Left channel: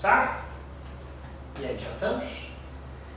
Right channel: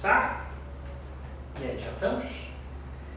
começar? E aí, já estamos?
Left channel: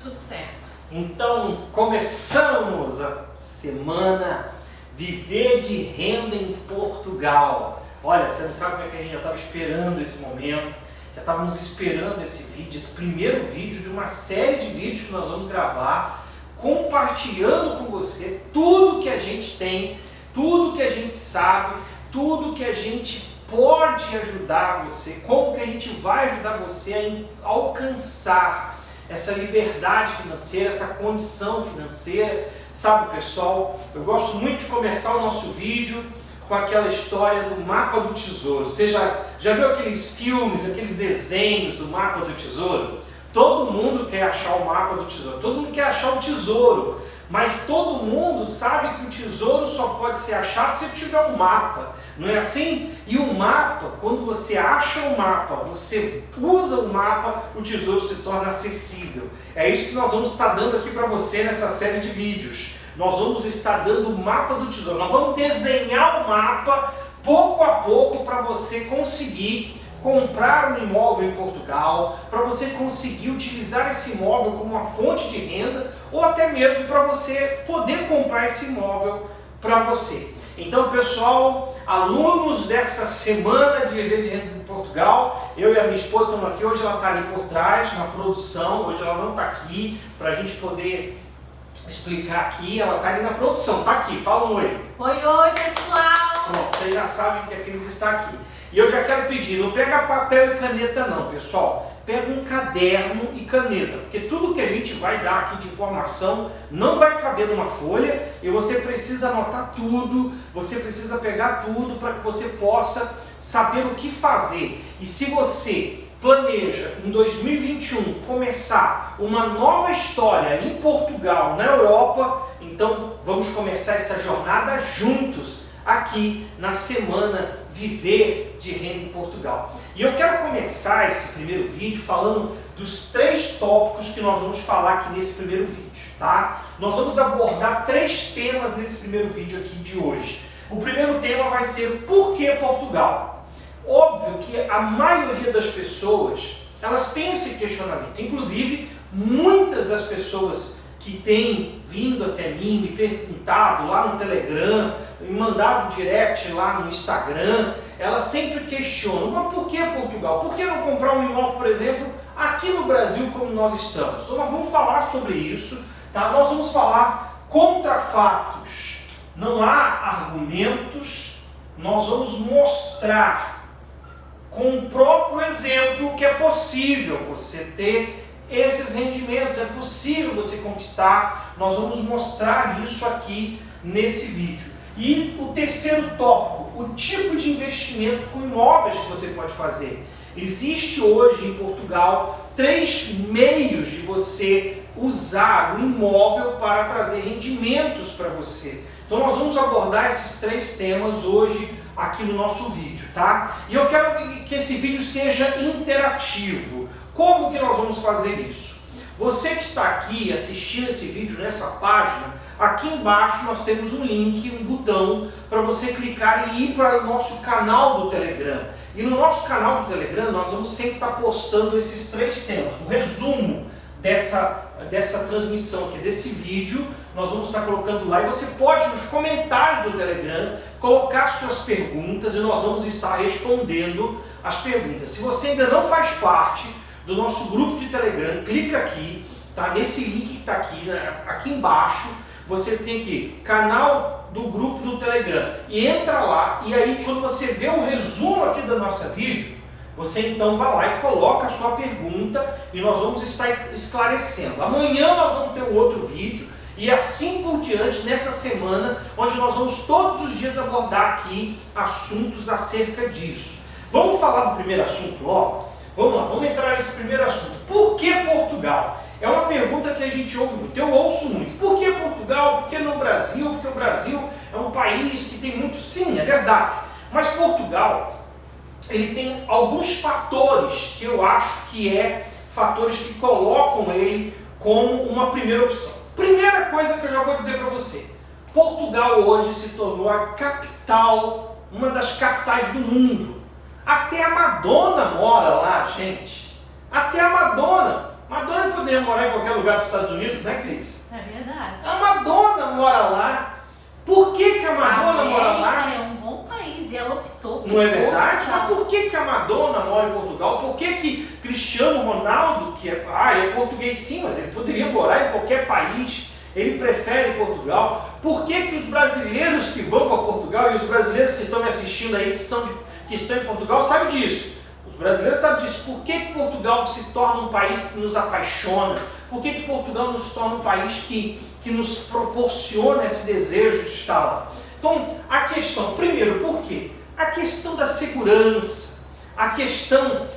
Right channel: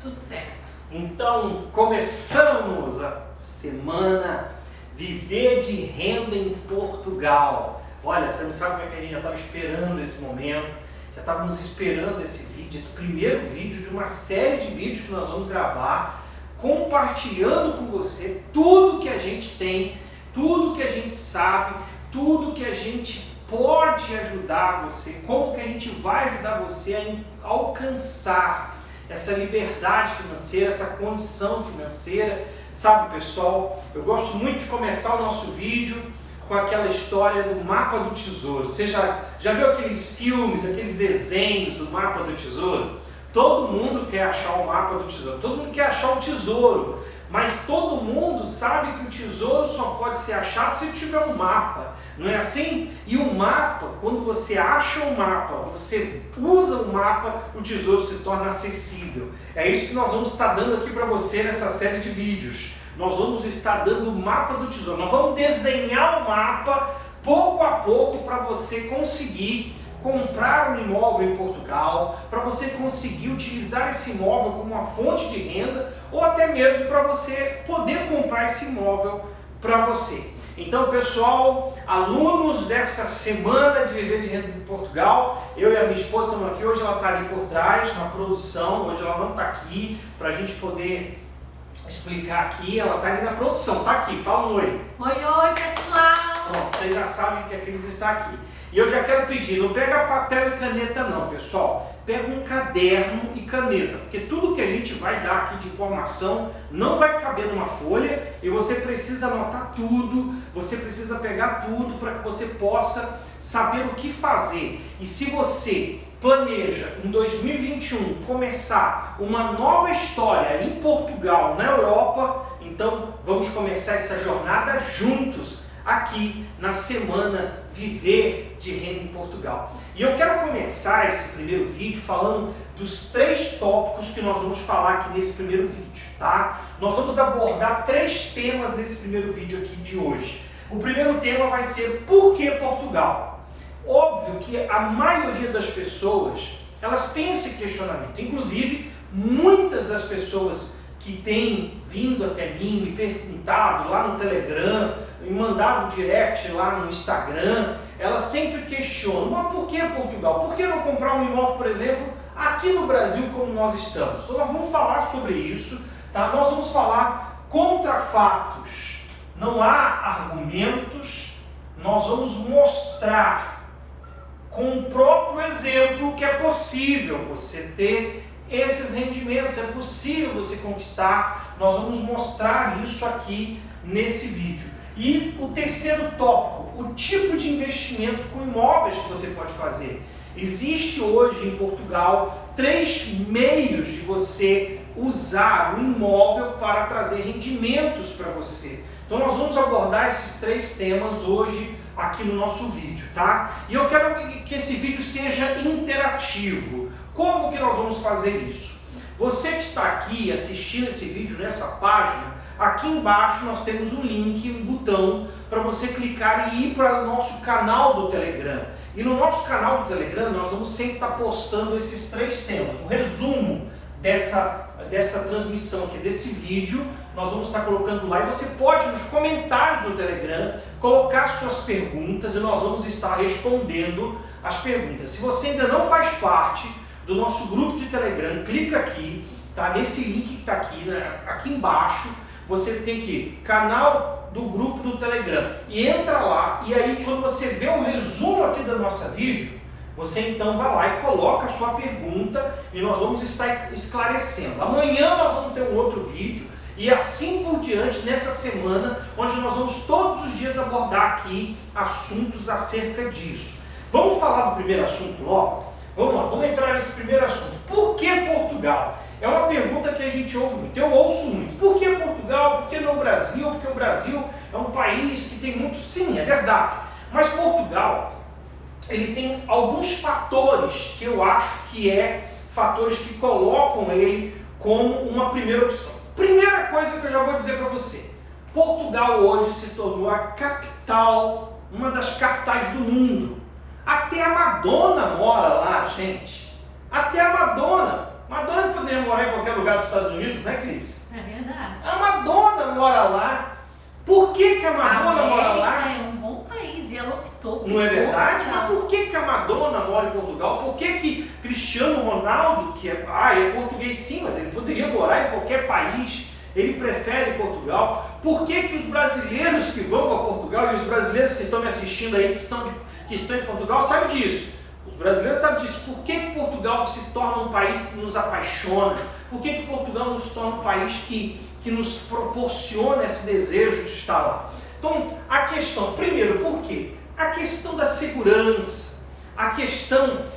Tudo certo. Então, começamos a semana Viver de Renda em Portugal. Olha, você não sabe como é que a gente já estava esperando esse momento, já estávamos esperando esse vídeo, esse primeiro vídeo de uma série de vídeos que nós vamos gravar, compartilhando com você tudo que a gente tem, tudo que a gente sabe, tudo que a gente pode ajudar você, como que a gente vai ajudar você a alcançar essa liberdade financeira, essa condição financeira. Sabe, pessoal, eu gosto muito de começar o nosso vídeo com aquela história do mapa do tesouro. Você já viu aqueles filmes, aqueles desenhos do mapa do tesouro? Todo mundo quer achar o mapa do tesouro, todo mundo quer achar o tesouro, mas todo mundo sabe que o tesouro só pode ser achado se tiver um mapa, não é assim? E o mapa, quando você acha o mapa, você usa o mapa, o tesouro se torna acessível. É isso que nós vamos estar dando aqui para você nessa série de vídeos. Nós vamos estar dando o mapa do tesouro, nós vamos desenhar o mapa pouco a pouco para você conseguir comprar um imóvel em Portugal, para você conseguir utilizar esse imóvel como uma fonte de renda ou até mesmo para você poder comprar esse imóvel para você. Então, pessoal, alunos dessa semana de Viver de Renda em Portugal, eu e a minha esposa estamos aqui, hoje ela está ali por trás na produção, hoje ela não está aqui para a gente poder explicar aqui, ela está ali na produção, está aqui, fala um oi. Oi, pessoal! Pronto, vocês já sabem que a Cris está aqui. E eu já quero pedir, não pega papel e caneta não, pessoal. Pega um caderno e caneta, porque tudo que a gente vai dar aqui de informação não vai caber numa folha e você precisa anotar tudo, você precisa pegar tudo para que você possa saber o que fazer. E se você planeja em 2021 começar uma nova história em Portugal, na Europa, então vamos começar essa jornada juntos aqui na semana Viver de Renda em Portugal. E eu quero começar esse primeiro vídeo falando dos 3 tópicos que nós vamos falar aqui nesse primeiro vídeo, tá? Nós vamos abordar 3 temas nesse primeiro vídeo aqui de hoje. O primeiro tema vai ser por que Portugal? Óbvio que a maioria das pessoas, elas têm esse questionamento, inclusive muitas das pessoas que têm vindo até mim, me perguntado lá no Telegram, me mandado direct lá no Instagram, elas sempre questionam, mas por que Portugal? Por que não comprar um imóvel, por exemplo, aqui no Brasil como nós estamos? Então nós vamos falar sobre isso, tá? Nós vamos falar contra fatos, não há argumentos, nós vamos mostrar com o próprio exemplo que é possível você ter esses rendimentos, é possível você conquistar. Nós vamos mostrar isso aqui nesse vídeo. E o terceiro tópico, o tipo de investimento com imóveis que você pode fazer. Existe hoje em Portugal 3 meios de você usar o imóvel para trazer rendimentos para você. Então nós vamos abordar esses 3 temas hoje aqui no nosso vídeo, tá? E eu quero que esse vídeo seja interativo. Como que nós vamos fazer isso? Você que está aqui assistindo esse vídeo nessa página, aqui embaixo nós temos um link, um botão para você clicar e ir para o nosso canal do Telegram. E no nosso canal do Telegram nós vamos sempre estar postando esses 3 temas. O resumo dessa transmissão aqui, desse vídeo, nós vamos estar colocando lá. E você pode, nos comentários do Telegram, colocar suas perguntas e nós vamos estar respondendo as perguntas. Se você ainda não faz parte do nosso grupo de Telegram, clica aqui, tá? Nesse link que está aqui, né? Aqui embaixo, você tem que canal do grupo do Telegram e entra lá, e aí quando você vê o resumo aqui da nossa vídeo, você então vai lá e coloca a sua pergunta e nós vamos estar esclarecendo. Amanhã nós vamos ter um outro vídeo e assim por diante nessa semana, onde nós vamos todos os dias abordar aqui assuntos acerca disso. Vamos falar do primeiro assunto logo? Vamos lá, vamos entrar nesse primeiro assunto. Por que Portugal? É uma pergunta que a gente ouve muito, eu ouço muito. Por que Portugal? Por que não Brasil? Porque o Brasil é um país que tem muito... Sim, é verdade. Mas Portugal, ele tem alguns fatores que eu acho que fatores que colocam ele como uma primeira opção. Primeira coisa que eu já vou dizer para você. Portugal hoje se tornou a capital, uma das capitais do mundo. Até a Madonna mora lá, gente. Até a Madonna. Madonna poderia morar em qualquer lugar dos Estados Unidos, né, Cris? É verdade. A Madonna mora lá. Por que a Madonna mora lá? É um bom país e ela optou por Não é verdade? Portugal. Mas por que a Madonna mora em Portugal? Por que Cristiano Ronaldo, que ele é português sim, mas ele poderia morar em qualquer país, ele prefere Portugal? Por que os brasileiros que vão para Portugal e os brasileiros que estão me assistindo aí, que estão em Portugal, sabem disso? Os brasileiros sabem disso. Por que Portugal se torna um país que nos apaixona? Por que Portugal nos torna um país que nos proporciona esse desejo de estar lá? Então, a questão, primeiro, por quê? A questão da segurança, a questão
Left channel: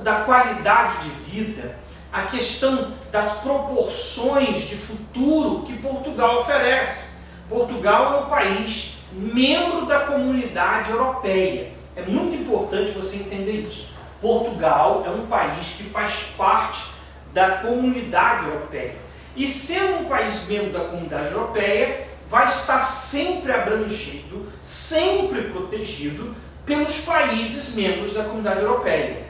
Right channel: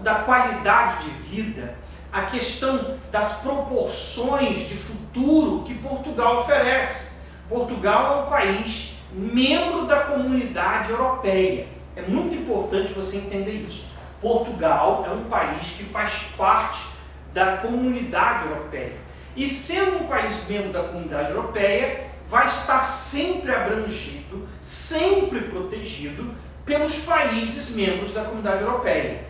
da qualidade de vida, a questão das proporções de futuro que Portugal oferece. Portugal é um país membro da Comunidade Europeia. É muito importante você entender isso. Portugal é um país que faz parte da Comunidade Europeia. E sendo um país membro da Comunidade Europeia, vai estar sempre abrangido, sempre protegido pelos países membros da Comunidade Europeia.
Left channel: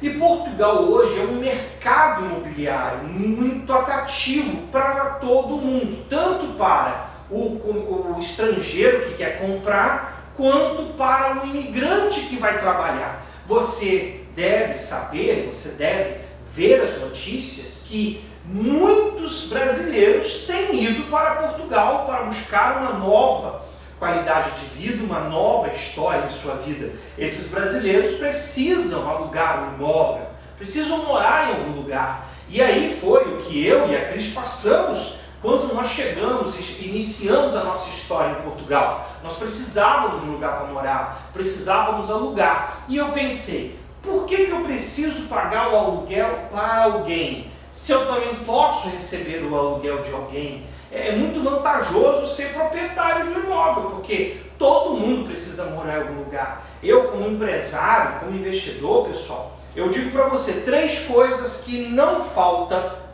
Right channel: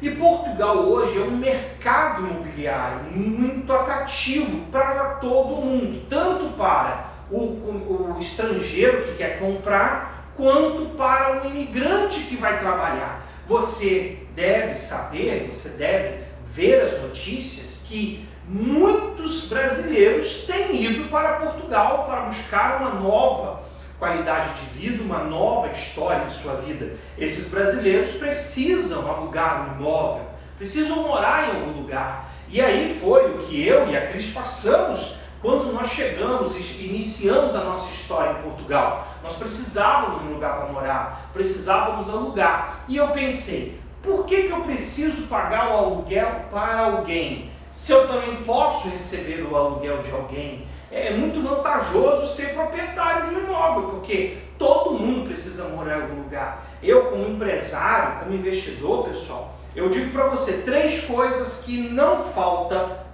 E Portugal hoje é um mercado imobiliário muito atrativo para todo mundo, tanto para o estrangeiro que quer comprar, quanto para o imigrante que vai trabalhar. Você deve saber, você deve ver as notícias que muitos brasileiros têm ido para Portugal para buscar uma nova qualidade de vida, uma nova história em sua vida. Esses brasileiros precisam alugar um imóvel, precisam morar em algum lugar. E aí foi o que eu e a Cris passamos quando nós chegamos e iniciamos a nossa história em Portugal. Nós precisávamos de um lugar para morar, precisávamos alugar. E eu pensei, por que eu preciso pagar o aluguel para alguém, se eu também posso receber o aluguel de alguém? É muito vantajoso ser proprietário de um imóvel, porque todo mundo precisa morar em algum lugar. Eu, como empresário, como investidor, pessoal, eu digo para você 3 coisas que não falta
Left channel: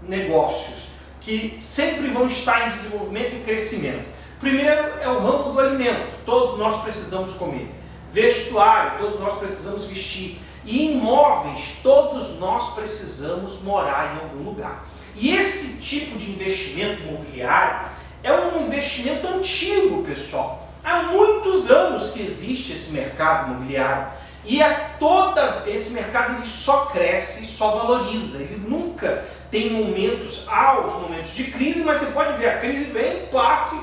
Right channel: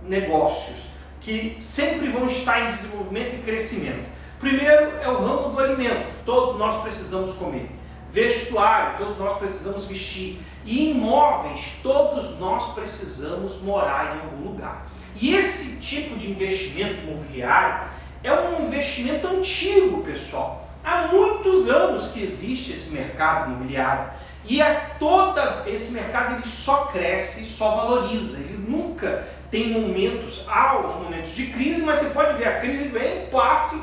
negócios, que sempre vão estar em desenvolvimento e crescimento. Primeiro é o ramo do alimento, todos nós precisamos comer. Vestuário, todos nós precisamos vestir. E imóveis, todos nós precisamos morar em algum lugar. E esse tipo de investimento imobiliário é um investimento antigo, pessoal. Há muitos anos que existe esse mercado imobiliário. E esse mercado ele só cresce e só valoriza. Ele nunca tem há os momentos de crise, mas você pode ver, a crise vem, passa,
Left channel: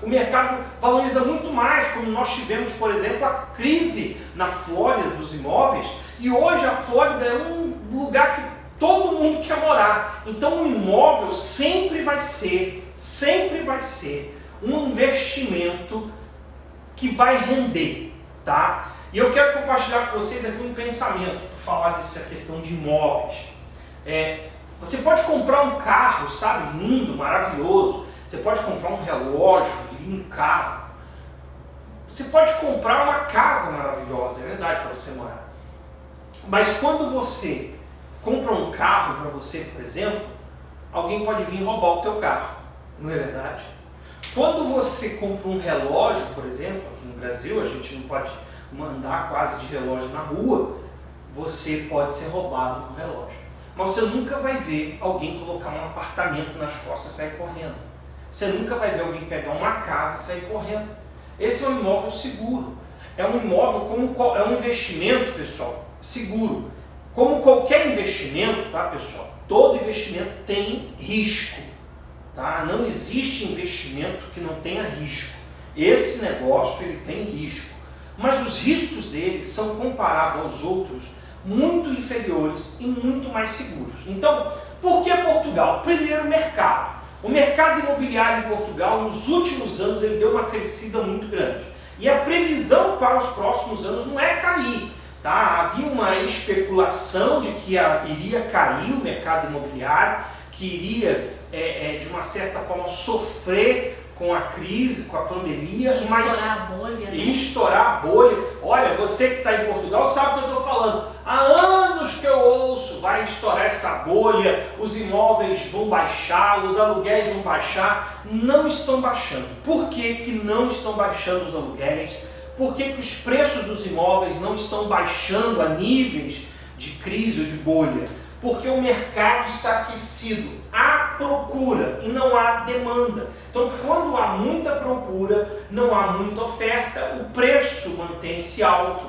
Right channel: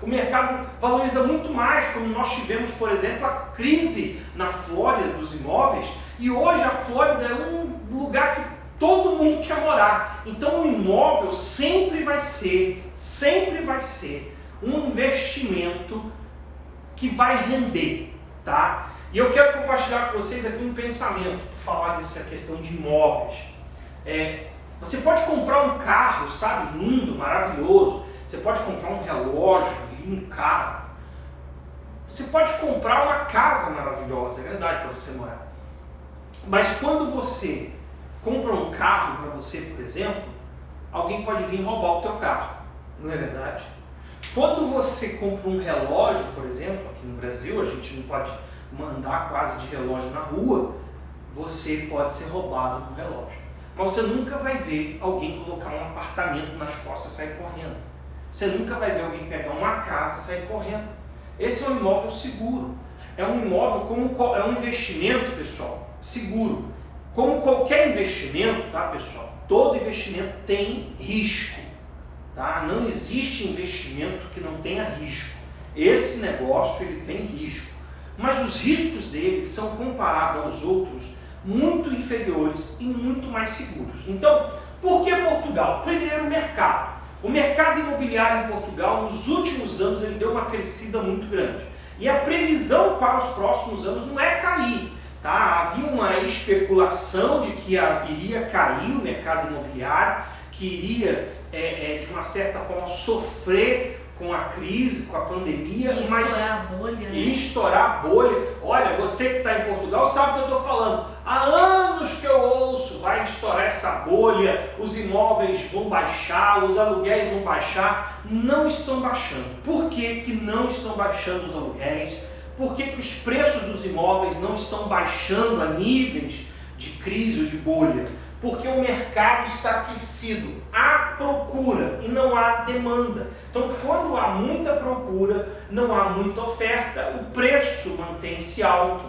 o mercado valoriza muito mais, como nós tivemos, por exemplo, a crise na Flórida dos imóveis, e hoje a Flórida é um lugar que todo mundo quer morar. Então o imóvel sempre vai ser um investimento que vai render, tá? E eu quero compartilhar com vocês aqui um pensamento para falar dessa questão de imóveis. Você pode comprar um carro, sabe, lindo, maravilhoso. Você pode comprar um relógio, lindo carro. Você pode comprar uma casa maravilhosa, é verdade, para você morar. Mas quando você compra um carro para você, por exemplo, alguém pode vir roubar o teu carro, não é verdade? Quando você compra um relógio, por exemplo, aqui no Brasil, a gente não pode andar quase de relógio na rua, você pode ser roubado no relógio. Mas você nunca vai ver alguém colocar um apartamento nas costas e sair correndo. Você nunca vai ver alguém pegar uma casa e sair correndo. Esse é um imóvel seguro. É um imóvel é um investimento, pessoal, seguro. Como qualquer investimento, tá, pessoal? Todo investimento tem risco, tá? Não existe investimento que não tenha risco. Esse negócio ele tem risco, mas os riscos dele são comparados aos outros muito inferiores e muito mais seguros. Então, por que Portugal? Primeiro, o mercado. O mercado imobiliário em Portugal, nos últimos anos, ele deu uma crescida muito grande. E a previsão para os próximos anos não é cair. Tá? Havia uma especulação de que iria cair o mercado imobiliário, que iria, de uma certa forma, sofrer com a crise, com a pandemia, estourar a bolha, né? Estourar a bolha. Olha, você que está em Portugal sabe o que eu estou falando. Há anos que eu ouço, vai estourar essa bolha, os imóveis vão baixar, os aluguéis vão baixar. Não estão baixando. Por que não estão baixando os aluguéis? Por que os preços dos imóveis não estão baixando a níveis de crise ou de bolha? Porque o mercado está aquecido, há procura e não há demanda. Então, quando há muita procura, não há muita oferta, o preço mantém-se alto.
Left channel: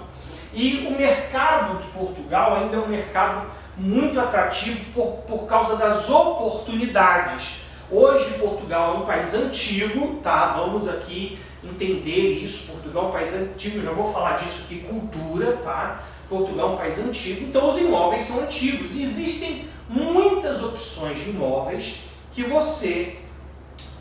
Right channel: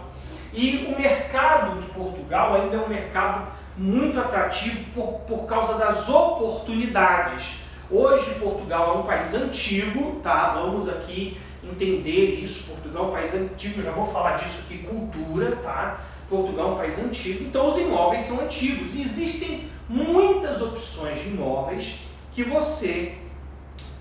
E o mercado de Portugal ainda é um mercado muito atrativo por causa das oportunidades. Hoje, Portugal é um país antigo, tá? Vamos aqui entender isso. Portugal é um país antigo, já vou falar disso aqui, cultura, tá? Portugal é um país antigo, então os imóveis são antigos. E existem muitas opções de imóveis que você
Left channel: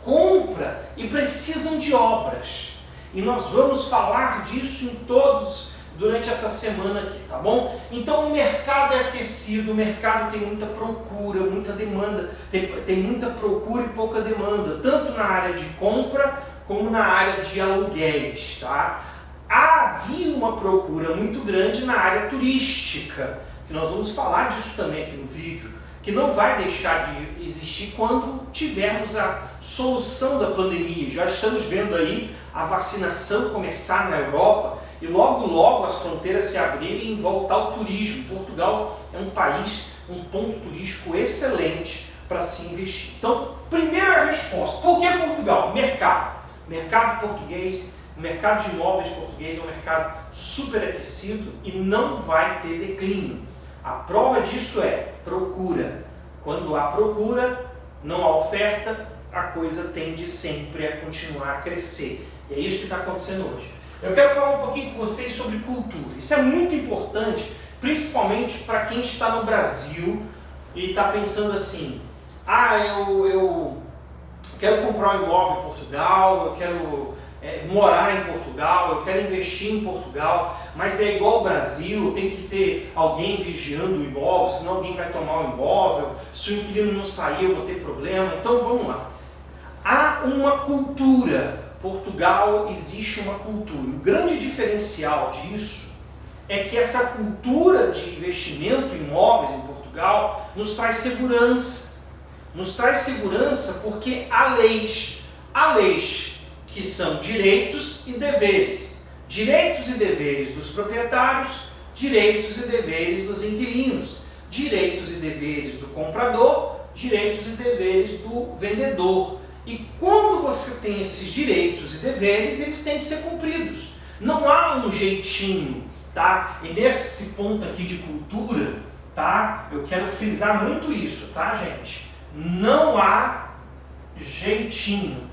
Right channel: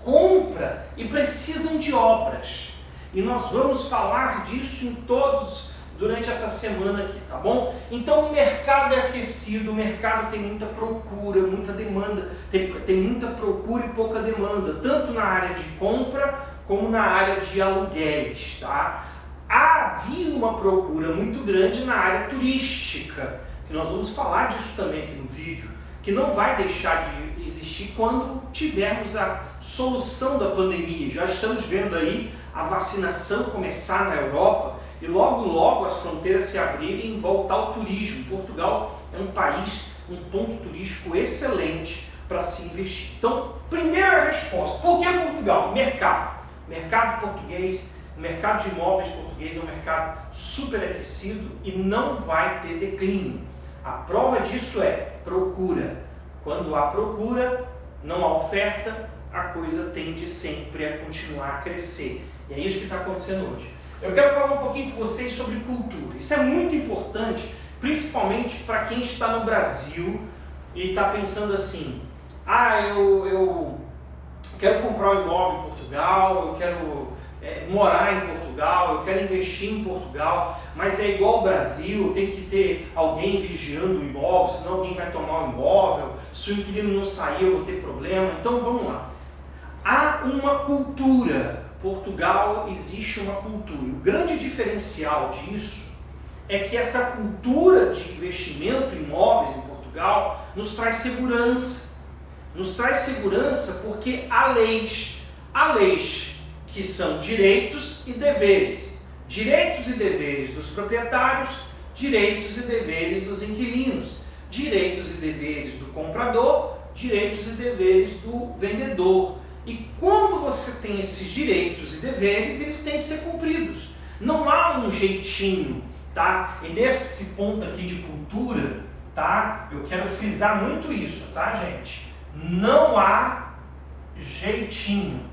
compra e precisam de obras. E nós vamos falar disso em todos durante essa semana aqui, tá bom? Então o mercado é aquecido, o mercado tem muita procura, muita demanda, tem muita procura e pouca demanda, tanto na área de compra como na área de aluguéis, tá? Havia uma procura muito grande na área turística, que nós vamos falar disso também aqui no vídeo, que não vai deixar de existir quando tivermos a solução da pandemia. Já estamos vendo aí a vacinação começar na Europa e logo logo as fronteiras se abrirem e voltar ao turismo. Portugal é um país, um ponto turístico excelente para se investir. Então, primeira resposta, por que Portugal? Mercado português. O mercado de imóveis português é um mercado super aquecido e não vai ter declínio. A prova disso é procura. Quando há procura, não há oferta, a coisa tende sempre a continuar a crescer. E é isso que está acontecendo hoje. Eu quero falar um pouquinho com vocês sobre cultura. Isso é muito importante, principalmente para quem está no Brasil e está pensando assim, eu quero comprar um imóvel em Portugal, eu quero morar em Portugal, eu quero investir em Portugal, mas é igual ao Brasil, tem que ter alguém vigiando o imóvel, senão alguém vai tomar o imóvel, se o inquilino não sair eu vou ter problema. Então vamos lá. Há uma cultura. Portugal existe uma cultura. O grande diferencial disso é que essa cultura de investimento em imóveis em Portugal nos traz segurança. Nos traz segurança porque há leis que são direitos e deveres. Direitos e deveres dos proprietários, direitos e deveres dos inquilinos, direitos e deveres do comprador, direitos e deveres do vendedor. E quando você tem esses direitos e deveres, eles têm que ser cumpridos. Não há um jeitinho, tá? E nesse ponto aqui de cultura, tá? Eu quero frisar muito isso, tá, gente? Não há jeitinho.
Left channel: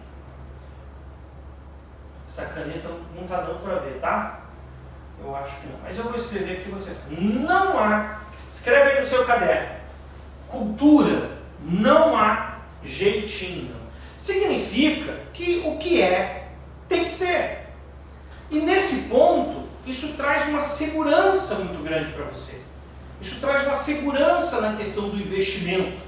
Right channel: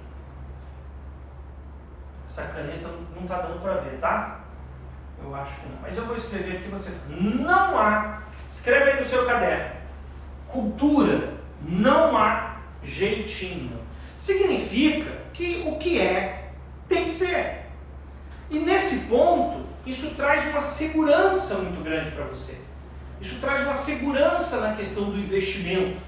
Essa caneta não está dando para ver, tá? Eu acho que não. Mas eu vou escrever aqui, você não há. Escreve aí no seu caderno. Cultura, não há jeitinho. Significa que o que é, tem que ser. E nesse ponto, isso traz uma segurança muito grande para você. Isso traz uma segurança na questão do investimento.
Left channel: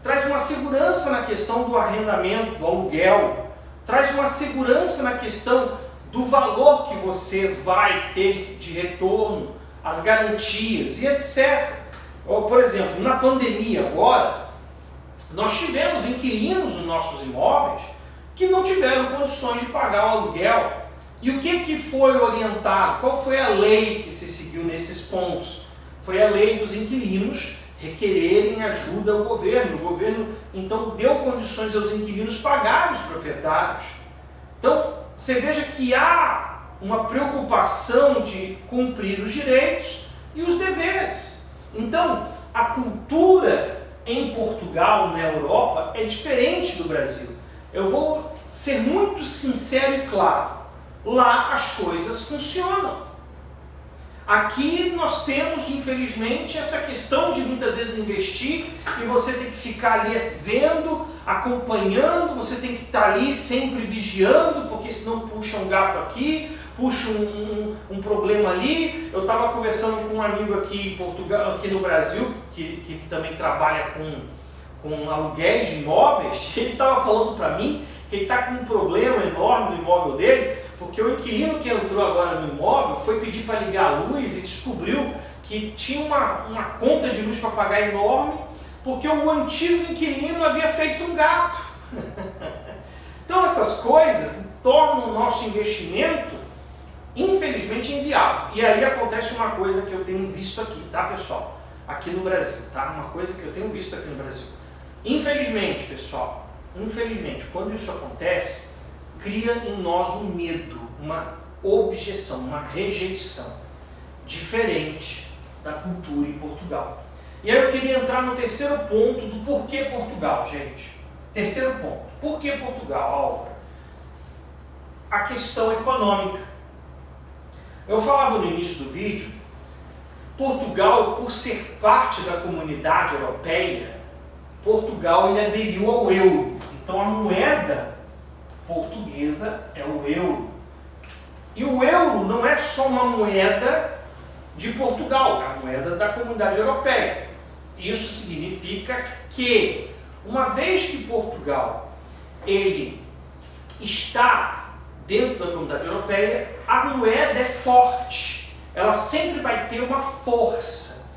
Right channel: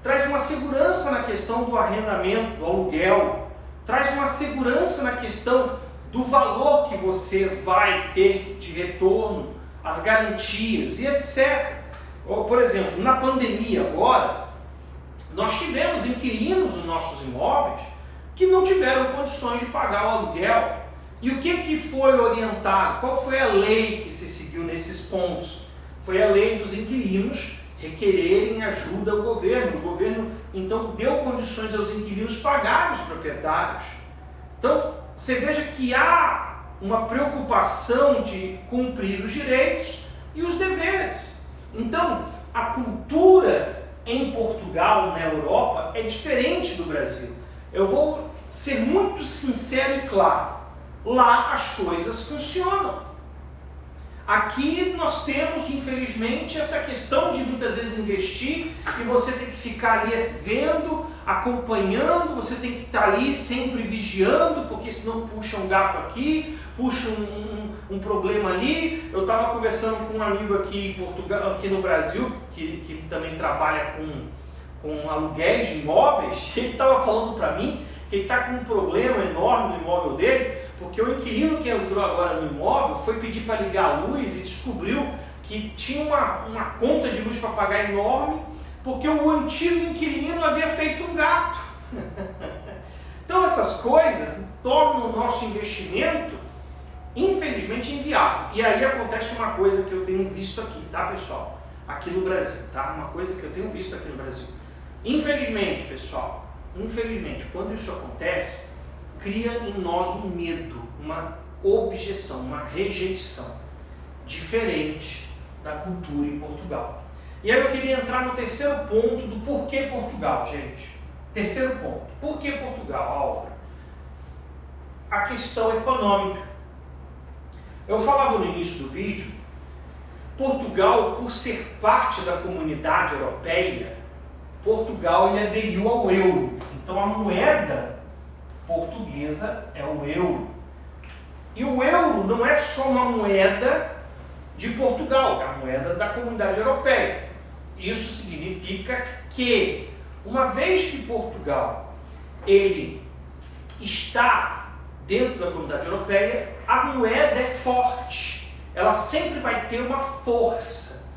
Traz uma segurança na questão do arrendamento, do aluguel. Traz uma segurança na questão do valor que você vai ter de retorno, as garantias e etc. Por exemplo, na pandemia agora, nós tivemos inquilinos nos nossos imóveis que não tiveram condições de pagar o aluguel. E o que foi orientado? Qual foi a lei que se seguiu nesses pontos? Foi a lei dos inquilinos requererem ajuda ao governo. O governo, então, deu condições aos inquilinos pagarem os proprietários. Então, você veja que há uma preocupação de cumprir os direitos e os deveres. Então, a cultura em Portugal, na Europa, é diferente do Brasil. Eu vou ser muito sincero e claro. Lá as coisas funcionam. Aqui nós temos, infelizmente, essa questão de muitas vezes investir e você tem que ficar ali vendo, acompanhando, você tem que estar ali sempre vigiando, porque senão puxa um gato aqui, puxa um problema ali. Eu estava conversando com um amigo aqui em Portugal, aqui no Brasil, que também trabalha com aluguéis de imóveis. Ele estava falando para mim que ele está com um problema enorme no imóvel dele, porque o inquilino que entrou agora no imóvel foi pedir para ligar a luz e descobriu que tinha uma conta de luz para pagar enorme, porque o antigo inquilino havia feito um gato. Então essas coisas tornam o nosso investimento, infelizmente, inviável. E aí acontece uma coisa que eu tenho visto aqui, tá, pessoal? aqui no Brasil, tá? Uma coisa que eu tenho visto aqui no Brasil. Infelizmente, pessoal, infelizmente, quando isso acontece, cria em nós um medo, uma objeção, uma rejeição diferente da cultura em Portugal. E aí eu queria entrar no terceiro ponto do porquê Portugal, gente. Terceiro ponto. Por que Portugal, Álvaro? A questão econômica. Eu falava no início do vídeo, Portugal, por ser parte da comunidade europeia, Portugal ele aderiu ao euro. Então a moeda portuguesa é o euro. E o euro não é só uma moeda de Portugal, é a moeda da comunidade europeia. Isso significa que, uma vez que Portugal ele está dentro da comunidade europeia, a moeda é forte. Ela sempre vai ter uma força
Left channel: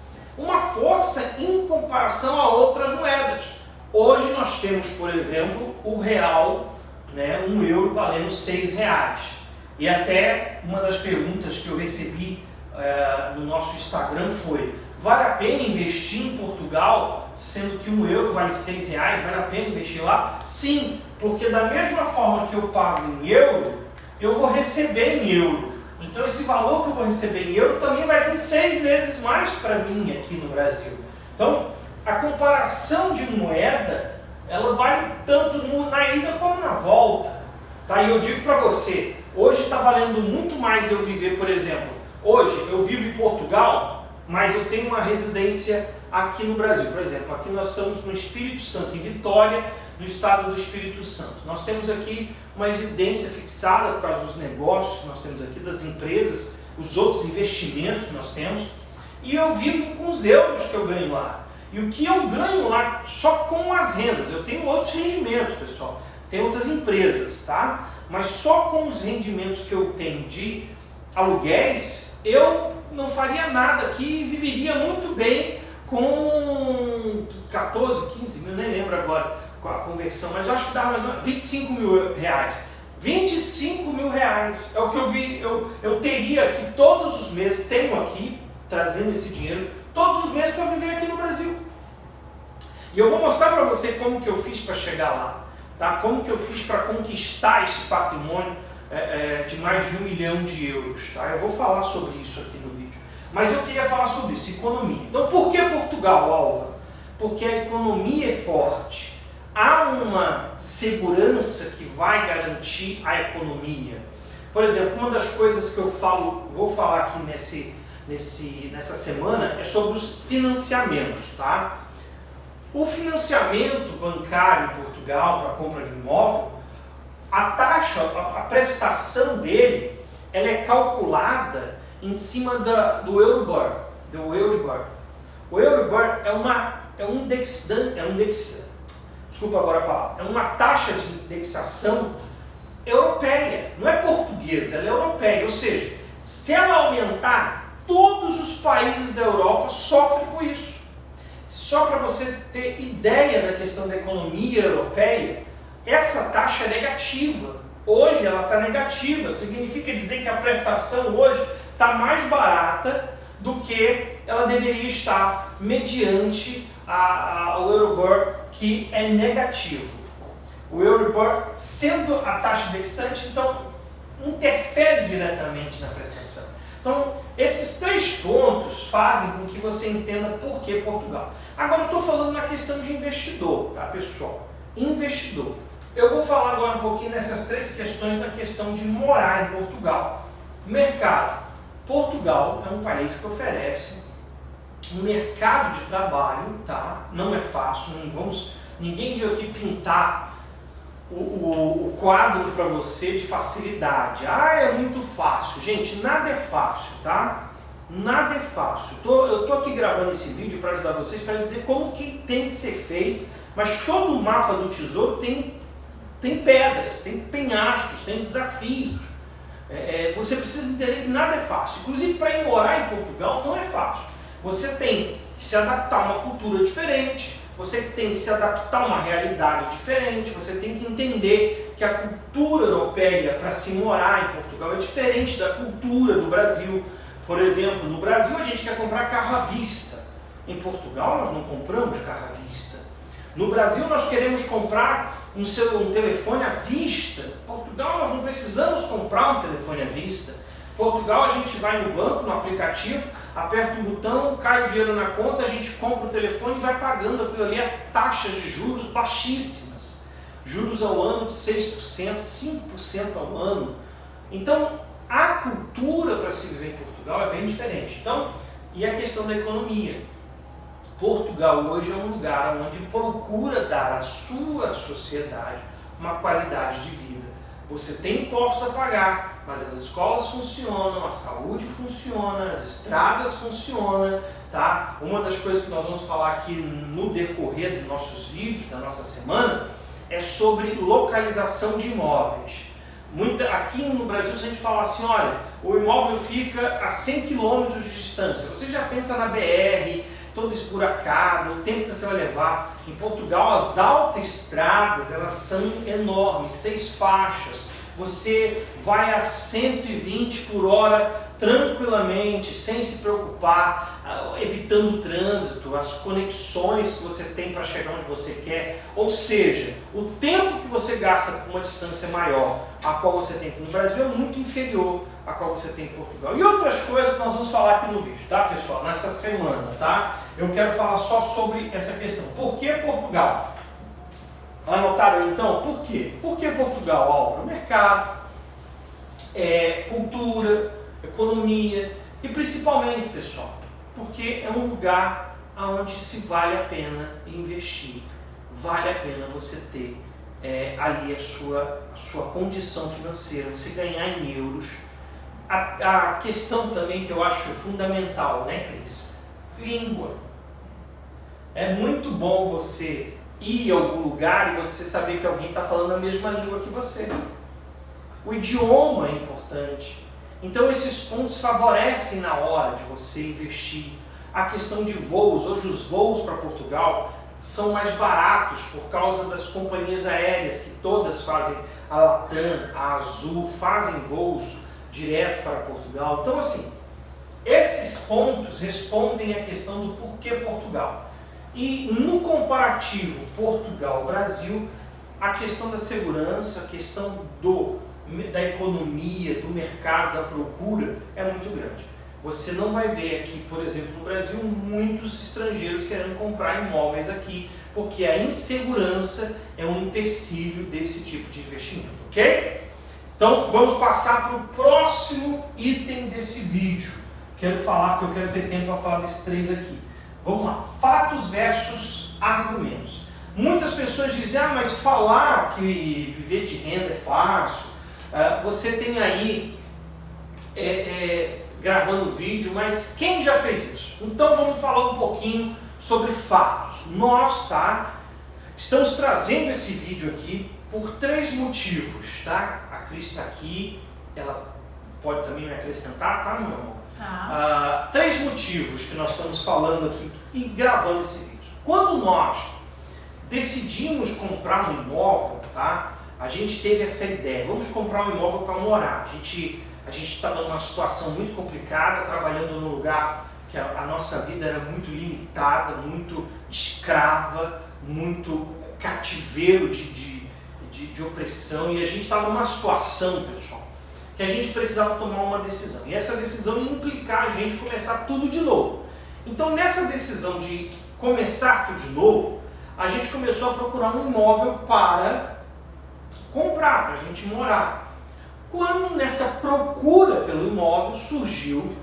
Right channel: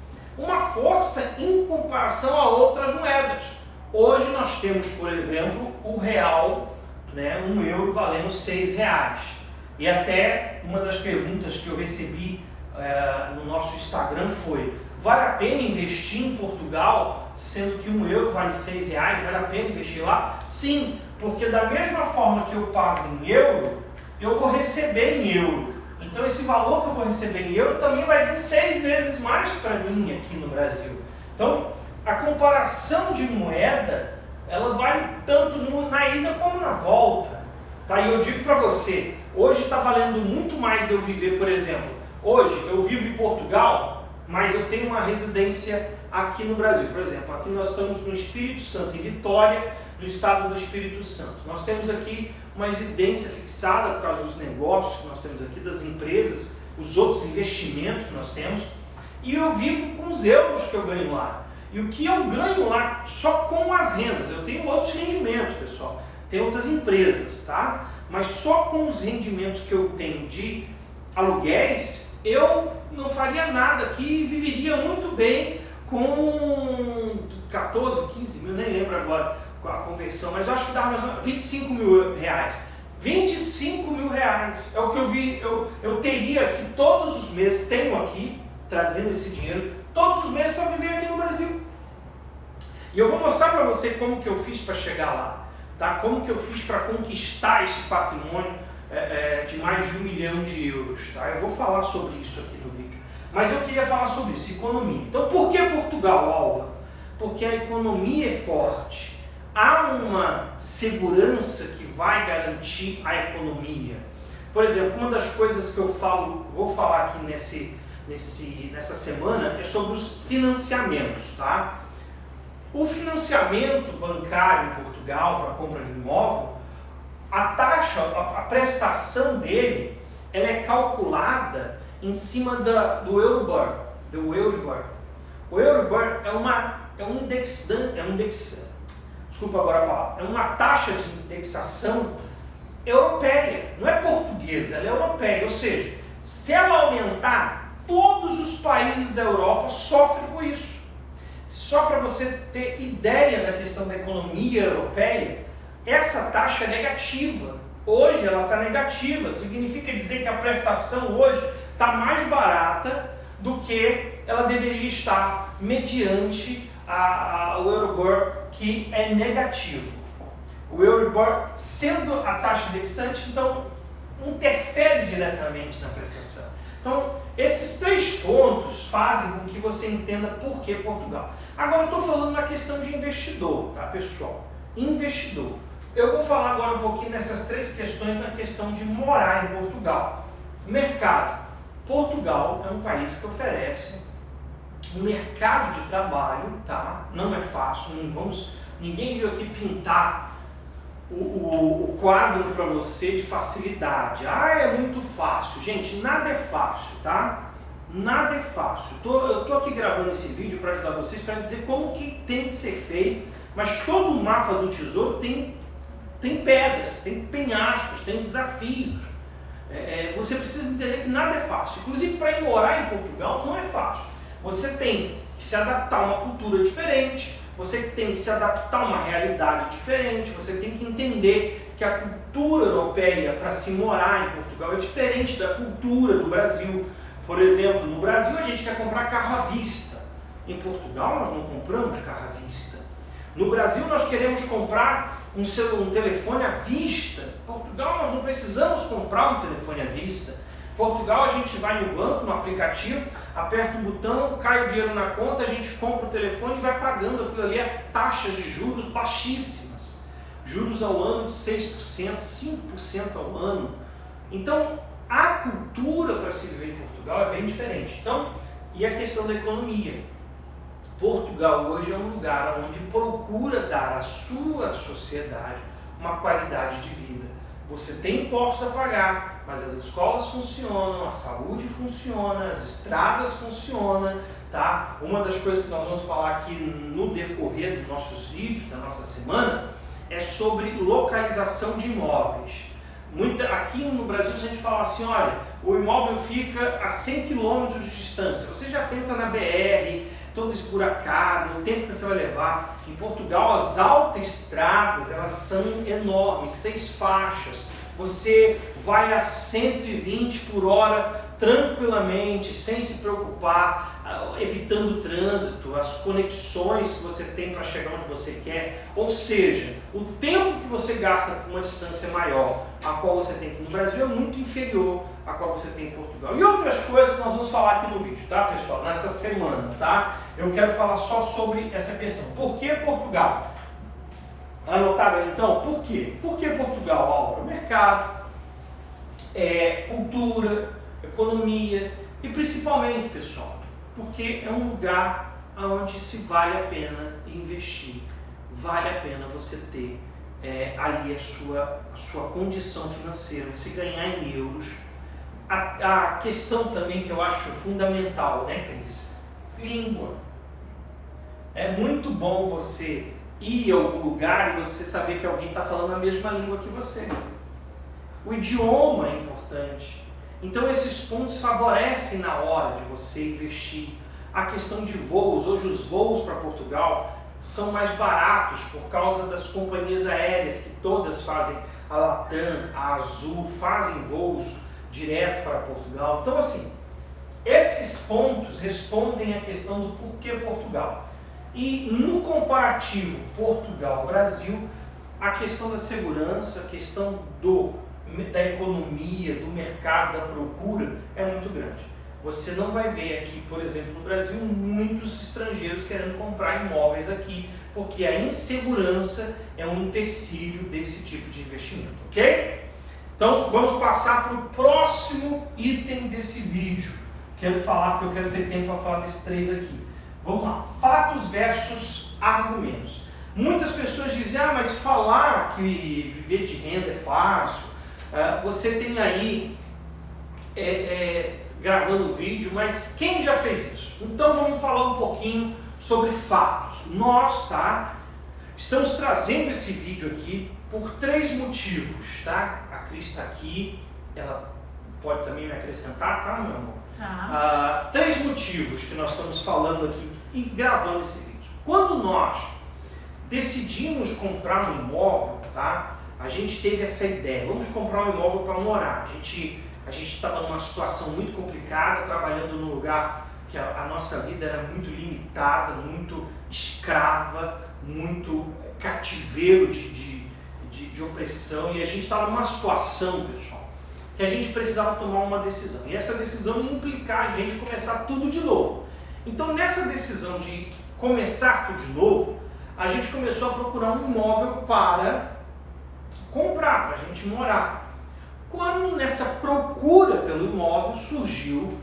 em comparação a outras moedas. Hoje nós temos, por exemplo, o real, né, um euro valendo R$6. E até uma das perguntas que eu recebi no nosso Instagram foi: vale a pena investir em Portugal, sendo que um euro vale R$6? Vale a pena investir lá? Sim, porque da mesma forma que eu pago em euro, eu vou receber em euro. Então esse valor que eu vou receber em euro também vai vir 6 vezes mais para mim aqui no Brasil. Então a comparação de moeda, ela vale tanto na ida como na volta. Tá? E eu digo para você, hoje está valendo muito mais eu viver, por exemplo, hoje eu vivo em Portugal, mas eu tenho uma residência aqui no Brasil. Por exemplo, aqui nós estamos no Espírito Santo, em Vitória, no estado do Espírito Santo. Nós temos aqui uma residência fixada por causa dos negócios que nós temos aqui, das empresas, os outros investimentos que nós temos, e eu vivo com os euros que eu ganho lá. E o que eu ganho lá só com as rendas, eu tenho outros rendimentos, pessoal, tem outras empresas, tá? Mas só com os rendimentos que eu tenho de aluguéis, eu não faria nada aqui e viveria muito bem com 14, 15 mil, nem lembro agora com a conversão, mas eu acho que dava mais ou menos 25 mil reais. 25 mil reais é o que eu teria aqui todos os meses, tenho aqui, trazendo esse dinheiro, todos os meses para viver aqui no Brasil. E eu vou mostrar para você como que eu fiz para chegar lá, tá? Como que eu fiz para conquistar esse patrimônio de mais de 1 milhão de euros, tá? Eu vou falar sobre isso aqui no vídeo. Mas eu queria falar sobre isso, economia. Então por que Portugal, Álvaro? Porque a economia é forte. Há uma segurança que vai garantir a economia. Por exemplo, uma das coisas que eu vou falar aqui nessa semana é sobre os financiamentos, tá? O financiamento bancário em Portugal para a compra de um imóvel, a taxa, a prestação dele, ela é calculada em cima do Euribor. O Euribor desculpa agora a palavra, é uma taxa de indexação europeia, não é portuguesa, ela é europeia. Ou seja, se ela aumentar, todos os países da Europa sofrem com isso. Só para você ter ideia da questão da economia europeia, essa taxa é negativa. Hoje ela está negativa, significa dizer que a prestação hoje está mais barata do que ela deveria estar mediante o Euribor, que é negativo. O Euribor, sendo a taxa indexante, então interfere diretamente na prestação. Então, esses 3 pontos fazem com que você entenda por que Portugal. Agora eu estou falando na questão de investidor, tá, pessoal? Investidor. Eu vou falar agora um pouquinho nessas 3 questões na questão de morar em Portugal. Mercado. Portugal é um país que oferece um mercado de trabalho, tá? Não é fácil, ninguém veio aqui pintar o quadro para você de facilidade. É muito fácil. Gente, nada é fácil, tá? Nada é fácil. Eu tô aqui gravando esse vídeo para ajudar vocês, para dizer como que tem que ser feito, mas todo o mapa do tesouro tem pedras, tem penhascos, tem desafios. Você precisa entender que nada é fácil. Inclusive, para ir morar em Portugal não é fácil. Você tem que se adaptar a uma cultura diferente, você tem que se adaptar a uma realidade diferente, você tem que entender que a cultura europeia para se morar em Portugal é diferente da cultura do Brasil. Por exemplo, no Brasil a gente quer comprar carro à vista. Em Portugal nós não compramos carro à vista. No Brasil nós queremos comprar um telefone à vista. Em Portugal nós não precisamos comprar um telefone à vista. Em Portugal a gente vai no banco, no aplicativo, aperta um botão, cai o dinheiro na conta, a gente compra o telefone e vai pagando aquilo ali a taxas de juros baixíssimas. Juros ao ano de 6%, 5% ao ano. Então a cultura para se viver em Portugal é bem diferente. Então, e a questão da economia. Portugal hoje é um lugar onde procura dar à sua sociedade uma qualidade de vida. Você tem impostos a pagar, mas as escolas funcionam, a saúde funciona, as estradas funcionam, tá? Uma das coisas que nós vamos falar aqui no decorrer dos nossos vídeos, da nossa semana, é sobre localização de imóveis. Aqui no Brasil, se a gente falar assim, olha, o imóvel fica a 100 km de distância, você já pensa na BR, toda esburacada, o tempo que você vai levar. Em Portugal, as autoestradas, elas são enormes, 6 faixas. Você vai a 120 por hora tranquilamente, sem se preocupar, evitando o trânsito, as conexões que você tem para chegar onde você quer. Ou seja, o tempo que você gasta com uma distância maior, a qual você tem aqui no Brasil, é muito inferior a qual você tem em Portugal. E outras coisas que nós vamos falar aqui no vídeo, tá, pessoal? Nessa semana, tá? Eu quero falar só sobre essa questão. Por que Portugal? Anotaram então? Por quê? Por que Portugal, Álvaro? Mercado, cultura, economia e principalmente, pessoal, porque é um lugar onde se vale a pena investir, vale a pena você ter ali a sua condição financeira, você ganhar em euros. A questão também que eu acho fundamental, né, Cris? Língua. É muito bom você ir a algum lugar e você saber que alguém está falando a mesma língua que você. O idioma é importante. Então esses pontos favorecem na hora de você investir. A questão de voos, hoje os voos para Portugal são mais baratos por causa das companhias aéreas que todas fazem, a Latam, a Azul, fazem voos direto para Portugal. Então assim, esses pontos respondem à questão do porquê Portugal. E no comparativo Portugal-Brasil, a questão da segurança, a questão da economia, do mercado, da procura é muito grande. Você não vai ver aqui, por exemplo, no Brasil, muitos estrangeiros querendo comprar imóveis aqui, porque a insegurança é um empecilho desse tipo de investimento, ok? Então, vamos passar para o próximo item desse vídeo. Quero falar, porque eu quero ter tempo para falar desses 3 aqui. Vamos lá, fatos versus argumentos. Muitas pessoas dizem, mas falar que viver de renda é fácil, você tem aí gravando vídeo, mas quem já fez isso? Então vamos falar um pouquinho sobre fatos. Nós, tá, estamos trazendo esse vídeo aqui por 3 motivos, tá? A Cris está aqui, ela pode também me acrescentar, tá, meu amor? Tá. 3 motivos que nós estamos falando aqui e gravando esse vídeo. Quando nós decidimos comprar um imóvel, tá? A gente teve essa ideia, vamos comprar um imóvel para morar. A gente estava numa situação muito complicada, trabalhando num lugar que a nossa vida era muito limitada, muito escrava, muito cativeiro de opressão, e a gente estava numa situação, pessoal, que a gente precisava tomar uma decisão. E essa decisão ia implicar a gente começar tudo de novo. Então, nessa decisão de começar tudo de novo, a gente começou a procurar um imóvel para comprar, para a gente morar. Quando nessa procura pelo imóvel surgiu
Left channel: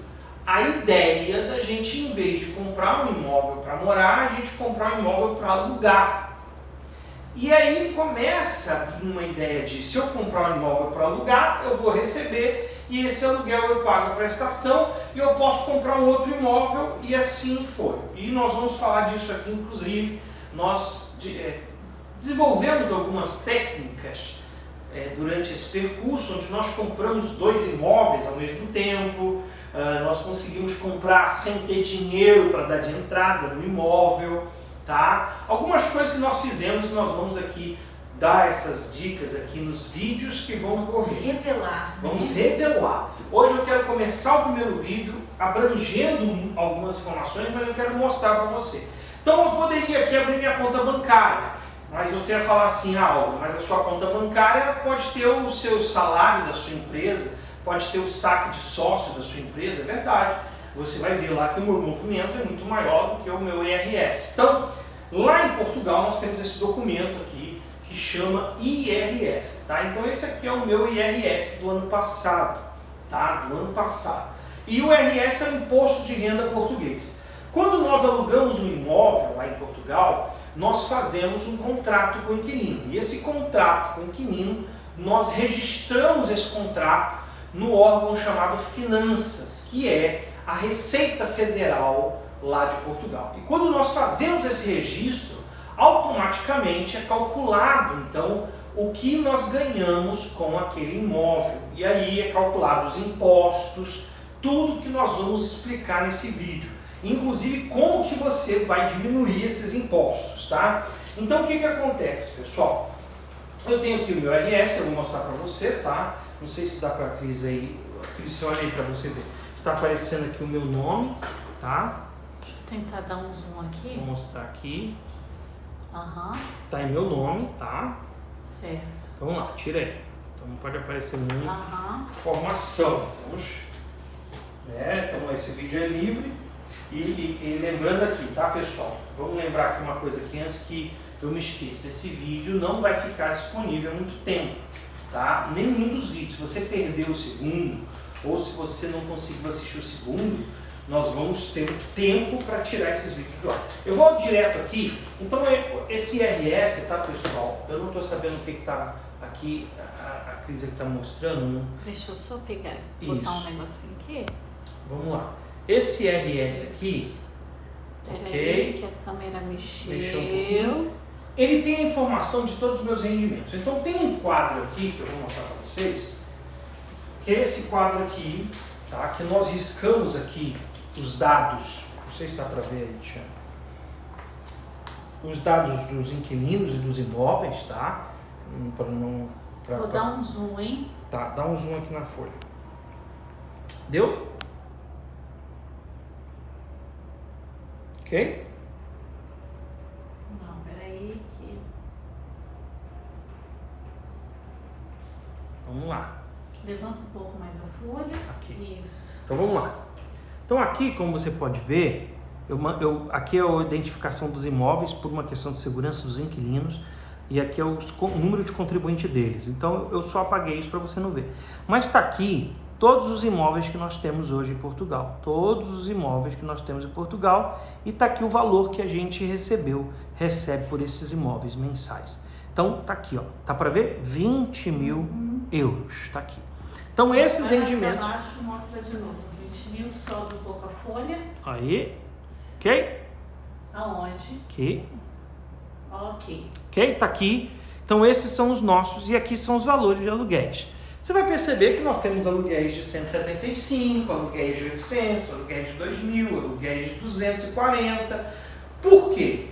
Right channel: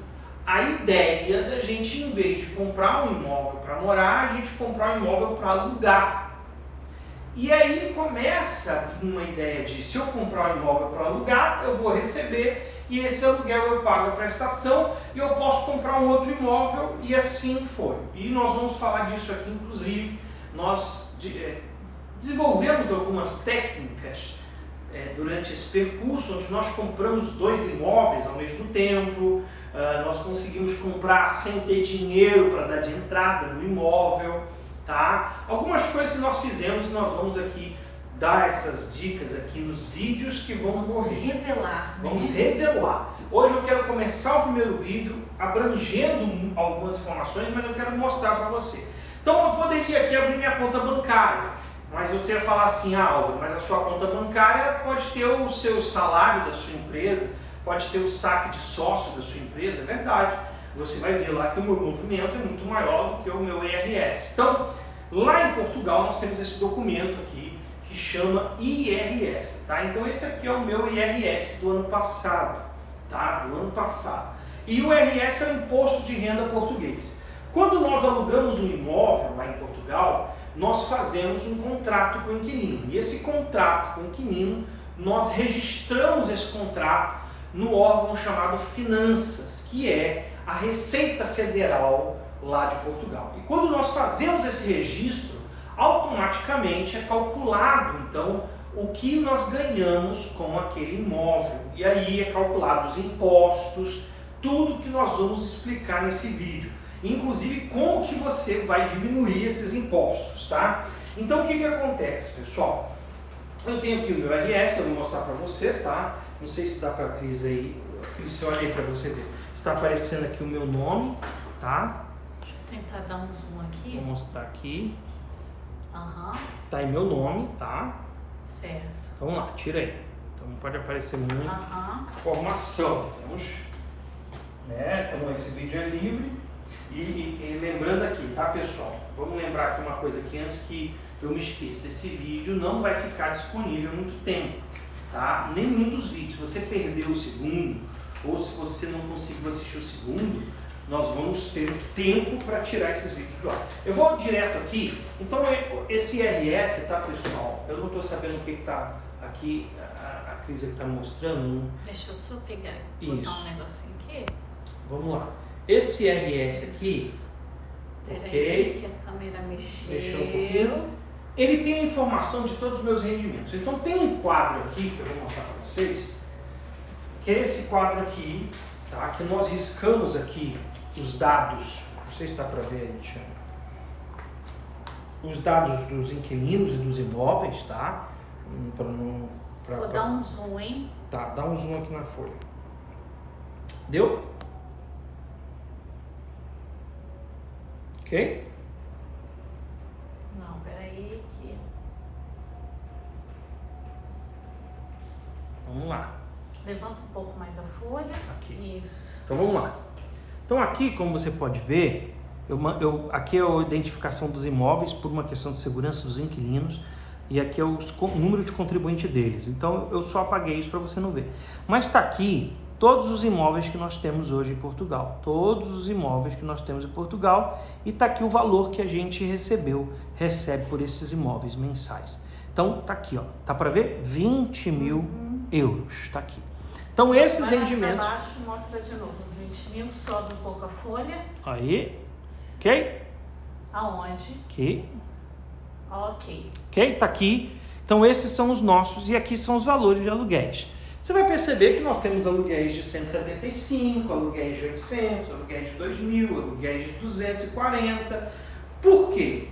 a ideia da gente, em vez de comprar um imóvel para morar, a gente comprar um imóvel para alugar. E aí começa a vir uma ideia de, se eu comprar um imóvel para alugar, eu vou receber e esse aluguel eu pago a prestação e eu posso comprar um outro imóvel, e assim foi. E nós vamos falar disso aqui, inclusive, nós desenvolvemos algumas técnicas durante esse percurso, onde nós compramos 2 imóveis ao mesmo tempo, nós conseguimos comprar sem ter dinheiro para dar de entrada no imóvel, tá? Algumas coisas que nós fizemos, nós vamos aqui dar essas dicas aqui nos vídeos que vão correr. Revelar, Vamos né? revelar. Hoje eu quero começar o primeiro vídeo abrangendo algumas informações, mas eu quero mostrar para você. Então eu poderia aqui abrir minha conta bancária, mas você ia falar assim, Álvaro, mas a sua conta bancária pode ter o seu salário da sua empresa, pode ter o saque de sócio da sua empresa, é verdade. Você vai ver lá que o meu movimento é muito maior do que o meu IRS. Então, lá em Portugal nós temos esse documento aqui que chama IRS, tá? Então esse aqui é o meu IRS do ano passado, tá? Do ano passado. E o IRS é o Imposto de Renda Português. Quando nós alugamos um imóvel lá em Portugal, nós fazemos um contrato com o inquilino. E esse contrato com o inquilino, nós registramos esse contrato no órgão chamado Finanças, que é a Receita Federal lá de Portugal. E quando nós fazemos esse registro, automaticamente é calculado, então, o que nós ganhamos com aquele imóvel. E aí é calculado os impostos, tudo que nós vamos explicar nesse vídeo. Inclusive, como que você vai diminuir esses impostos, tá? Então, o que acontece, pessoal? Eu tenho aqui o meu IRS, eu vou mostrar para você, tá? Não sei se dá para a Cris aí. Cris, olha aí para você ver. Está aparecendo aqui o meu nome, tá? Deixa eu tentar dar um zoom aqui. Vou mostrar aqui. Aham. Tá aí meu nome, tá? Certo. Então vamos lá, tira aí. Então não pode aparecer muita informação. Temos, né? Então esse vídeo é livre. E lembrando aqui, tá, pessoal? Vamos lembrar aqui uma coisa aqui antes que eu me esqueça. Esse vídeo não vai ficar disponível há muito tempo, tá? Nenhum dos vídeos. Se você perdeu o segundo, ou se você não conseguiu assistir o segundo, nós vamos ter tempo para tirar esses vídeos do ar. Eu vou direto aqui. Então, esse IRS, tá, pessoal? Eu não estou sabendo o que está aqui, a Cris está mostrando. Deixa eu só pegar e Isso. botar um negocinho aqui. Vamos lá. Esse IRS aqui, ok? Que a câmera mexeu. Mexeu um pouquinho. Ele tem a informação de todos os meus rendimentos. Então, tem um quadro aqui que eu vou mostrar para vocês, que é esse quadro aqui, tá? Que nós riscamos aqui os dados, não sei se dá para ver aí, Tiago, os dados dos inquilinos e dos imóveis, tá? Vou dar um zoom, hein? Tá, dá um zoom aqui na folha. Deu? Ok? Não, peraí que... Vamos lá. Levanta um pouco mais a folha. Aqui. Isso. Então vamos lá. Então aqui, como você pode ver, aqui é a identificação dos imóveis por uma questão de segurança dos inquilinos e aqui é o número de contribuinte deles. Então eu só apaguei isso para você não ver. Mas está aqui todos os imóveis que nós temos hoje em Portugal. Todos os imóveis que nós temos em Portugal e está aqui o valor que a gente recebe por esses imóveis mensais. Então tá aqui, ó. Tá para ver? 20 mil euros. Tá aqui. Então esses rendimentos... Abaixo mostra de novo os 20 mil, sobe um pouco a folha. Aí, ok? Aonde? Aqui. Ok. Ok? Tá aqui. Então esses são os nossos e aqui são os valores de aluguéis. Você vai perceber que nós temos aluguéis de 175, aluguéis de 800, aluguéis de 2.000, aluguéis de 240. Por quê?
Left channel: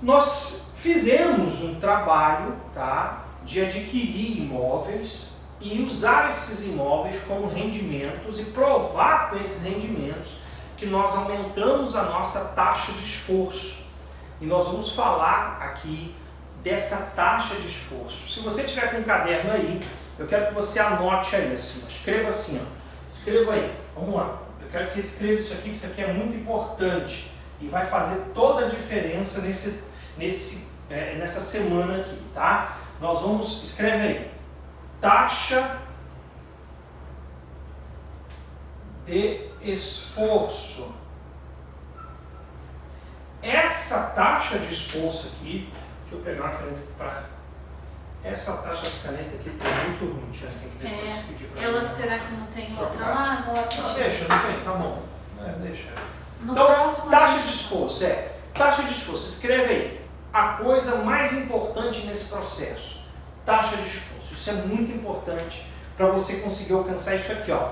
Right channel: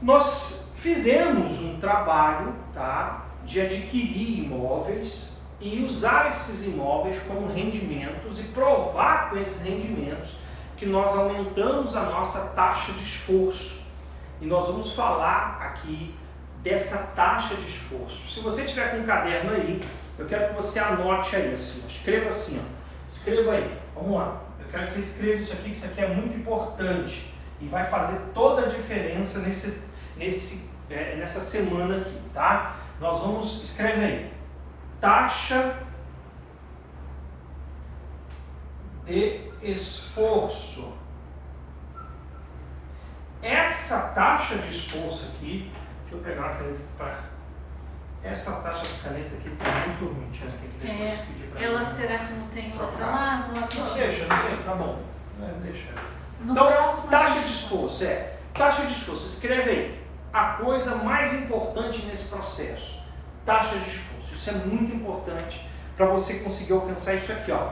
Nós fizemos um trabalho, tá, de adquirir imóveis e usar esses imóveis como rendimentos e provar com esses rendimentos que nós aumentamos a nossa taxa de esforço. E nós vamos falar aqui dessa taxa de esforço. Se você tiver com um caderno aí, eu quero que você anote aí assim, escreva assim, ó. Escreva aí, vamos lá. Eu quero que você escreva isso aqui, que isso aqui é muito importante e vai fazer toda a diferença nessa semana aqui, tá? Nós vamos, escreve aí, taxa de esforço. Essa taxa de esforço aqui, deixa eu pegar uma caneta para... Essa taxa de caneta aqui tá muito ruim, tem que depois pedir para ela será que não tem outra lá? Não, deixa, não tem, tá bom. Deixa. No Então, próximo, taxa de esforço, taxa de esforço, escreve aí. A coisa mais importante nesse processo, taxa de esforço. Isso é muito importante para você conseguir alcançar isso aqui, ó.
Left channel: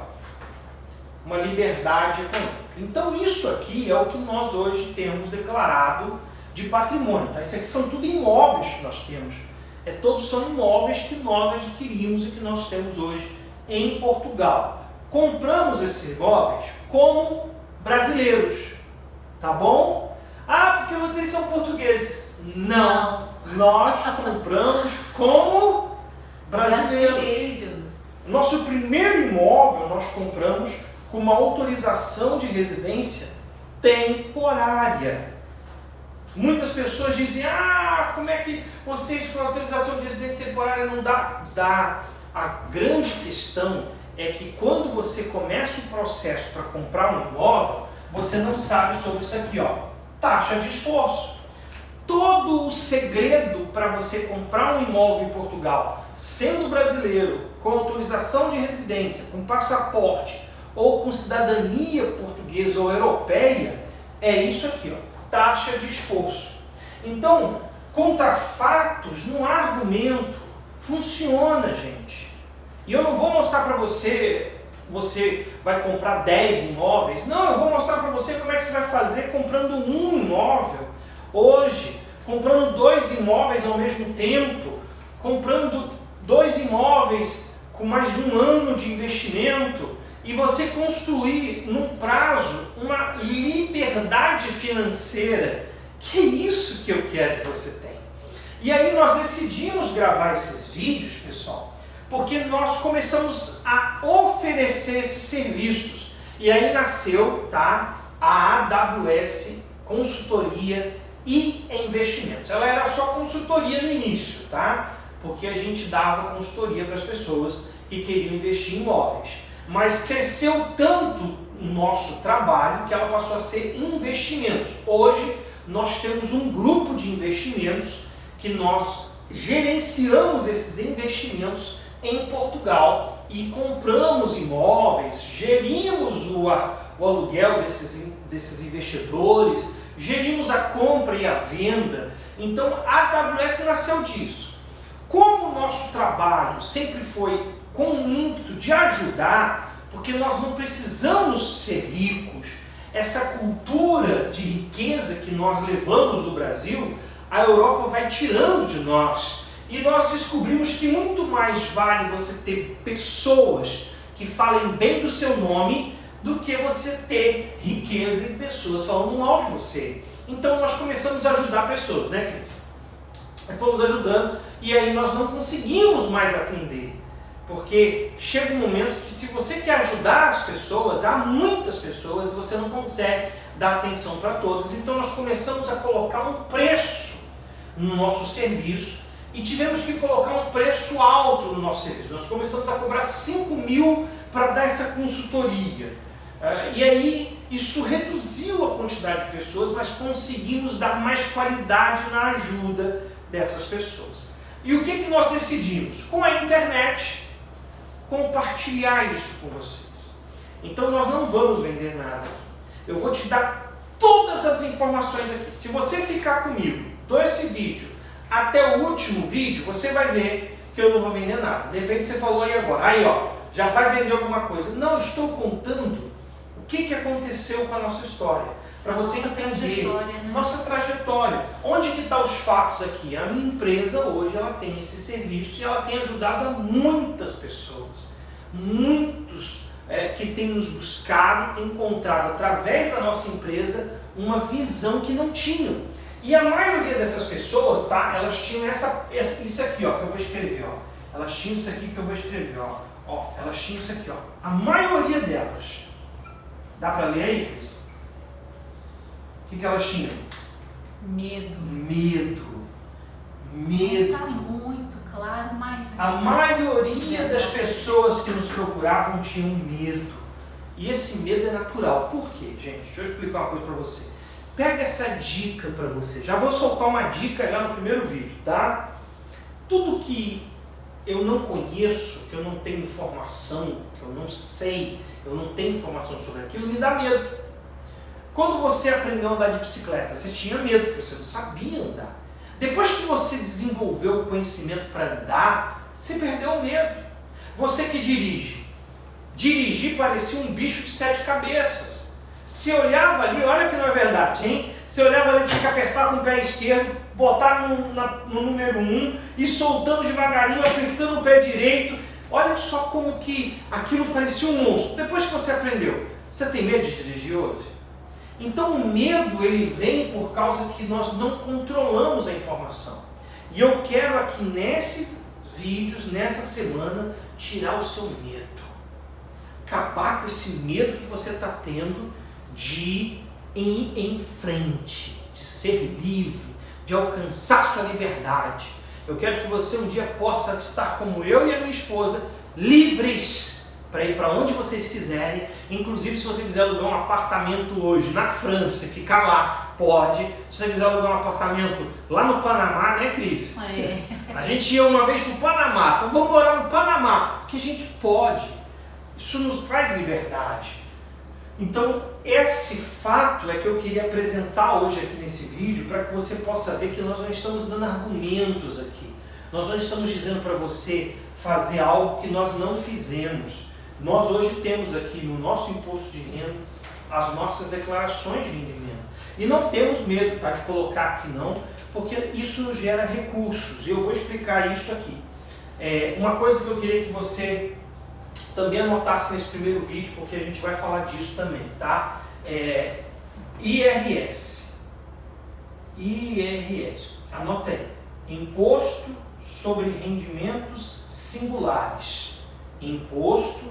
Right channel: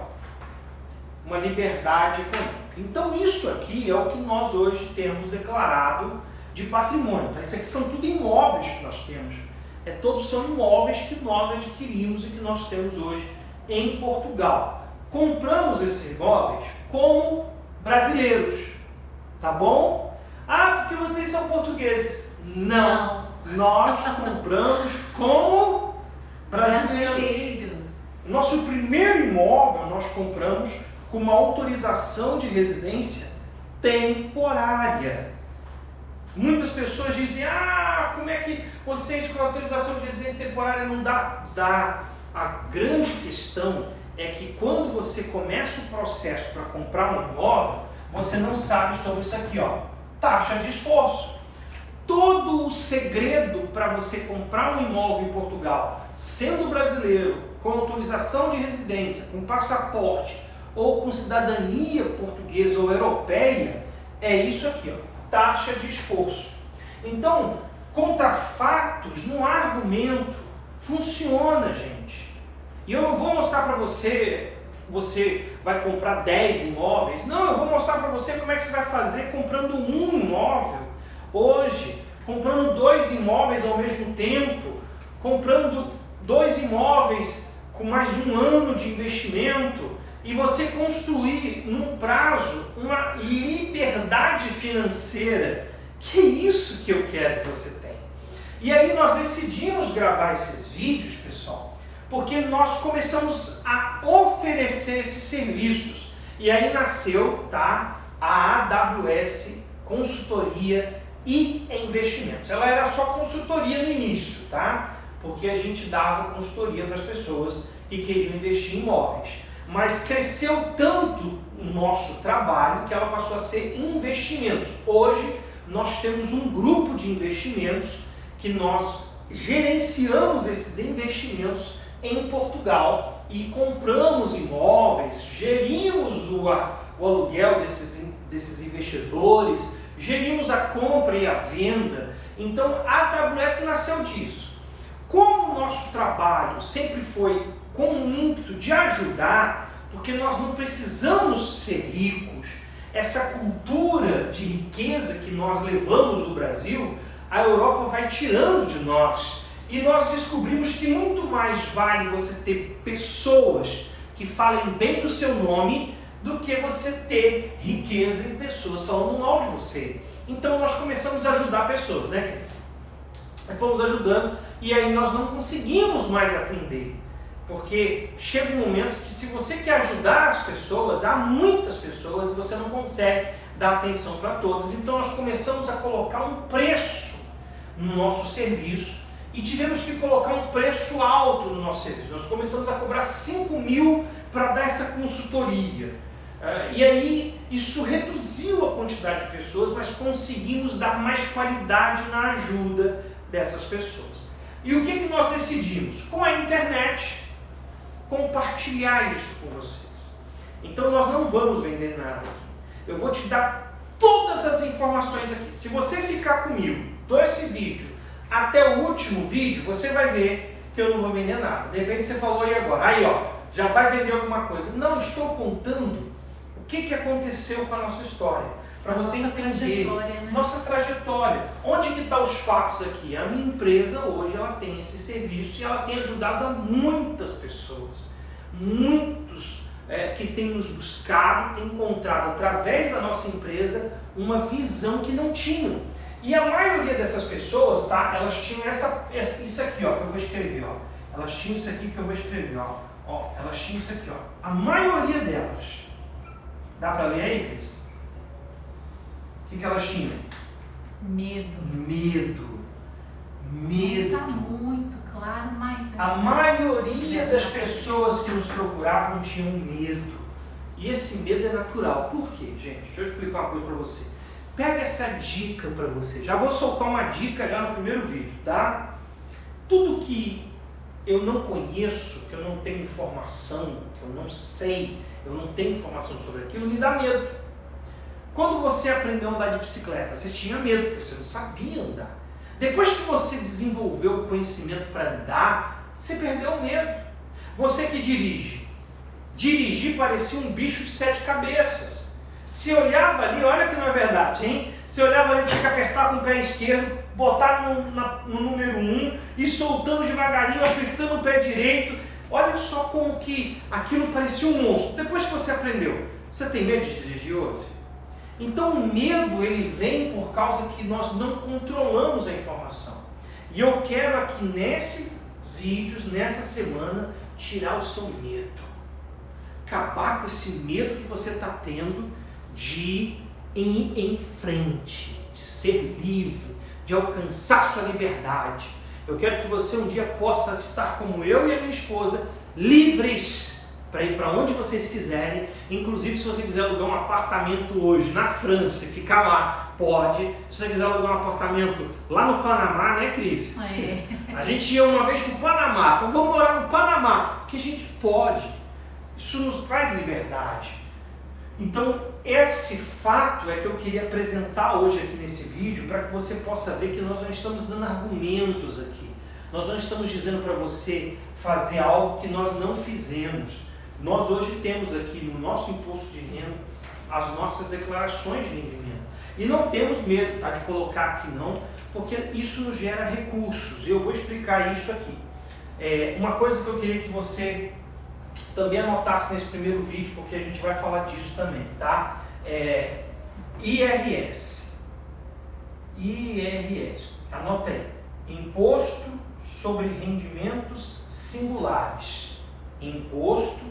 Uma liberdade econômica. Então isso aqui é o que nós hoje temos declarado de patrimônio, tá? Isso aqui são tudo imóveis que nós temos Todos são imóveis que nós adquirimos e que nós temos hoje em Portugal. Compramos esses imóveis como brasileiros, tá bom? Ah, porque vocês são portugueses. Não. Nós compramos como brasileiros. Nosso primeiro imóvel nós compramos com uma autorização de residência temporária. Muitas pessoas dizem, como é que vocês com autorização de residência temporária não dá? Dá. A grande questão é que quando você começa o processo para comprar um imóvel, você não sabe sobre isso aqui, taxa de esforço. Todo o segredo para você comprar um imóvel em Portugal, sendo brasileiro, com autorização de residência, com passaporte ou com cidadania portuguesa ou europeia, é isso aqui, taxa de esforço. Então, contra fatos, não há argumento, funciona, gente. E eu não vou mostrar para você vai comprar 10 imóveis, não, eu vou mostrar para você como é que você vai fazer comprando um imóvel hoje, comprando 2 imóveis ao mesmo tempo, comprando 2 imóveis com mais de 1 ano de investimento e você construir num prazo uma liberdade financeira. Que é isso que eu quero que você tenha. E aí nós decidimos gravar esses vídeos, pessoal, porque nós começamos a oferecer esses serviços. E aí nasceu, a AWS Consultoria e Investimentos. Ela era só consultoria no início, porque a gente dava consultoria para as pessoas que queriam investir em imóveis. Mas cresceu tanto o nosso trabalho que ela passou a ser investimentos. Hoje nós temos um grupo de investimentos que nós gerenciamos esses investimentos em Portugal e compramos imóveis, gerimos o aluguel desses investidores, gerimos a compra e a venda. Então a AWS nasceu disso. Como o nosso trabalho sempre foi com o ímpeto de ajudar, porque nós não precisamos ser ricos, essa cultura de riqueza que nós levamos do Brasil, a Europa vai tirando de nós. E nós descobrimos que muito mais vale você ter pessoas que falem bem do seu nome do que você ter riqueza em pessoas falando mal de você. Então nós começamos a ajudar pessoas, né, Cris? Fomos ajudando e aí nós não conseguimos mais atender. Porque chega um momento que se você quer ajudar as pessoas, há muitas pessoas e você não consegue dar atenção para todas. Então nós começamos a colocar um preço no nosso serviço e tivemos que colocar um preço alto no nosso serviço. Nós começamos a cobrar 5.000 para dar essa consultoria. E aí isso reduziu a quantidade de pessoas, mas conseguimos dar mais qualidade na ajuda dessas pessoas. E o que nós decidimos? Com a internet, compartilhar isso com vocês. Então nós não vamos vender nada aqui. Eu vou te dar todas as informações aqui. Se você ficar comigo, esse vídeo até o último vídeo, você vai ver que eu não vou vender nada. De repente você falou aí agora, já vai vender alguma coisa. Não, estou contando o que aconteceu com a nossa história. Para você entender nossa trajetória. Onde que estão os fatos aqui? A minha empresa hoje ela tem esse serviço e ela tem ajudado a muitas pessoas. Muitos que têm nos buscado, têm encontrado através da nossa empresa uma visão que não tinham. E a maioria dessas pessoas, elas tinham isso aqui, que eu vou escrever, Elas tinham isso aqui que eu vou escrever, Elas tinham isso aqui, A maioria delas. Dá para ler aí, Cris? O que elas tinham? Medo. Está muito claro, mas... A maioria das pessoas que nos procuravam tinham medo. E esse medo é natural. Por quê, gente? Deixa eu explicar uma coisa para você. Pega essa dica para você. Já vou soltar uma dica já no primeiro vídeo, tá? Tudo que eu não conheço, que eu não tenho informação, que eu não sei, eu não tenho informação sobre aquilo, me dá medo. Quando você aprendeu a andar de bicicleta, você tinha medo, porque você não sabia andar. Depois que você desenvolveu o conhecimento para andar, você perdeu o medo. Você que dirigir parecia um bicho de 7 cabeças. Se olhava ali, olha que não é verdade, hein? Você olhava ali, tinha que apertar com o pé esquerdo, botar no número 1 e soltando devagarinho, apertando o pé direito. Olha só como que aquilo parecia um monstro. Depois que você aprendeu, você tem medo de dirigir hoje? Então o medo ele vem por causa que nós não controlamos a informação. E eu quero aqui nesses vídeos, nessa semana, tirar o seu medo. Acabar com esse medo que você está tendo de ir em frente, de ser livre, de alcançar sua liberdade. Eu quero que você um dia possa estar como eu e a minha esposa, livres para ir para onde vocês quiserem. Inclusive, se você quiser alugar um apartamento hoje na França e ficar lá, pode. Se você quiser alugar um apartamento lá no Panamá, né, Cris? A gente ia uma vez para o Panamá, então vamos morar no Panamá, porque a gente pode. Isso nos traz liberdade. Então, esse fato é que eu queria apresentar hoje aqui nesse vídeo para que você possa ver que nós não estamos dando argumentos aqui. Nós não estamos dizendo para você fazer algo que nós não fizemos. Nós hoje temos aqui no nosso imposto de renda as nossas declarações de rendimento. E não temos medo, tá, de colocar aqui não, porque isso nos gera recursos. Eu vou explicar isso aqui. Uma coisa que eu queria que você também anotasse nesse primeiro vídeo, porque a gente vai falar disso também, tá? IRS. Anota aí. Imposto sobre rendimentos singulares. Imposto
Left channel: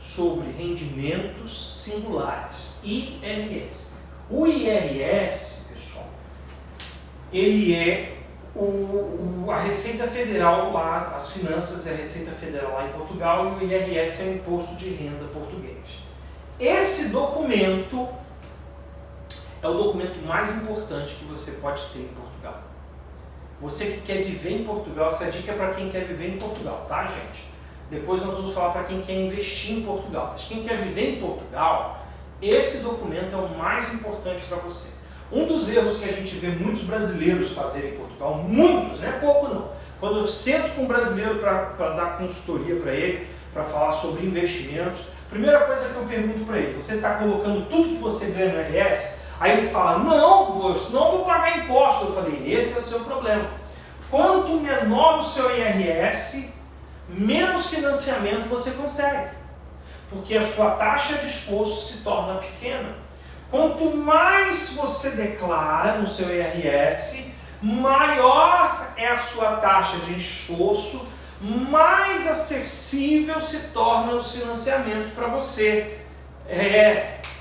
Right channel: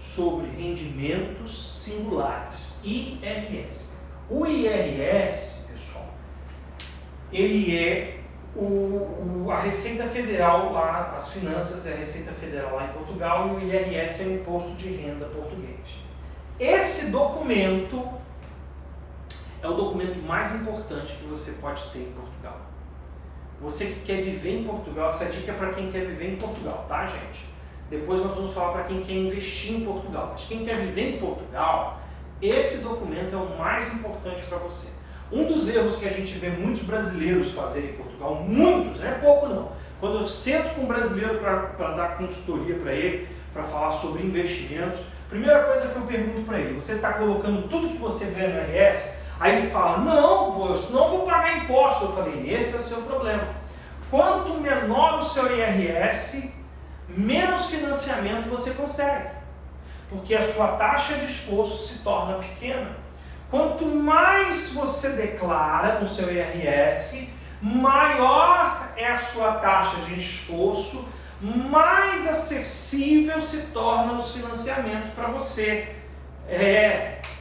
sobre rendimentos singulares. IRS. O IRS, pessoal, ele é a Receita Federal lá, as finanças é a Receita Federal lá em Portugal, e o IRS é o Imposto de Renda português. Esse documento é o documento mais importante que você pode ter em Portugal. Você que quer viver em Portugal, essa dica é para quem quer viver em Portugal, tá, gente? Depois nós vamos falar para quem quer investir em Portugal. Mas quem quer viver em Portugal, esse documento é o mais importante para você. Um dos erros que a gente vê muitos brasileiros fazerem em Portugal, muitos, não é pouco não. Quando eu sento com um brasileiro para dar consultoria para ele, para falar sobre investimentos, primeira coisa que eu pergunto para ele, você está colocando tudo que você ganha no IRS? Aí ele fala, não, pô, senão eu vou pagar imposto. Eu falei, esse é o seu problema. Quanto menor o seu IRS, menos financiamento você consegue. Porque a sua taxa de esforço se torna pequena. Quanto mais você declara no seu IRS, maior é a sua taxa de esforço, mais acessível se tornam os financiamentos para você.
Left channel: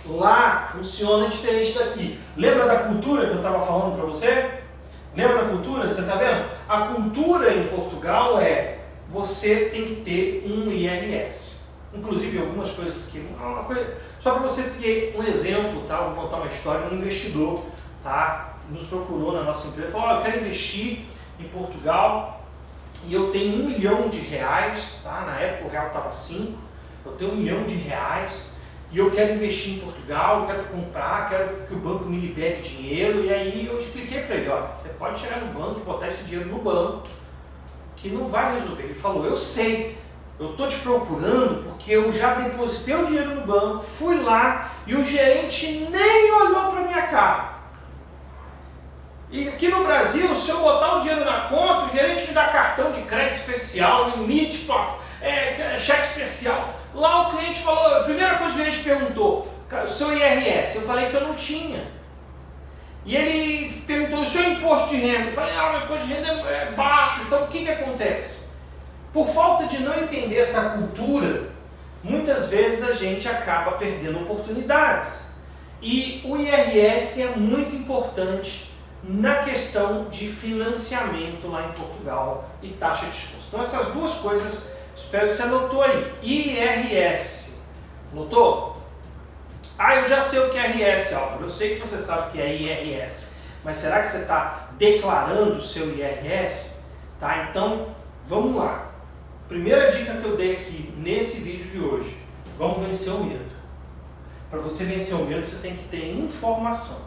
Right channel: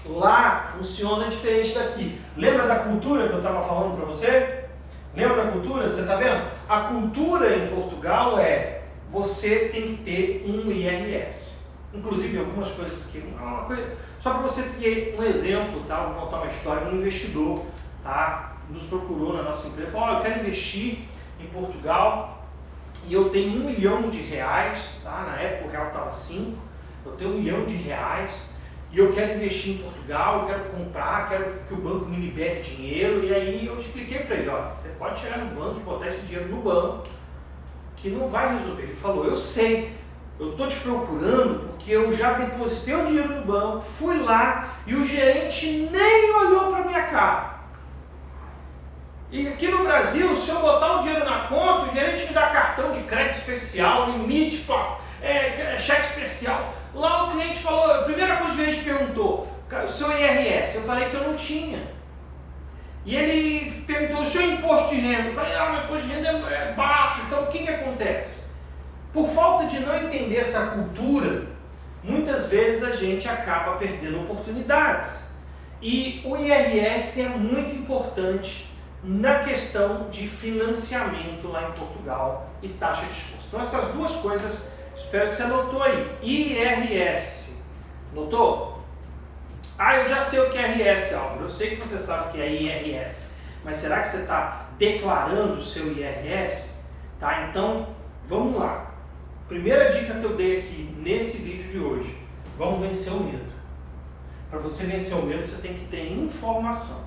Lá funciona diferente daqui. Lembra da cultura que eu estava falando para você? Lembra da cultura? Você está vendo? A cultura em Portugal você tem que ter um IRS. Inclusive algumas coisas que... só para você ter um exemplo, tá? Vou contar uma história. Um investidor, tá, nos procurou na nossa empresa e falou, eu quero investir em Portugal e eu tenho R$1 milhão, tá? Na época o real estava 5, eu tenho R$1 milhão e eu quero investir em Portugal, eu quero comprar, quero que o banco me libere dinheiro. E aí eu expliquei para ele, olha, você pode chegar no banco e botar esse dinheiro no banco, que não vai resolver. Ele falou, eu sei, eu estou te procurando porque eu já depositei o dinheiro no banco, fui lá e o gerente nem olhou para minha cara. E aqui no Brasil, se eu botar o dinheiro na conta, o gerente me dá cartão de crédito especial, limite, cheque especial. Lá o cliente falou, a primeira coisa que o gerente perguntou, o seu IRS, eu falei que eu não tinha. E ele perguntou, o seu imposto de renda? Eu falei, meu imposto de renda é baixo. Então o que acontece? Por falta de não entender essa cultura, muitas vezes a gente acaba perdendo oportunidades. E o IRS é muito importante na questão de financiamento lá em Portugal e taxa de esforço. Então essas duas coisas, espero que você anotou aí. IRS, notou? Eu já sei o que é IRS, Álvaro. Eu sei que você sabe o que é IRS. Mas será que você está declarando o seu IRS? Tá? Então, vamos lá. Primeira dica que eu dei aqui nesse vídeo de hoje. Vamos vencer o medo. Para você vencer o medo, você tem que ter informação.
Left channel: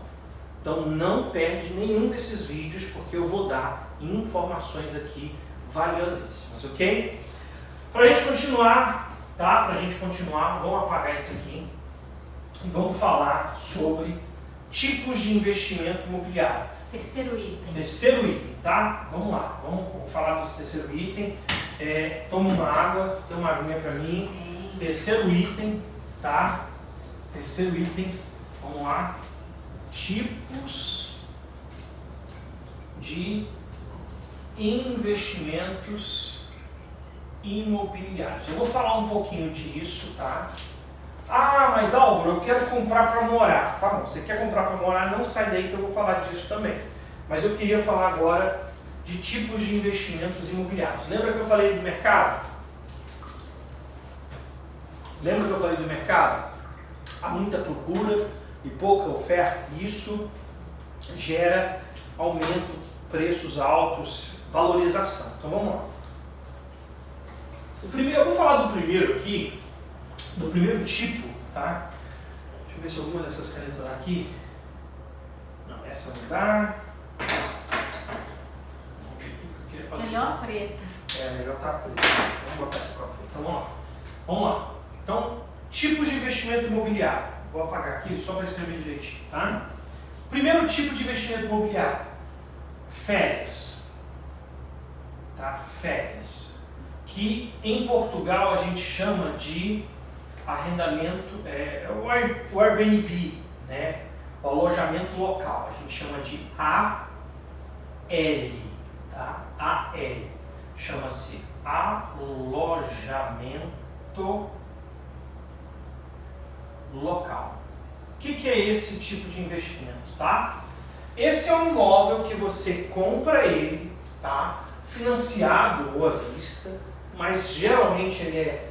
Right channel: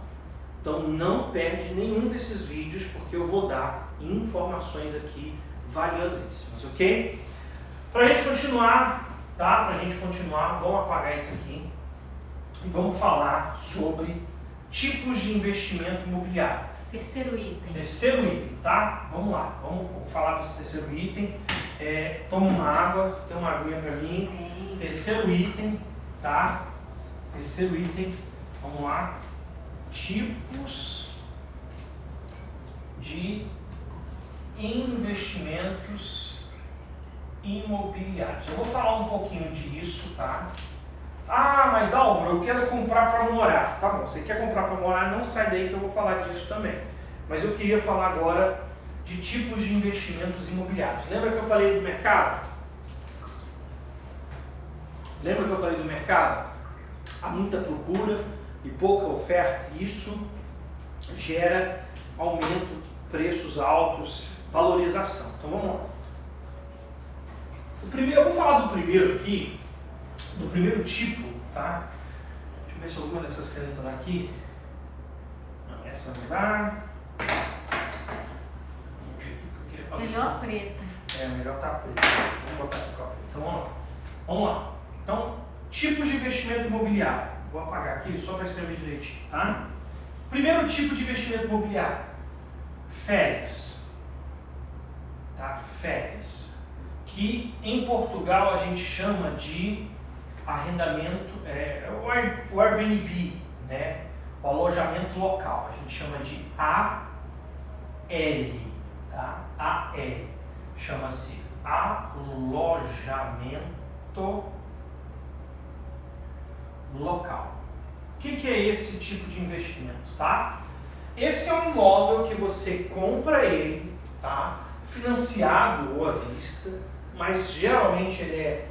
Então, não perde nenhum desses vídeos, porque eu vou dar informações aqui valiosíssimas, ok? Para a gente continuar, tá? Para a gente continuar, vamos apagar isso aqui. E vamos falar sobre tipos de investimento imobiliário. Terceiro item. Terceiro item, tá? Vamos lá, vamos falar desse terceiro item. Toma uma água, tem uma aguinha para mim. Terceiro item, tá? Terceiro item, vamos lá. Tipos de investimentos imobiliários. Eu vou falar um pouquinho disso, tá? Ah, mas Álvaro, eu quero comprar para morar. Tá bom, você quer comprar para morar, não sai daí que eu vou falar disso também. Mas eu queria falar agora de tipos de investimentos imobiliários. Lembra que eu falei do mercado? Lembra que eu falei do mercado? Há muita procura e pouca oferta. Isso gera aumento, preços altos, valorização. Então vamos lá. Eu vou falar do primeiro aqui, do primeiro tipo, tá? Deixa eu ver se alguma dessas canetas daqui. Não, essa não dá. Vamos ver o que eu queria fazer. Melhor preta. Melhor tá preta. Vamos botar essa com a preta. Então vamos lá. Vamos lá. Então, tipos de investimento imobiliário. Vou apagar aqui só para escrever direitinho, tá? Primeiro tipo de investimento imobiliário. Férias. Tá? Férias. Que em Portugal a gente chama de arrendamento, o Airbnb, né? O alojamento local, a gente chama de AL, tá? AL, chama-se alojamento local. O que é esse tipo de investimento, tá? Esse é um imóvel que você compra ele, tá? Financiado ou à vista, mas geralmente ele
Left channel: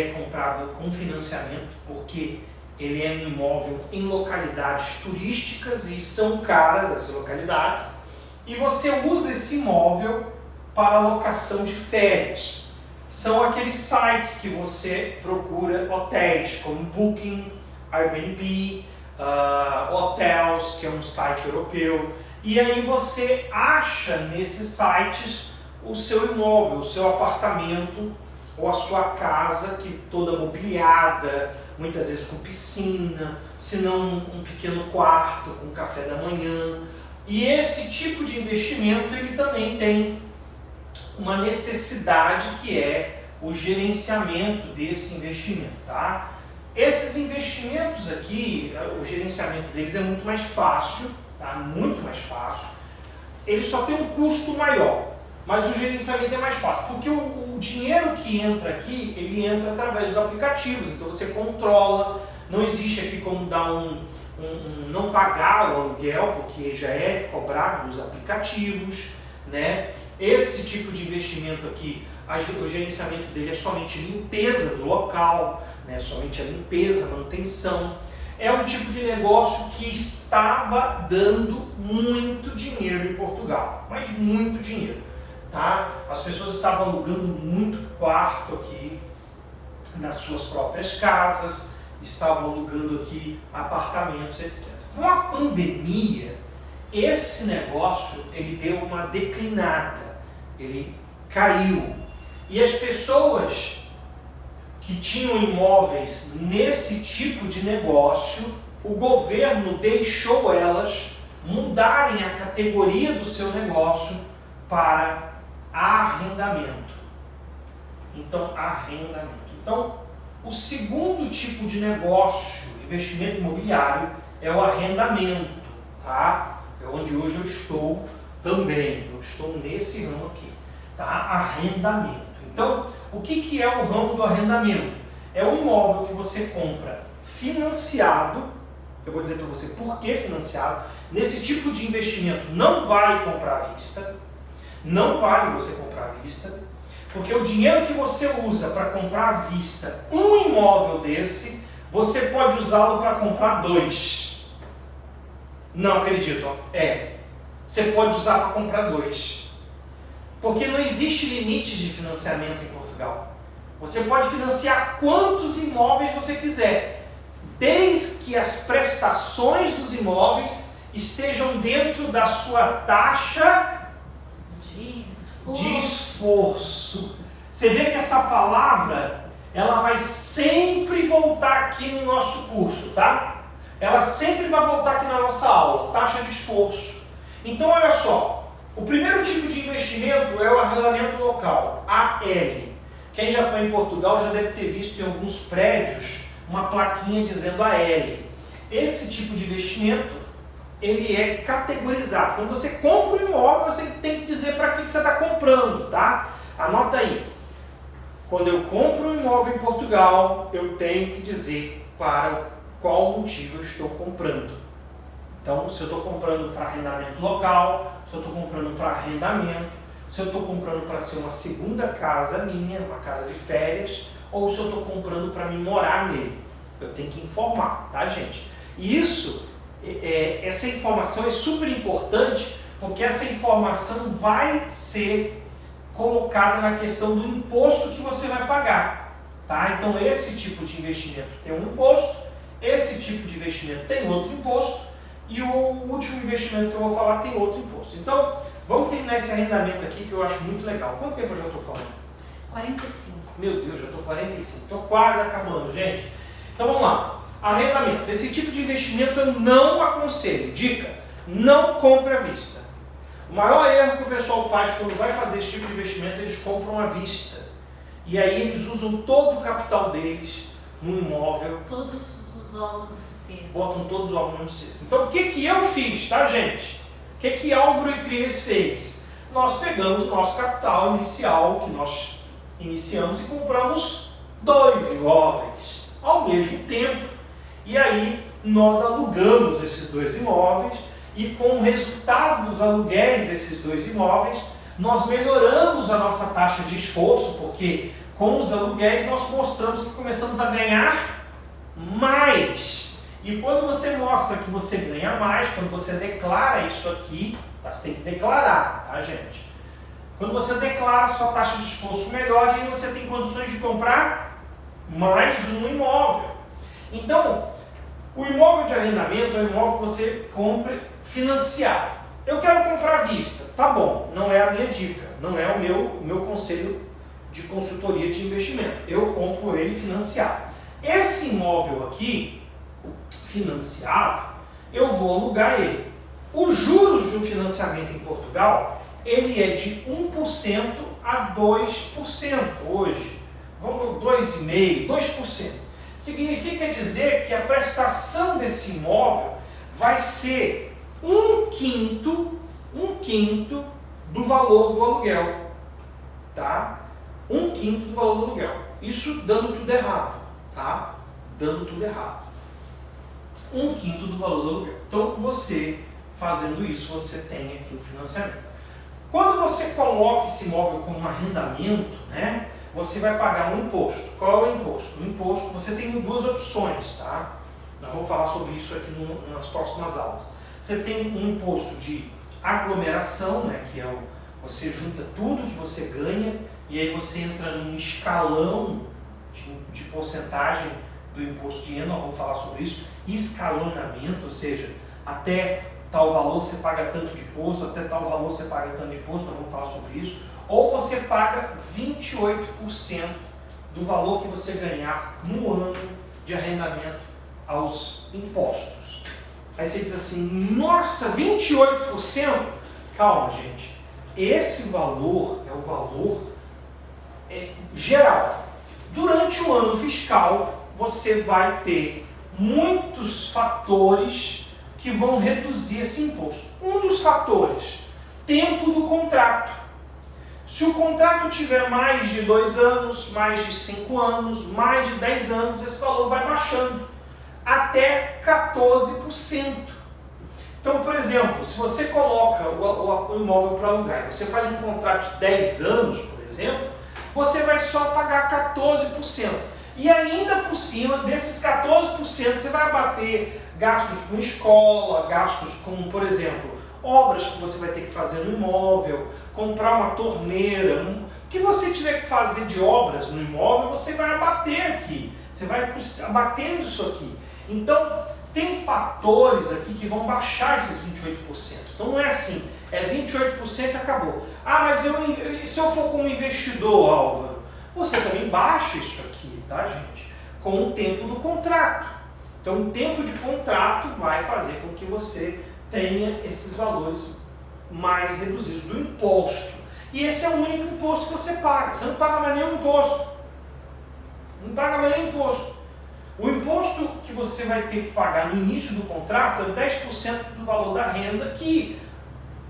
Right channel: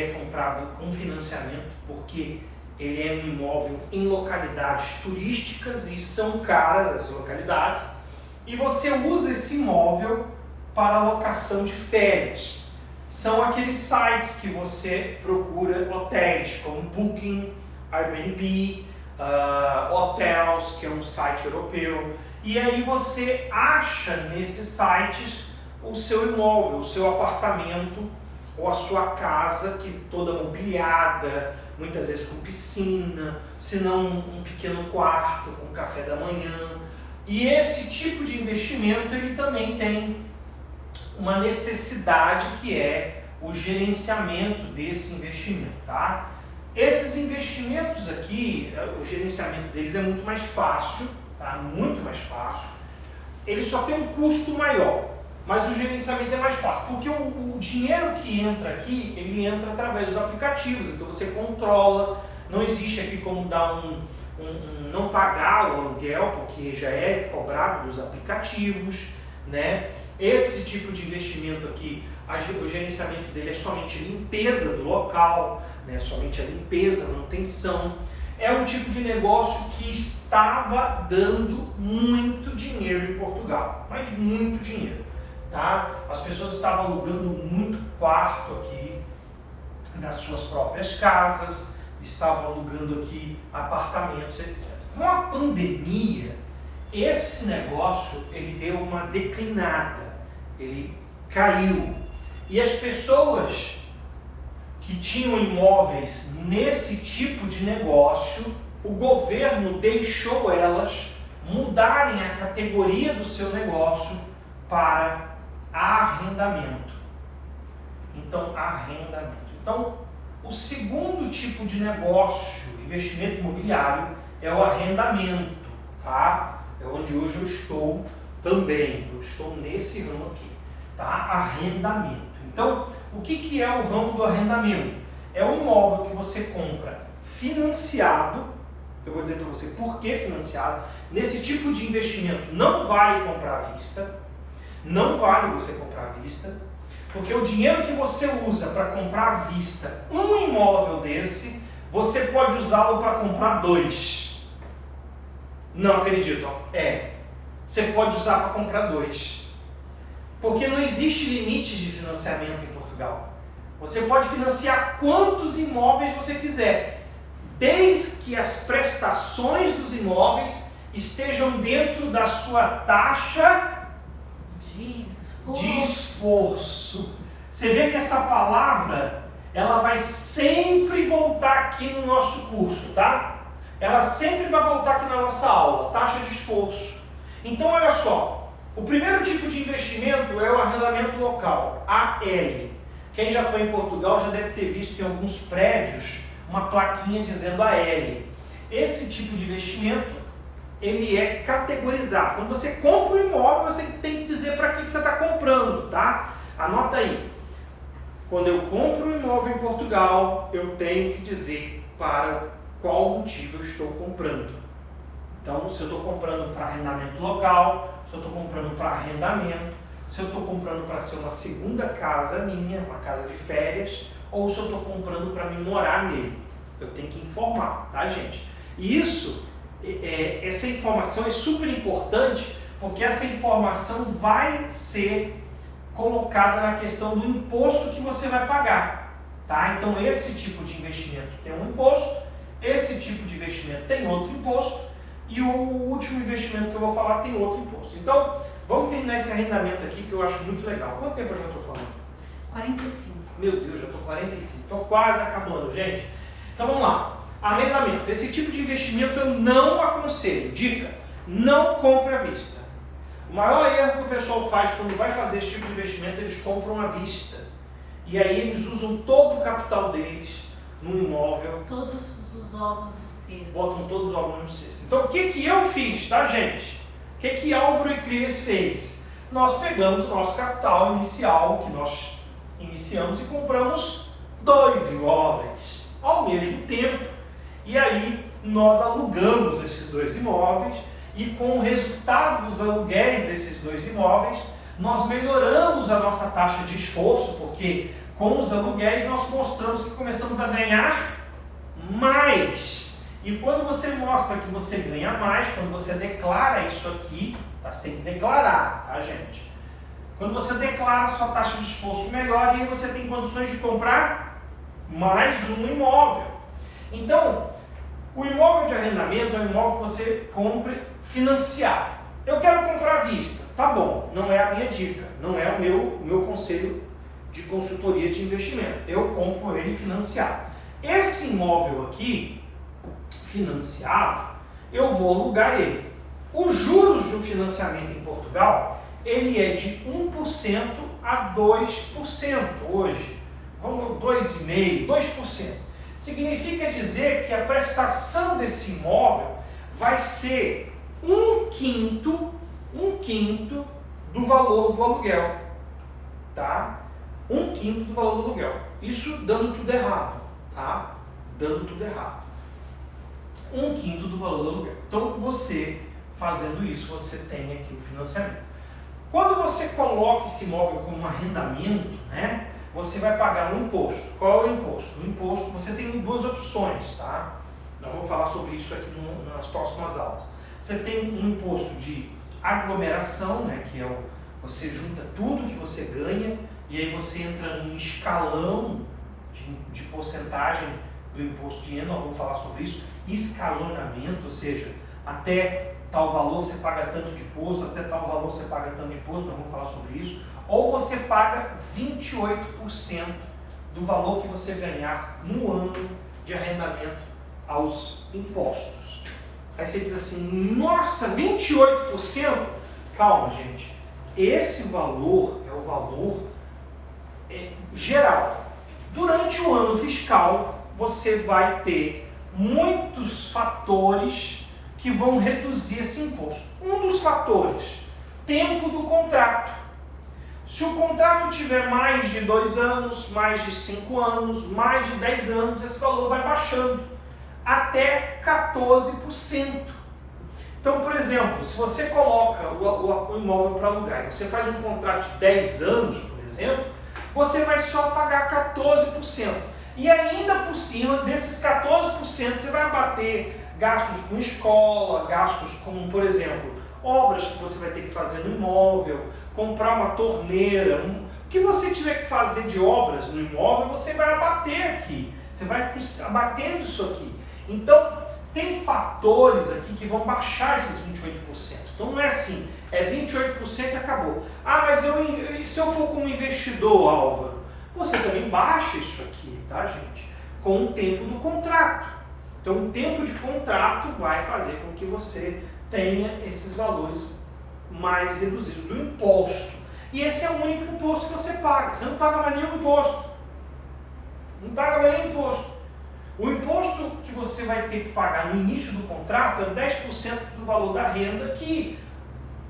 é comprado com financiamento porque ele é um imóvel em localidades turísticas e são caras as localidades, e você usa esse imóvel para locação de férias. São aqueles sites que você procura hotéis como Booking, Airbnb, Hotels, que é um site europeu, e aí você acha nesses sites o seu imóvel, o seu apartamento ou a sua casa, que toda mobiliada, muitas vezes com piscina, se não um pequeno quarto com café da manhã. E esse tipo de investimento ele também tem uma necessidade, que é o gerenciamento desse investimento, tá? Esses investimentos aqui, o gerenciamento deles é muito mais fácil, tá? Muito mais fácil. Ele só tem um custo maior, mas o gerenciamento é mais fácil, porque o dinheiro que entra aqui, ele entra através dos aplicativos, então você controla, não existe aqui como dar não pagar o aluguel, porque já é cobrado dos aplicativos, né? Esse tipo de investimento aqui, o gerenciamento dele é somente limpeza do local, né? Somente a limpeza, manutenção. É um tipo de negócio que estava dando muito dinheiro em Portugal, mas muito dinheiro, tá? As pessoas estavam alugando muito quarto aqui nas suas próprias casas, estavam alugando aqui apartamentos, etc. Com a pandemia, esse negócio ele deu uma declinada, ele caiu, e as pessoas que tinham imóveis nesse tipo de negócio, o governo deixou elas mudarem a categoria do seu negócio para arrendamento. Então, arrendamento. Então, o segundo tipo de negócio, investimento imobiliário, é o arrendamento, tá? É onde hoje eu estou também. Eu estou nesse ramo aqui, tá? Arrendamento. Então, o que é o ramo do arrendamento? É o imóvel que você compra financiado. Eu vou dizer para você por que financiado. Nesse tipo de investimento não vale comprar à vista. Não vale você comprar à vista, porque o dinheiro que você usa para comprar à vista um imóvel desse, você pode usá-lo para comprar 2. Não acredito. Você pode usar para comprar 2. Porque não existe limite de financiamento em Portugal. Você pode financiar quantos imóveis você quiser, desde que as prestações dos imóveis estejam dentro da sua taxa de esforço. Você vê que essa palavra, ela vai sempre voltar aqui no nosso curso, tá? ela sempre vai voltar aqui na nossa aula, taxa de esforço. Então, olha só, o primeiro tipo de investimento é o arrendamento local, AL. Quem já foi em Portugal já deve ter visto em alguns prédios uma plaquinha dizendo AL. Esse tipo de investimento, ele é categorizado. Quando você compra um imóvel, você tem que dizer para que você está comprando, tá? Anota aí. Quando eu compro um imóvel em Portugal, eu tenho que dizer para qual motivo eu estou comprando. Então, se eu estou comprando para arrendamento local, se eu estou comprando para arrendamento, se eu estou comprando para ser uma segunda casa minha, uma casa de férias, ou se eu estou comprando para me morar nele. Eu tenho que informar, tá, gente? E isso, essa informação é super importante, porque essa informação vai ser colocada na questão do imposto que você vai pagar, tá? Então, esse tipo de investimento tem um imposto, esse tipo de investimento tem outro imposto, e o último investimento que eu vou falar tem outro imposto. Então, vamos terminar esse arrendamento aqui que eu acho muito legal. Quanto tempo eu já estou falando? 45. Meu Deus, já estou 45. Estou quase acabando, gente. Então, vamos lá. Arrendamento. Esse tipo de investimento eu não aconselho. Dica, não compre à vista. O maior erro que o pessoal faz quando vai fazer esse tipo de investimento, eles compram à vista. E aí eles usam todo o capital deles no imóvel. Todos os ovos do cesto. Botam todos os ovos no cesto. Então, o que eu fiz, tá, gente? O que Álvaro e Cris fez? Nós pegamos o nosso capital inicial, que nós iniciamos, e compramos 2 imóveis ao mesmo tempo. E aí, nós alugamos esses 2 imóveis, e com o resultado dos aluguéis desses 2 imóveis, nós melhoramos a nossa taxa de esforço, porque com os aluguéis nós mostramos que começamos a ganhar mais. E quando você mostra que você ganha mais, quando você declara isso aqui, você tem que declarar, tá, gente? Quando você declara, a sua taxa de esforço melhora e aí você tem condições de comprar mais um imóvel. Então, o imóvel de arrendamento é um imóvel que você compra financiado. Eu quero comprar à vista. Tá bom, não é a minha dica, não é o meu conselho de consultoria de investimento. Eu compro ele financiado. Esse imóvel aqui, financiado, eu vou alugar ele. Os juros de um financiamento em Portugal, ele é de 1% a 2% hoje. Vamos 2,5%, 2%. Significa dizer que a prestação desse imóvel vai ser um quinto do valor do aluguel, tá? 1/5 do valor do aluguel. Isso dando tudo errado, tá? Dando tudo errado. 1/5 do valor do aluguel. Então, você fazendo isso, você tem aqui o financiamento. Quando você coloca esse imóvel como um arrendamento, né? Você vai pagar um imposto. Qual é o imposto? O imposto, você tem 2 opções, tá? Nós vamos falar sobre isso aqui nas próximas aulas. Você tem um imposto de aglomeração, né? Que é você junta tudo que você ganha e aí você entra num escalão de porcentagem do imposto de renda. Nós vamos falar sobre isso. Escalonamento, ou seja, até tal valor você paga tanto de imposto, até tal valor você paga tanto de imposto, nós vamos falar sobre isso. Ou você paga 28% do valor que você ganhar no ano de arrendamento aos impostos. Aí você diz assim, nossa, 28%? Calma, gente. Esse valor é o valor geral. Durante o ano fiscal, você vai ter muitos fatores que vão reduzir esse imposto. Um dos fatores, tempo do contrato. Se o contrato tiver mais de 2 anos, mais de 5 anos, mais de 10 anos, esse valor vai baixando até 14%. Então, por exemplo, se você coloca o imóvel para alugar e você faz um contrato de 10 anos, por exemplo, você vai só pagar 14%. E ainda por cima desses 14%, você vai abater gastos com escola, gastos com, por exemplo, obras que você vai ter que fazer no imóvel, comprar uma torneira, o que você tiver que fazer de obras no imóvel, você vai abater aqui, você vai abatendo isso aqui. Então, tem fatores aqui que vão baixar esses 28%. Então, não é assim, é 28% e acabou. Ah, mas se eu for como investidor, Álvaro, você também baixa isso aqui, tá, gente? Com o tempo do contrato. Então o tempo de contrato vai fazer com que você tenha esses valores mais reduzidos do imposto. E esse é o único imposto que você paga. Você não paga mais nenhum imposto. Não paga mais nenhum imposto. O imposto que você vai ter que pagar no início do contrato é 10% do valor da renda, que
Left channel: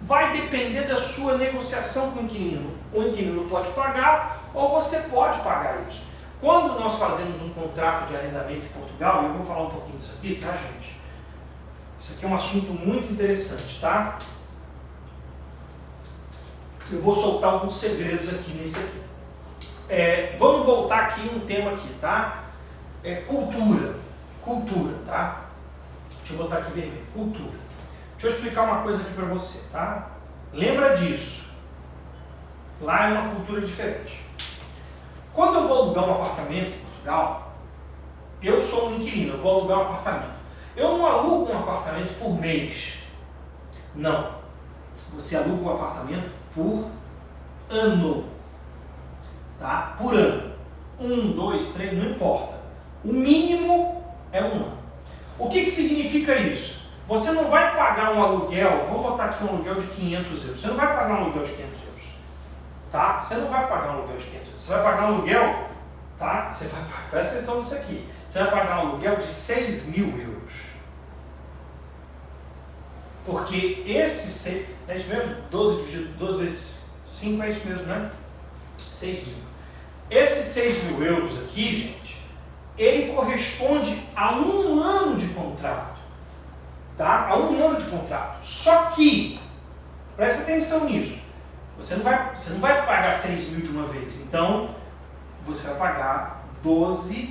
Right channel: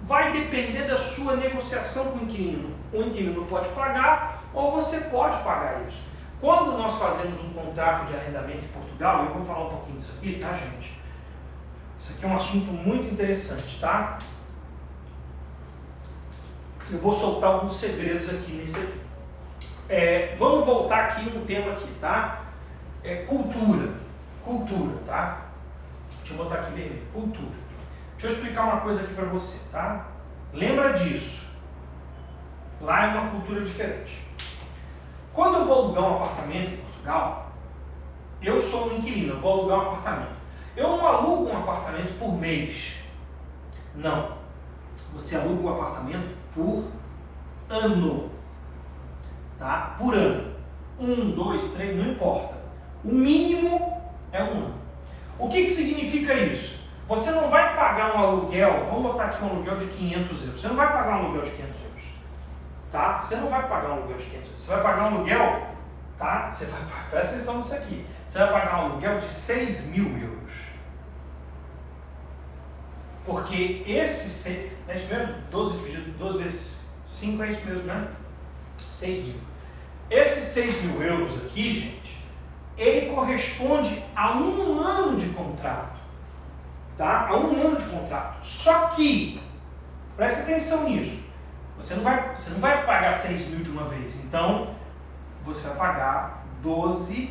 vai depender da sua negociação com o inquilino. O inquilino pode pagar ou você pode pagar isso. Quando nós fazemos um contrato de arrendamento em Portugal, eu vou falar um pouquinho disso aqui, tá, gente? Isso aqui é um assunto muito interessante, tá? Eu vou soltar alguns segredos aqui nesse aqui. Vamos voltar aqui um tema aqui, tá? Cultura. Cultura, tá? Deixa eu botar aqui vermelho. Cultura. Deixa eu explicar uma coisa aqui para você, tá? Lembra disso. Lá é uma cultura diferente. Quando eu vou alugar um apartamento em Portugal, eu sou um inquilino, eu vou alugar um apartamento. Eu não alugo um apartamento por mês. Não. Você aluga um apartamento por ano. Tá? Por ano. 1, 2, 3, não importa. O mínimo é um ano. O que significa isso? Você não vai pagar um aluguel, vamos botar aqui um aluguel de 500 euros. Você não vai pagar um aluguel de 500 euros. Tá? Você não vai pagar um aluguel de 500 euros. Você vai pagar um aluguel, tá? Você vai, presta atenção nisso aqui. Você vai pagar um aluguel de 6.000 euros. Porque esse, é isso mesmo? 12 dividido 12 vezes 5 é isso mesmo, né? 6.000. Esses 6.000 euros aqui, gente, ele corresponde a um ano de contrato. Tá? A um ano de contrato. Só que, presta atenção nisso, você não vai pagar 6.000 de uma vez. Então, você vai pagar 12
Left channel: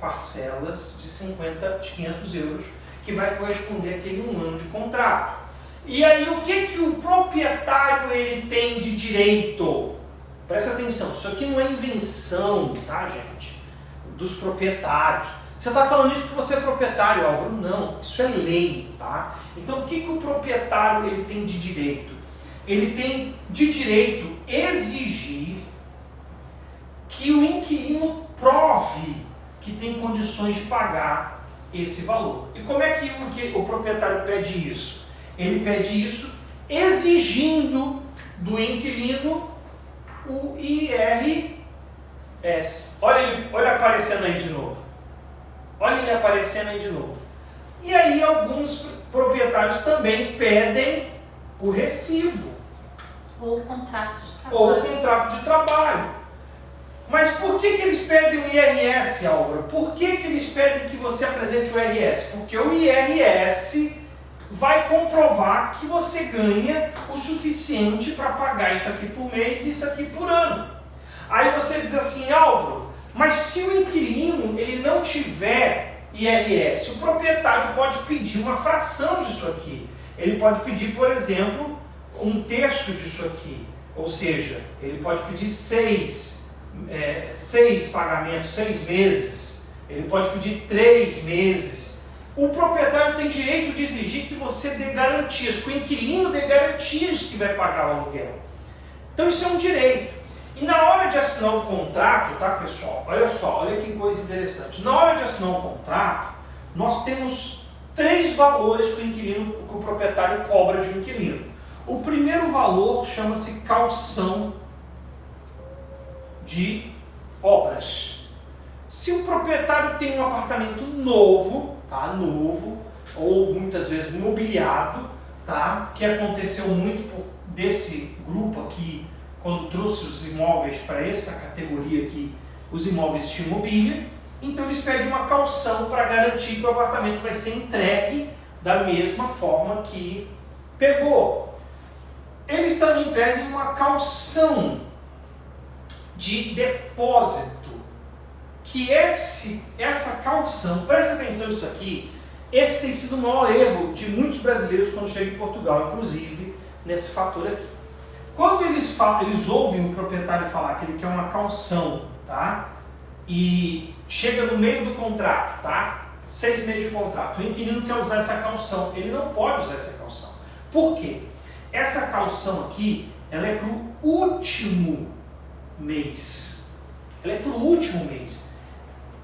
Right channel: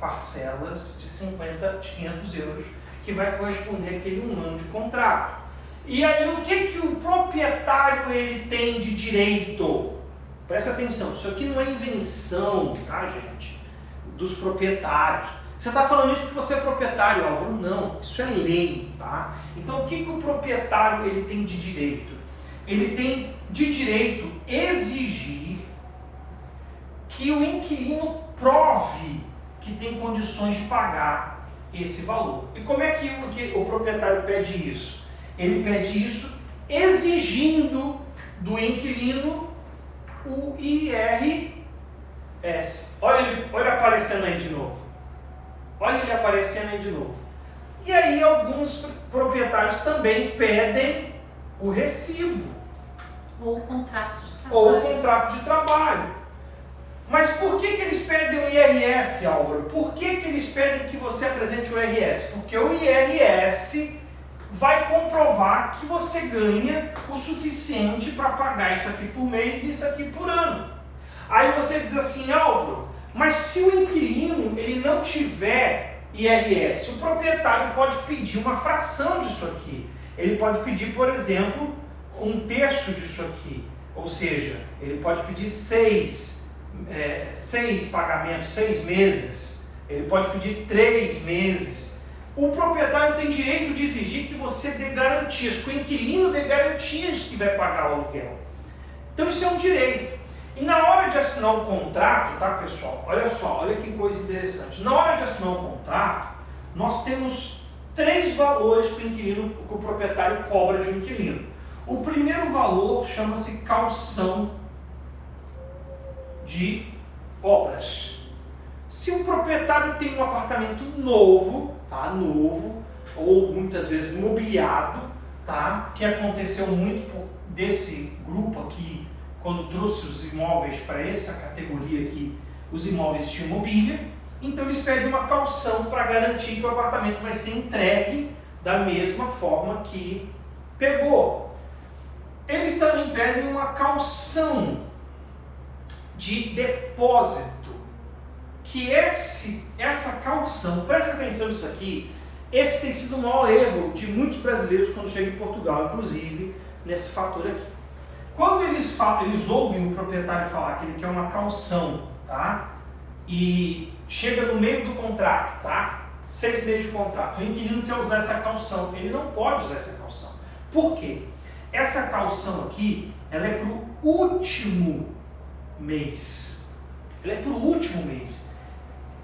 parcelas de 500 euros, que vai corresponder àquele um ano de contrato. E aí, o que o proprietário ele tem de direito? Presta atenção, isso aqui não é invenção, tá, gente? Dos proprietários. Você está falando isso porque você é proprietário, Álvaro? Não, isso é lei, tá? Então, o que o proprietário ele tem de direito? Ele tem de direito exigir que o inquilino prove que tem condições de pagar esse valor. E como é que o proprietário pede isso? Ele pede isso exigindo do inquilino o IRS. Olha aparecendo aí de novo. Olha ele aparecendo aí de novo. E aí alguns proprietários também pedem o recibo. Ou o contrato de trabalho. Ou o contrato de trabalho. Mas por que eles pedem o IRS, Álvaro? Por que eles pedem que você apresente o IRS? Porque o IRS vai comprovar que você ganha o suficiente para pagar isso aqui por mês e isso aqui por ano. Aí você diz assim, Álvaro, mas se o inquilino ele não tiver IRS, o proprietário pode pedir uma fração disso aqui. Ele pode pedir, por exemplo, 1/3 disso aqui. Ou seja, ele pode pedir 6 pagamentos, 6 meses. Ele pode pedir 3 meses. O proprietário tem direito de exigir que você dê garantias, que o inquilino dê garantias que vai pagar o aluguel. Então isso é um direito. E na hora de assinar um contrato, tá, pessoal? Olha só, olha que coisa interessante. Na hora de assinar um contrato, nós temos 3 valores que o proprietário cobra de um inquilino. O primeiro valor chama-se caução de obras. Se o proprietário tem um apartamento novo, tá, novo, ou muitas vezes mobiliado, tá, que aconteceu muito desse grupo aqui, quando trouxe os imóveis para essa categoria aqui, os imóveis tinham mobília, então eles pedem uma caução para garantir que o apartamento vai ser entregue da mesma forma que pegou. Eles também pedem uma caução de depósito, que essa caução, presta atenção nisso aqui, esse tem sido o maior erro de muitos brasileiros quando chegam em Portugal, inclusive nesse fator aqui. Quando eles ouvem o proprietário falar que ele quer uma caução, tá? E chega no meio do contrato, tá? 6 meses de contrato, o inquilino quer usar essa caução, ele não pode usar essa caução. Por quê? Essa caução aqui, ela é para o último mês. Ela é para o último mês.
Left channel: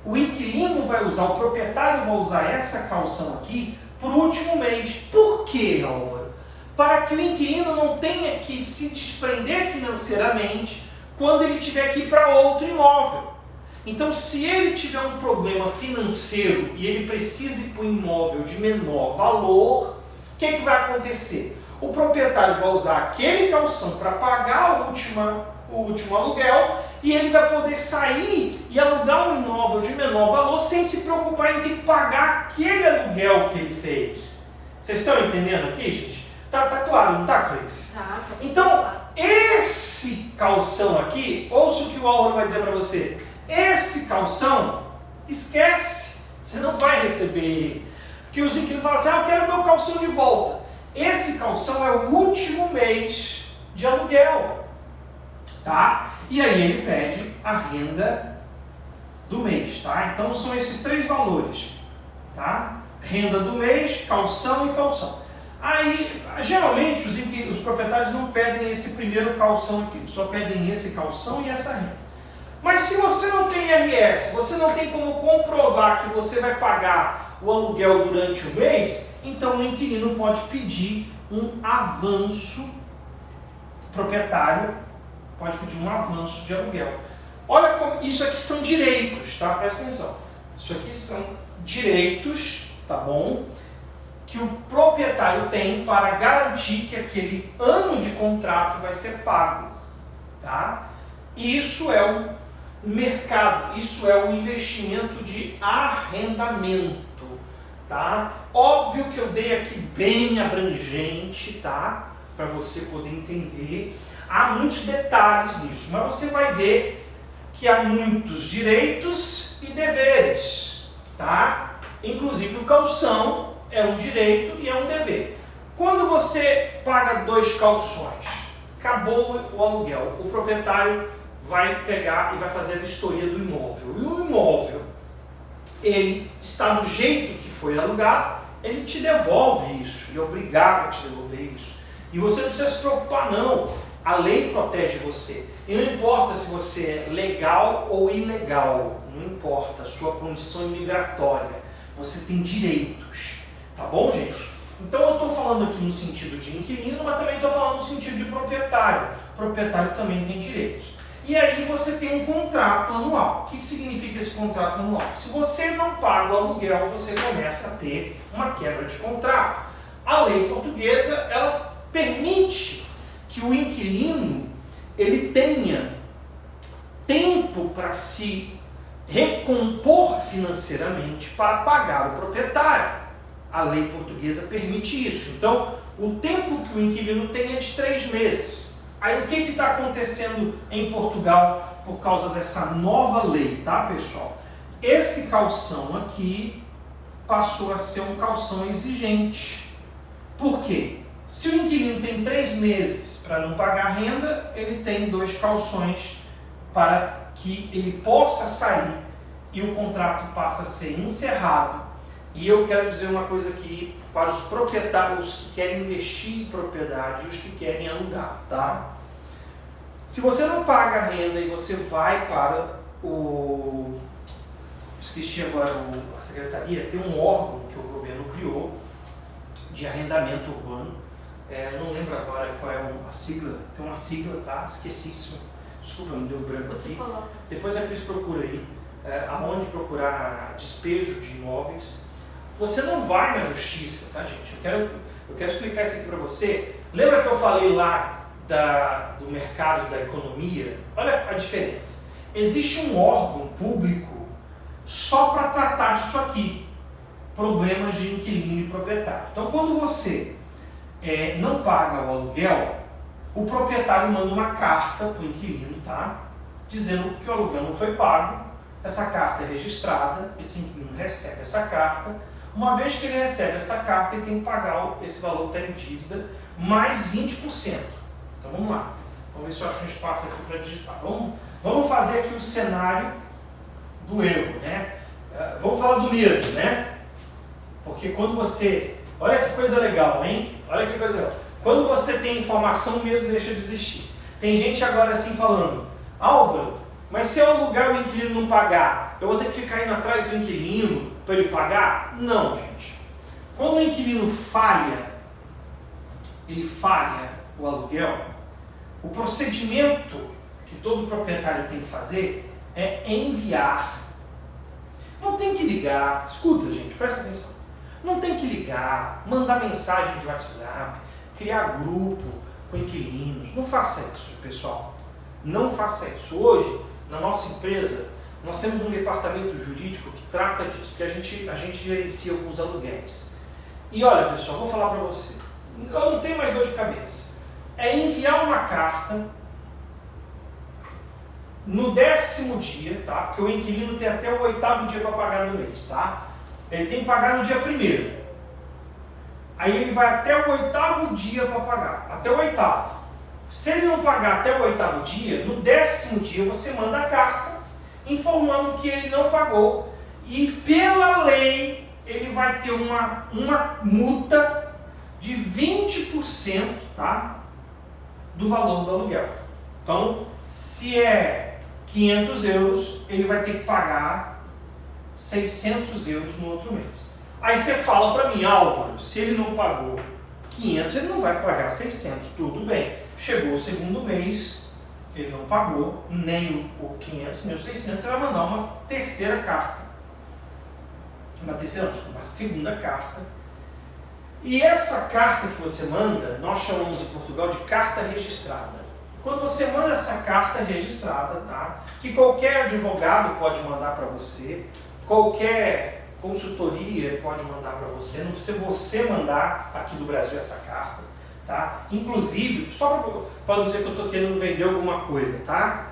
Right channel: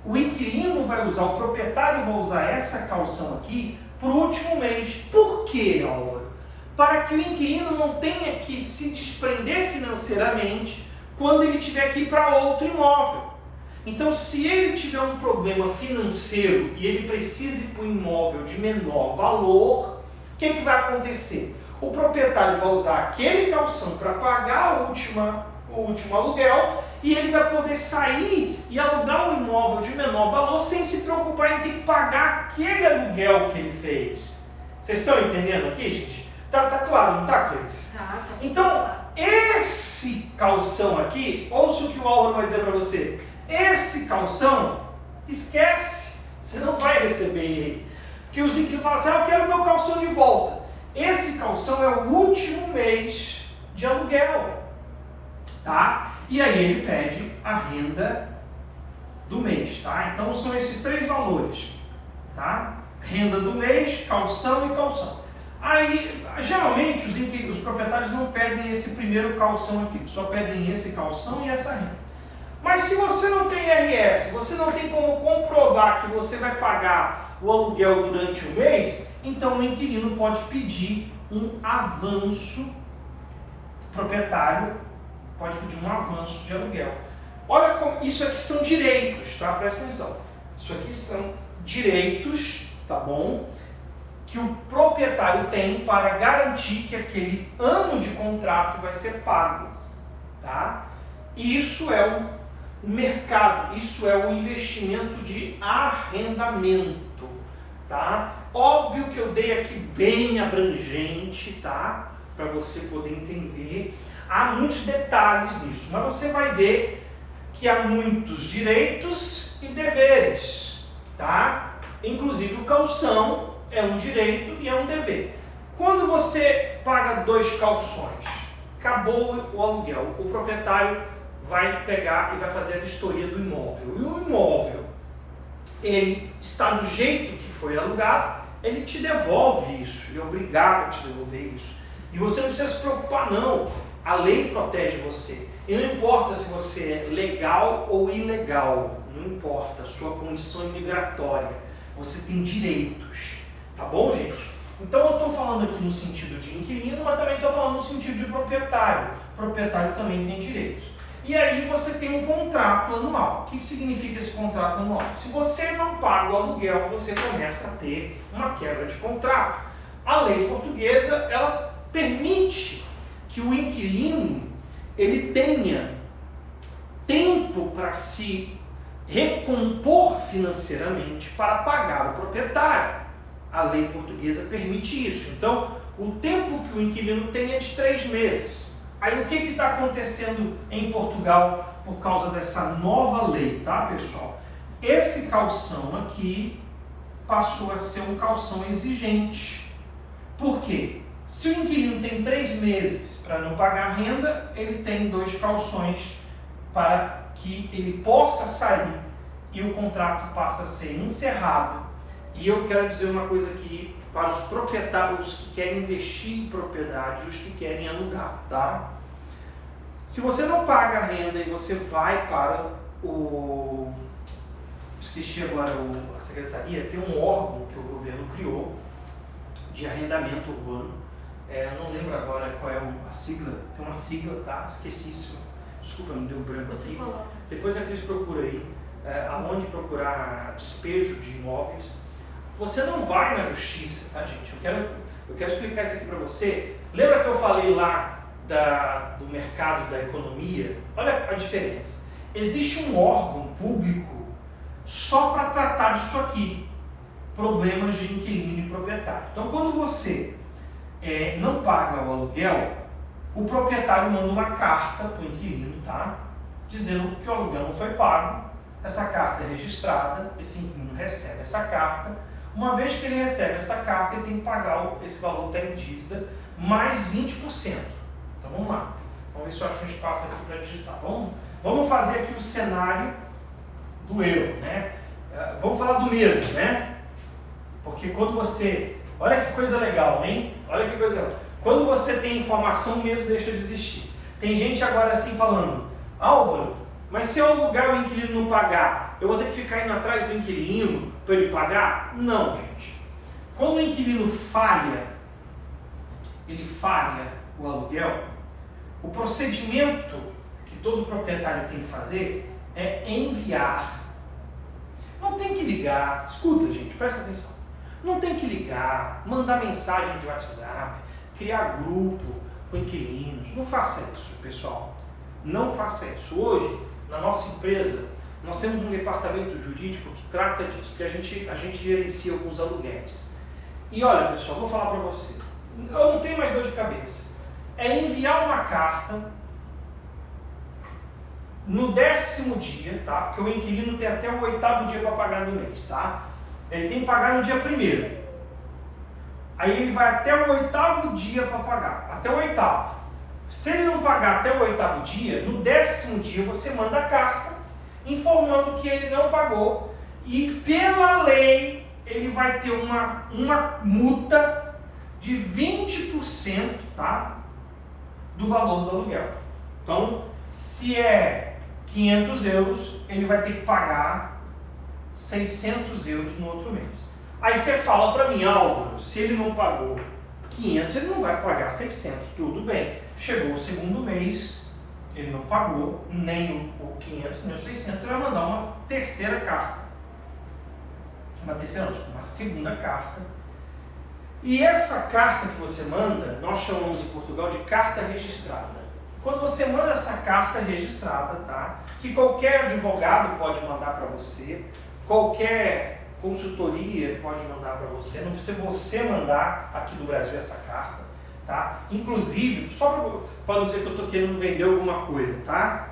o inquilino vai usar, o proprietário vai usar essa caução aqui para o último mês. Por quê, Álvaro? Para que o inquilino não tenha que se desprender financeiramente quando ele tiver que ir para outro imóvel. Então, se ele tiver um problema financeiro e ele precisa ir para um imóvel de menor valor, o que vai acontecer? O proprietário vai usar aquele calção para pagar o último aluguel e ele vai poder sair e alugar um imóvel de menor valor sem se preocupar em ter que pagar aquele aluguel que ele fez. Vocês estão entendendo aqui, gente? Tá claro, não tá, Cris? Então, esse calção aqui, ouça o que o Álvaro vai dizer para você. Esse calção, esquece, você não vai receber ele. Porque os inquilinos falam assim, eu quero o meu calção de volta. Esse calção é o último mês de aluguel, tá? E aí ele pede a renda do mês, tá? Então são esses três valores, tá? Renda do mês, calção e calção. Aí, geralmente, os proprietários não pedem esse primeiro calção aqui, só pedem esse calção e essa renda. Mas se você não tem IRS, você não tem como comprovar que você vai pagar o aluguel durante o mês, então o inquilino pode pedir um avanço, proprietário pode pedir um avanço de aluguel. Olha como, isso aqui são direitos, tá? Presta atenção. Isso aqui são direitos, tá bom? Que o proprietário tem para garantir que aquele ano de contrato vai ser pago, tá? E isso é o mercado, isso é o investimento de arrendamento, tá? Óbvio que eu dei aqui bem abrangente, tá? Para você poder entender. Há muitos detalhes nisso, mas você vai ver que há muitos direitos e deveres, tá? Inclusive o calção é um direito e é um dever. Quando você paga 2 calções, acabou o aluguel, o proprietário vai pegar e vai fazer a vistoria do imóvel. E o imóvel, ele está do jeito que foi alugado, ele te devolve isso, ele é obrigado a te devolver isso. E você não precisa se preocupar não, a lei protege você. E não importa se você é legal ou ilegal, não importa a sua condição imigratória, você tem direitos, tá bom, gente? Então eu estou falando aqui no sentido de inquilino, mas também estou falando no sentido de proprietário. O proprietário também tem direitos. E aí você tem um contrato anual. O que significa esse contrato anual? Se você não paga o aluguel, você começa a ter uma quebra de contrato. A lei portuguesa, ela permite que o inquilino ele tenha tempo para se recompor financeiramente para pagar o proprietário. A lei portuguesa permite isso. Então, o tempo que o inquilino tem é de 3 meses. Aí o que está acontecendo em Portugal por causa dessa nova lei, tá, pessoal? Esse calção aqui passou a ser um calção exigente. Por quê? Se o inquilino tem 3 meses para não pagar renda, ele tem 2 calções para que ele possa sair e o contrato passa a ser encerrado. E eu quero dizer uma coisa aqui para os proprietários que querem investir em propriedade e os que querem alugar, tá? Se você não paga a renda e você vai para o... esqueci agora a secretaria, tem um órgão que o governo criou de arrendamento urbano. Não lembro agora qual é a sigla, tem uma sigla, tá? Esqueci isso. Desculpa, me deu um branco aqui. Depois a Cris procura aí, aonde procurar despejo de imóveis. Você não vai na justiça, tá, gente? Eu quero explicar isso aqui para você. Lembra que eu falei lá do mercado da economia? Olha a diferença. Existe um órgão público só para tratar disso aqui, problemas de inquilino e proprietário. Então, quando você não paga o aluguel, o proprietário manda uma carta para o inquilino, tá? Dizendo que o aluguel não foi pago. Essa carta é registrada, esse inquilino recebe essa carta. Uma vez que ele recebe essa carta, ele tem que pagar esse valor que está em dívida, mais 20%. Então vamos lá. Vamos ver se eu acho um espaço aqui para digitar. Vamos fazer aqui o cenário do erro, né? Vamos falar do medo, né? Porque quando você... Olha que coisa legal, hein? Olha que coisa legal. Quando você tem informação, o medo deixa de existir. Tem gente agora assim falando, Álvaro, mas se eu alugar e o inquilino não pagar, eu vou ter que ficar indo atrás do inquilino para ele pagar? Não, gente. Quando o inquilino ele falha o aluguel, o procedimento que todo proprietário tem que fazer é enviar. Não tem que ligar, escuta gente, presta atenção. Não tem que ligar, mandar mensagem de WhatsApp, criar grupo com inquilinos. Não faça isso, pessoal. Não faça isso. Hoje, na nossa empresa, nós temos um departamento jurídico que trata disso, que a gente gerencia alguns aluguéis. E olha, pessoal, vou falar para você. Eu não tenho mais dor de cabeça. É enviar uma carta no 10º dia, tá? Porque o inquilino tem até o 8º dia para pagar no mês, tá? Ele tem que pagar no dia 1º. Aí ele vai até o 8º dia para pagar, até o 8º. Se ele não pagar até o 8º dia, no 10º dia você manda a carta informando que ele não pagou e pela lei ele vai ter uma multa de 20%, tá? Do valor do aluguel. Então, se é 500 euros, ele vai ter que pagar 600 euros no outro mês. Aí você fala para mim, Álvaro, se ele não pagou 500, ele não vai pagar 600. Tudo bem. Chegou o 2º mês, ele não pagou nem o 500, nem o 600, você vai mandar uma terceira carta. Uma segunda carta. E essa carta que você manda, nós chamamos em Portugal de carta registrada. Quando você manda essa carta registrada, tá? Que qualquer advogado pode mandar para você, qualquer consultoria pode mandar para você, não precisa você mandar aqui do Brasil essa carta, tá? Inclusive, só para não dizer que eu estou querendo vender alguma coisa, tá?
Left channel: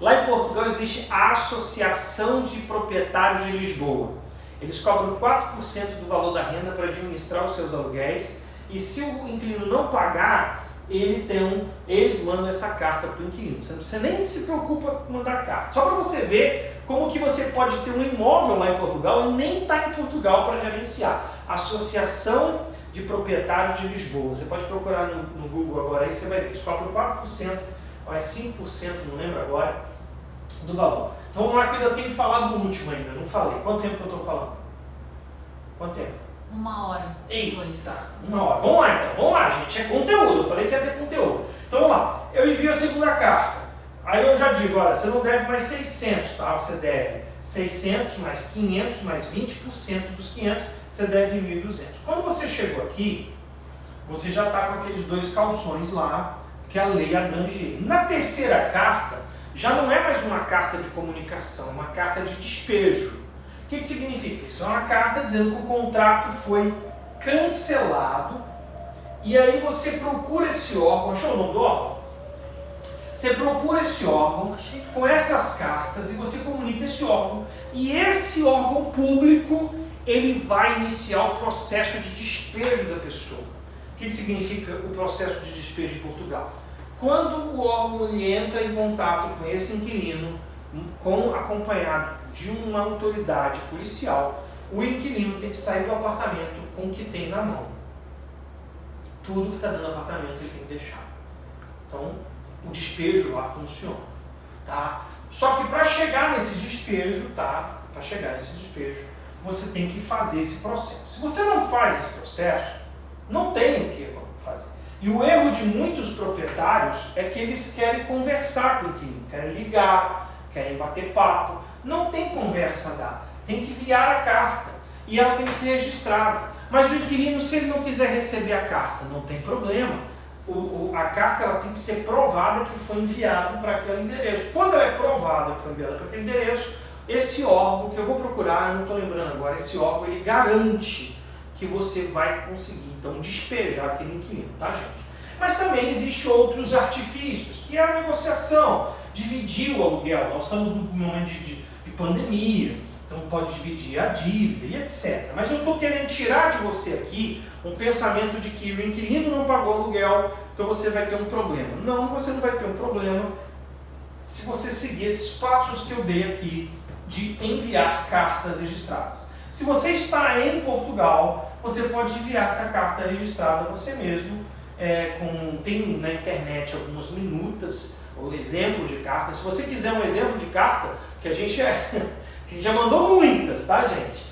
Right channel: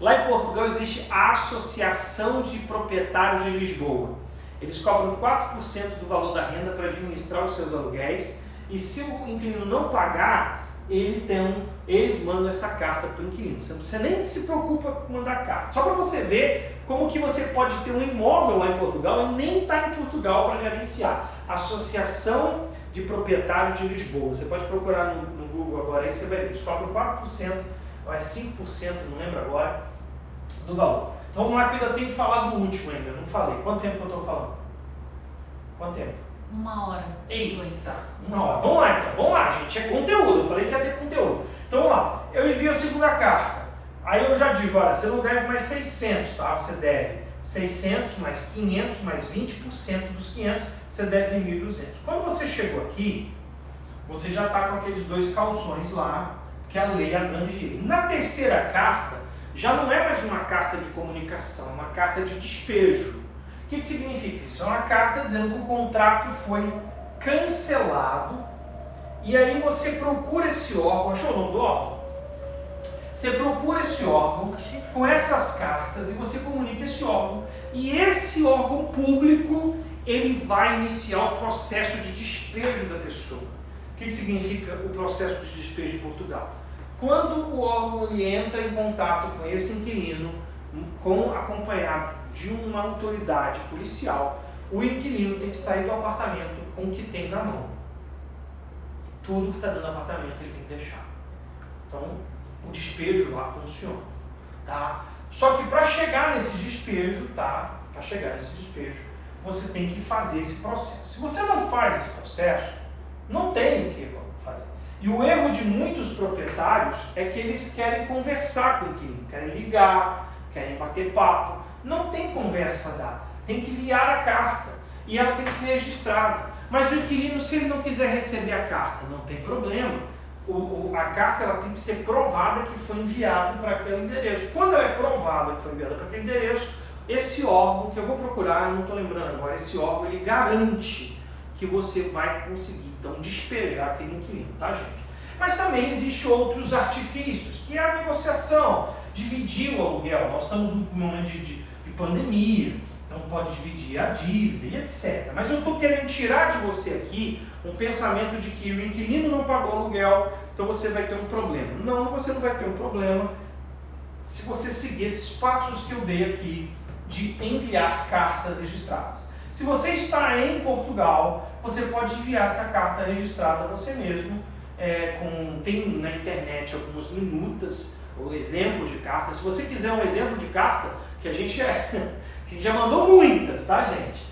Lá em Portugal existe a Associação de Proprietários de Lisboa. Eles cobram 4% do valor da renda para administrar os seus aluguéis e se o inquilino não pagar, eles mandam essa carta para o inquilino. Você nem se preocupa com mandar carta. Só para você ver como que você pode ter um imóvel lá em Portugal e nem está em Portugal para gerenciar. Associação de Proprietários de Lisboa. Você pode procurar no Google agora, aí você vai ver. Eles cobram 4%, ou é 5%, não lembro agora, do valor. Então vamos lá que eu ainda tenho que falar do último ainda, não falei. Quanto tempo que eu estou falando? Quanto tempo? 1 hora. Eita, 1 hora. Vamos lá então, vamos lá gente, é conteúdo, eu falei que ia ter conteúdo. Então vamos lá, eu envio a segunda carta. Aí eu já digo, olha, você não deve mais 600, tá? Você deve 600 mais 500 mais 20% dos 500, você deve 1.200. Quando você chegou aqui, você já está com aqueles 2 calções lá, que a lei abrange. Na terceira carta, já não é mais uma carta de comunicação, é uma carta de despejo. O que significa isso? É uma carta dizendo que o contrato foi cancelado e aí você procura esse órgão, achou o nome do órgão? Você procura esse órgão com essas cartas e você comunica esse órgão e esse órgão público ele vai iniciar o processo de despejo da pessoa. O que significa o processo de despejo em Portugal? Quando o órgão ele entra em contato com esse inquilino, acompanhado de uma autoridade policial, o inquilino tem que sair do apartamento com o que tem na mão. Tudo que está dentro do apartamento ele tem que deixar. Então, o despejo lá funciona. Tá? Só que para chegar nesse despejo, você tem que fazer esse processo. Se você não faz esse processo, não tem o que fazer. E o erro de muitos proprietários é que eles querem conversar com o inquilino, querem ligar, querem bater papo. Não tem conversa a dar, tem que enviar a carta e ela tem que ser registrada. Mas o inquilino, se ele não quiser receber a carta, não tem problema. A carta ela tem que ser provada que foi enviado para aquele endereço. Quando ela é provada que foi enviada para aquele endereço, esse órgão, que eu vou procurar, eu não estou lembrando agora, esse órgão ele garante que você vai conseguir, então, despejar aquele inquilino, tá, gente? Mas também existem outros artifícios, que é a negociação, dividir o aluguel. Nós estamos num momento de pandemia, então pode dividir a dívida e etc. Mas eu estou querendo tirar de você aqui um pensamento de que o inquilino não pagou aluguel, então você vai ter um problema. Não, você não vai ter um problema se você seguir esses passos que eu dei aqui de enviar cartas registradas. Se você está em Portugal, você pode enviar essa carta registrada a você mesmo. Tem na internet algumas minutas o exemplo de carta. Se você quiser um exemplo de carta, que a gente já mandou muitas, tá, gente?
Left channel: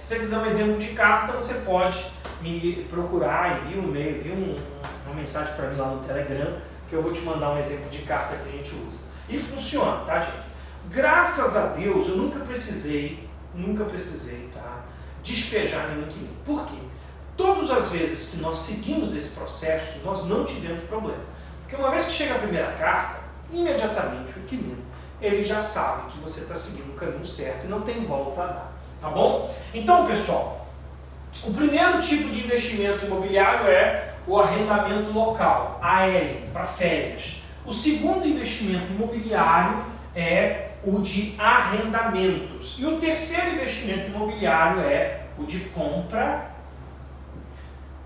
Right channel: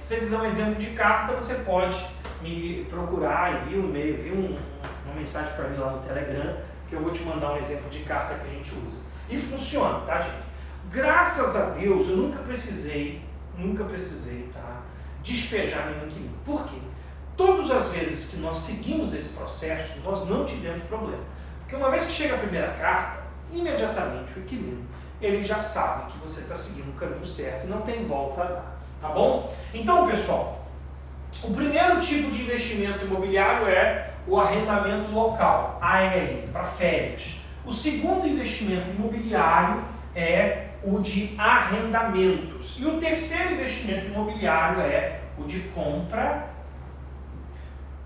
Se você quiser um exemplo de carta, você pode me procurar, envia um e-mail, envia uma mensagem para mim lá no Telegram, que eu vou te mandar um exemplo de carta que a gente usa. E funciona, tá, gente? Graças a Deus, eu nunca precisei, tá, despejar nenhum inquilino. Por quê? Todas as vezes que nós seguimos esse processo, nós não tivemos problema. Porque uma vez que chega a primeira carta, imediatamente o inquilino, ele já sabe que você está seguindo o caminho certo e não tem volta a dar, tá bom? Então, pessoal, o primeiro tipo de investimento imobiliário é o arrendamento local, AL, para férias. O segundo investimento imobiliário é o de arrendamentos. E o terceiro investimento imobiliário é o de compra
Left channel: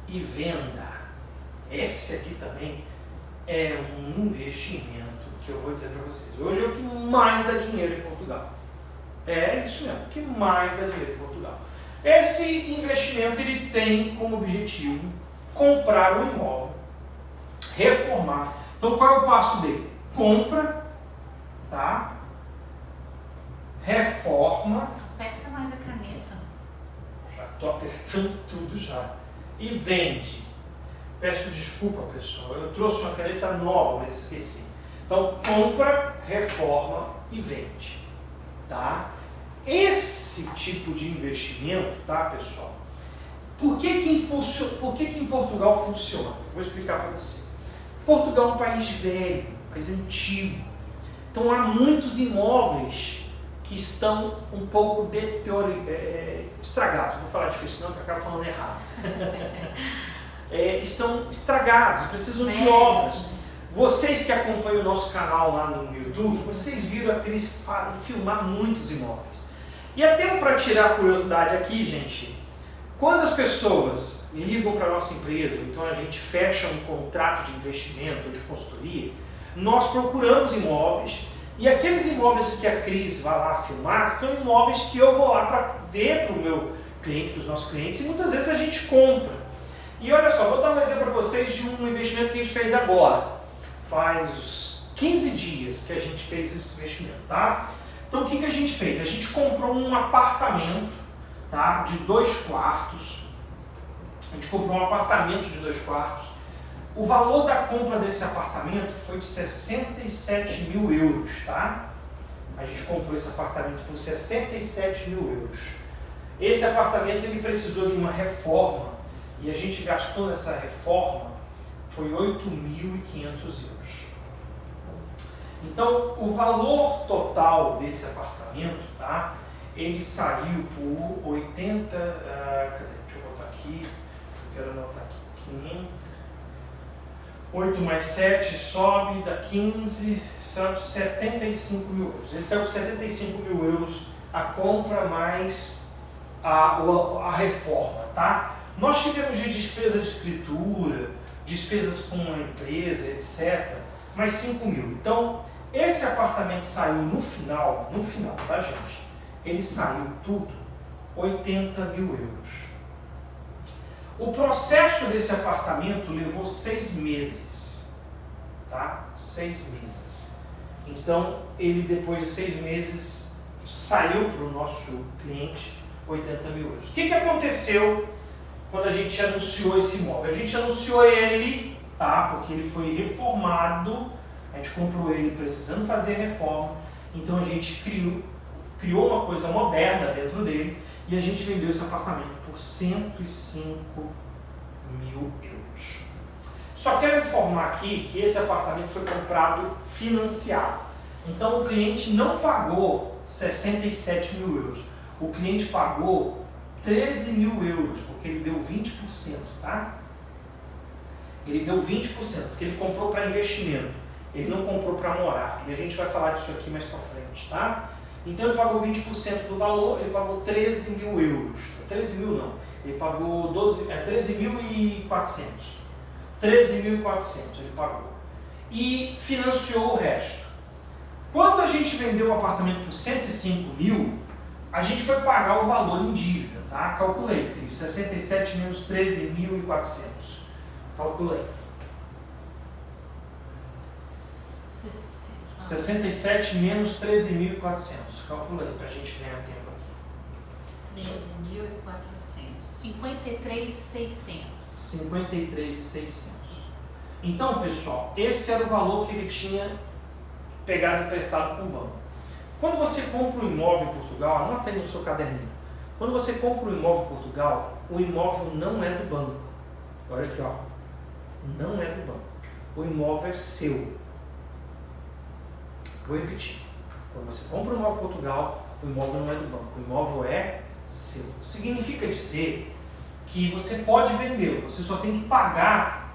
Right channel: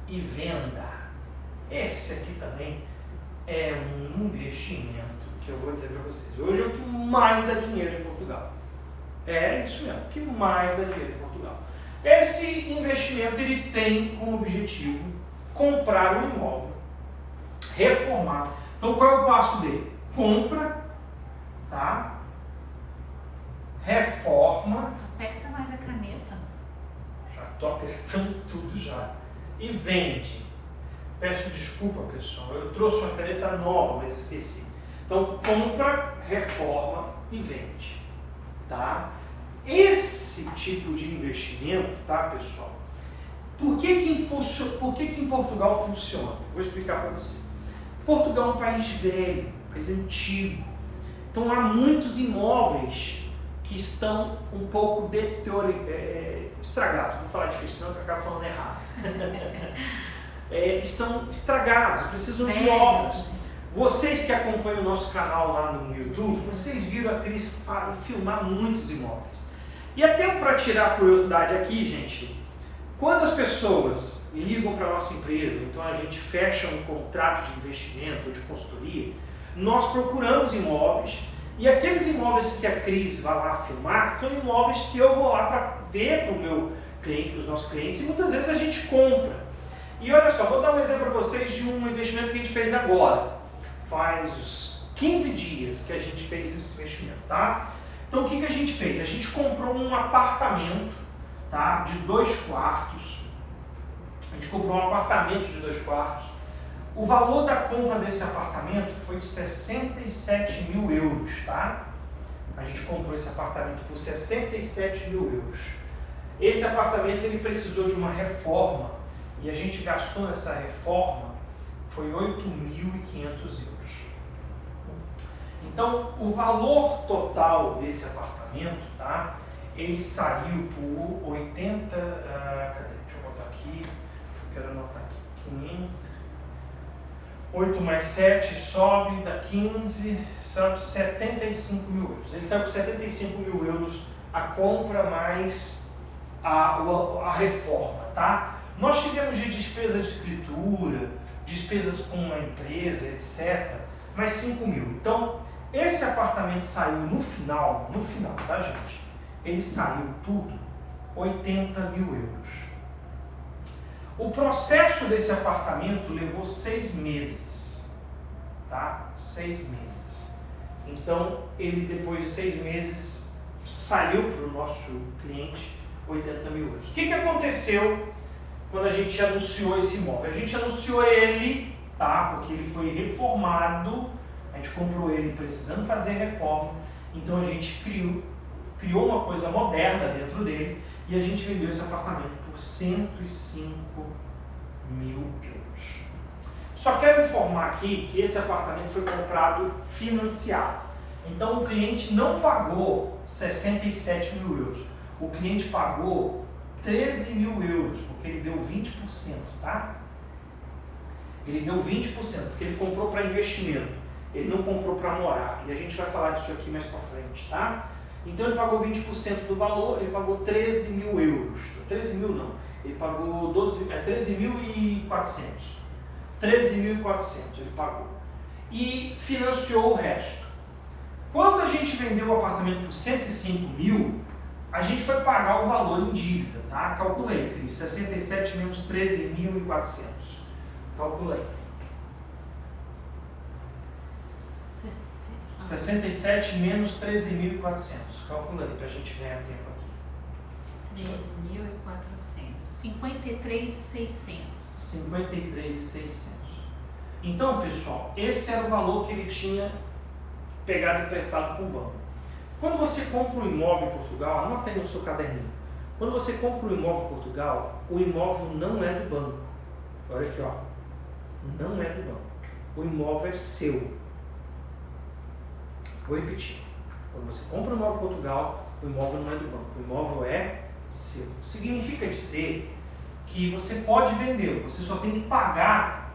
e venda. Esse aqui também é um investimento que eu vou dizer para vocês. Hoje é o que mais dá dinheiro em Portugal. É isso mesmo, o que mais dá dinheiro em Portugal. Esse investimento ele tem como objetivo comprar um imóvel, reformar. Então qual é o passo dele? Compra, tá? Reforma. Aperta mais a caneta. Já estou apertando tudo já. E vende. Peço desculpa, pessoal. Eu trouxe uma caneta nova, mas esqueci. Então compra, reforma e vende, tá? Esse tipo de investimento, tá, pessoal? Por que em Portugal funciona? Vou explicar para você. Portugal é um país velho, um país antigo. Então há muitos imóveis que estão um pouco estragados. Não vou falar difícil não, que eu acabo falando errado. Estão estragados, precisam de obras. Vocês que acompanham o nosso canal lá no YouTube, vocês viram a Cris filmar muitos imóveis. E até para tirar a curiosidade aqui, gente, quando as pessoas ligam para a nossa empresa, então a gente fecha um contrato de investimento ou de consultoria, nós procuramos imóveis e aqueles imóveis que a Cris vai lá filmar são imóveis que eu vou lá para ver para o meu cliente, para os nossos clientes, e muitas vezes a gente compra. E olha só, vou dar um exemplo para vocês de um investimento que a gente fez agora. Faz 15 dias que a gente fez esse investimento, tá? Então o que a gente fez? A gente comprou um apartamento, tá? De 2 quartos. A gente comprou um apartamento de 2 quartos. O valor da compra desse apartamento foi de 67 mil euros, tá? A gente comprou esse apartamento por 67 mil euros. Esse apartamento ele precisou de uma reforma e a gente gastou nessa reforma foi 8.500 euros. Então, o valor total desse apartamento, tá? Ele saiu por 80... cadê? Deixa eu botar aqui. Eu quero anotar aqui. 8 mais 7 sobe, dá 15, sobe 75 mil euros. Ele saiu por 75 mil euros a compra mais a reforma, tá? Nós tivemos de despesa de escritura, despesas com a empresa, etc., mais 5 mil. Então, esse apartamento saiu no final, tá, gente? Ele saiu tudo 80 mil euros. O processo desse apartamento levou 6 meses, tá? 6 meses. Então, ele depois de 6 meses saiu para o nosso cliente 80 mil euros. O que aconteceu quando a gente anunciou esse imóvel? A gente anunciou ele, tá? Porque ele foi reformado, a gente comprou ele precisando fazer reforma, então a gente criou uma coisa moderna dentro dele e a gente vendeu esse apartamento por 105 mil euros. Só quero informar aqui que esse apartamento foi comprado financiado, então o cliente não pagou 67 mil euros, o cliente pagou 13 mil euros, porque ele deu 20%, tá? Ele deu 20%, porque ele comprou para investimento, ele não comprou para morar, e a gente vai falar disso aqui mais para frente, tá? Então ele pagou 20% do valor, ele pagou 13 mil euros, 13 mil não, ele pagou 13.400, 13.400 ele pagou, e financiou o resto. Quando a gente vendeu o apartamento por 105 mil, a gente foi pagar o valor em dívida, tá? Calculei, Cris, 67 menos 13.400. Calculei. 67 menos 13.400. Calcula aí pra gente ganhar tempo aqui. 13.400. 53.600. 53.600. Então, pessoal, esse era o valor que ele tinha pegado emprestado com o banco. Quando você compra um imóvel em Portugal, anota aí no seu caderninho. Quando você compra um imóvel em Portugal, o imóvel não é do banco. Olha aqui, ó. Não é do banco. O imóvel é seu. Vou repetir. Quando você compra um imóvel em Portugal, o imóvel não é do banco. O imóvel é seu. Significa dizer que você pode vendê-lo. Você só tem que pagar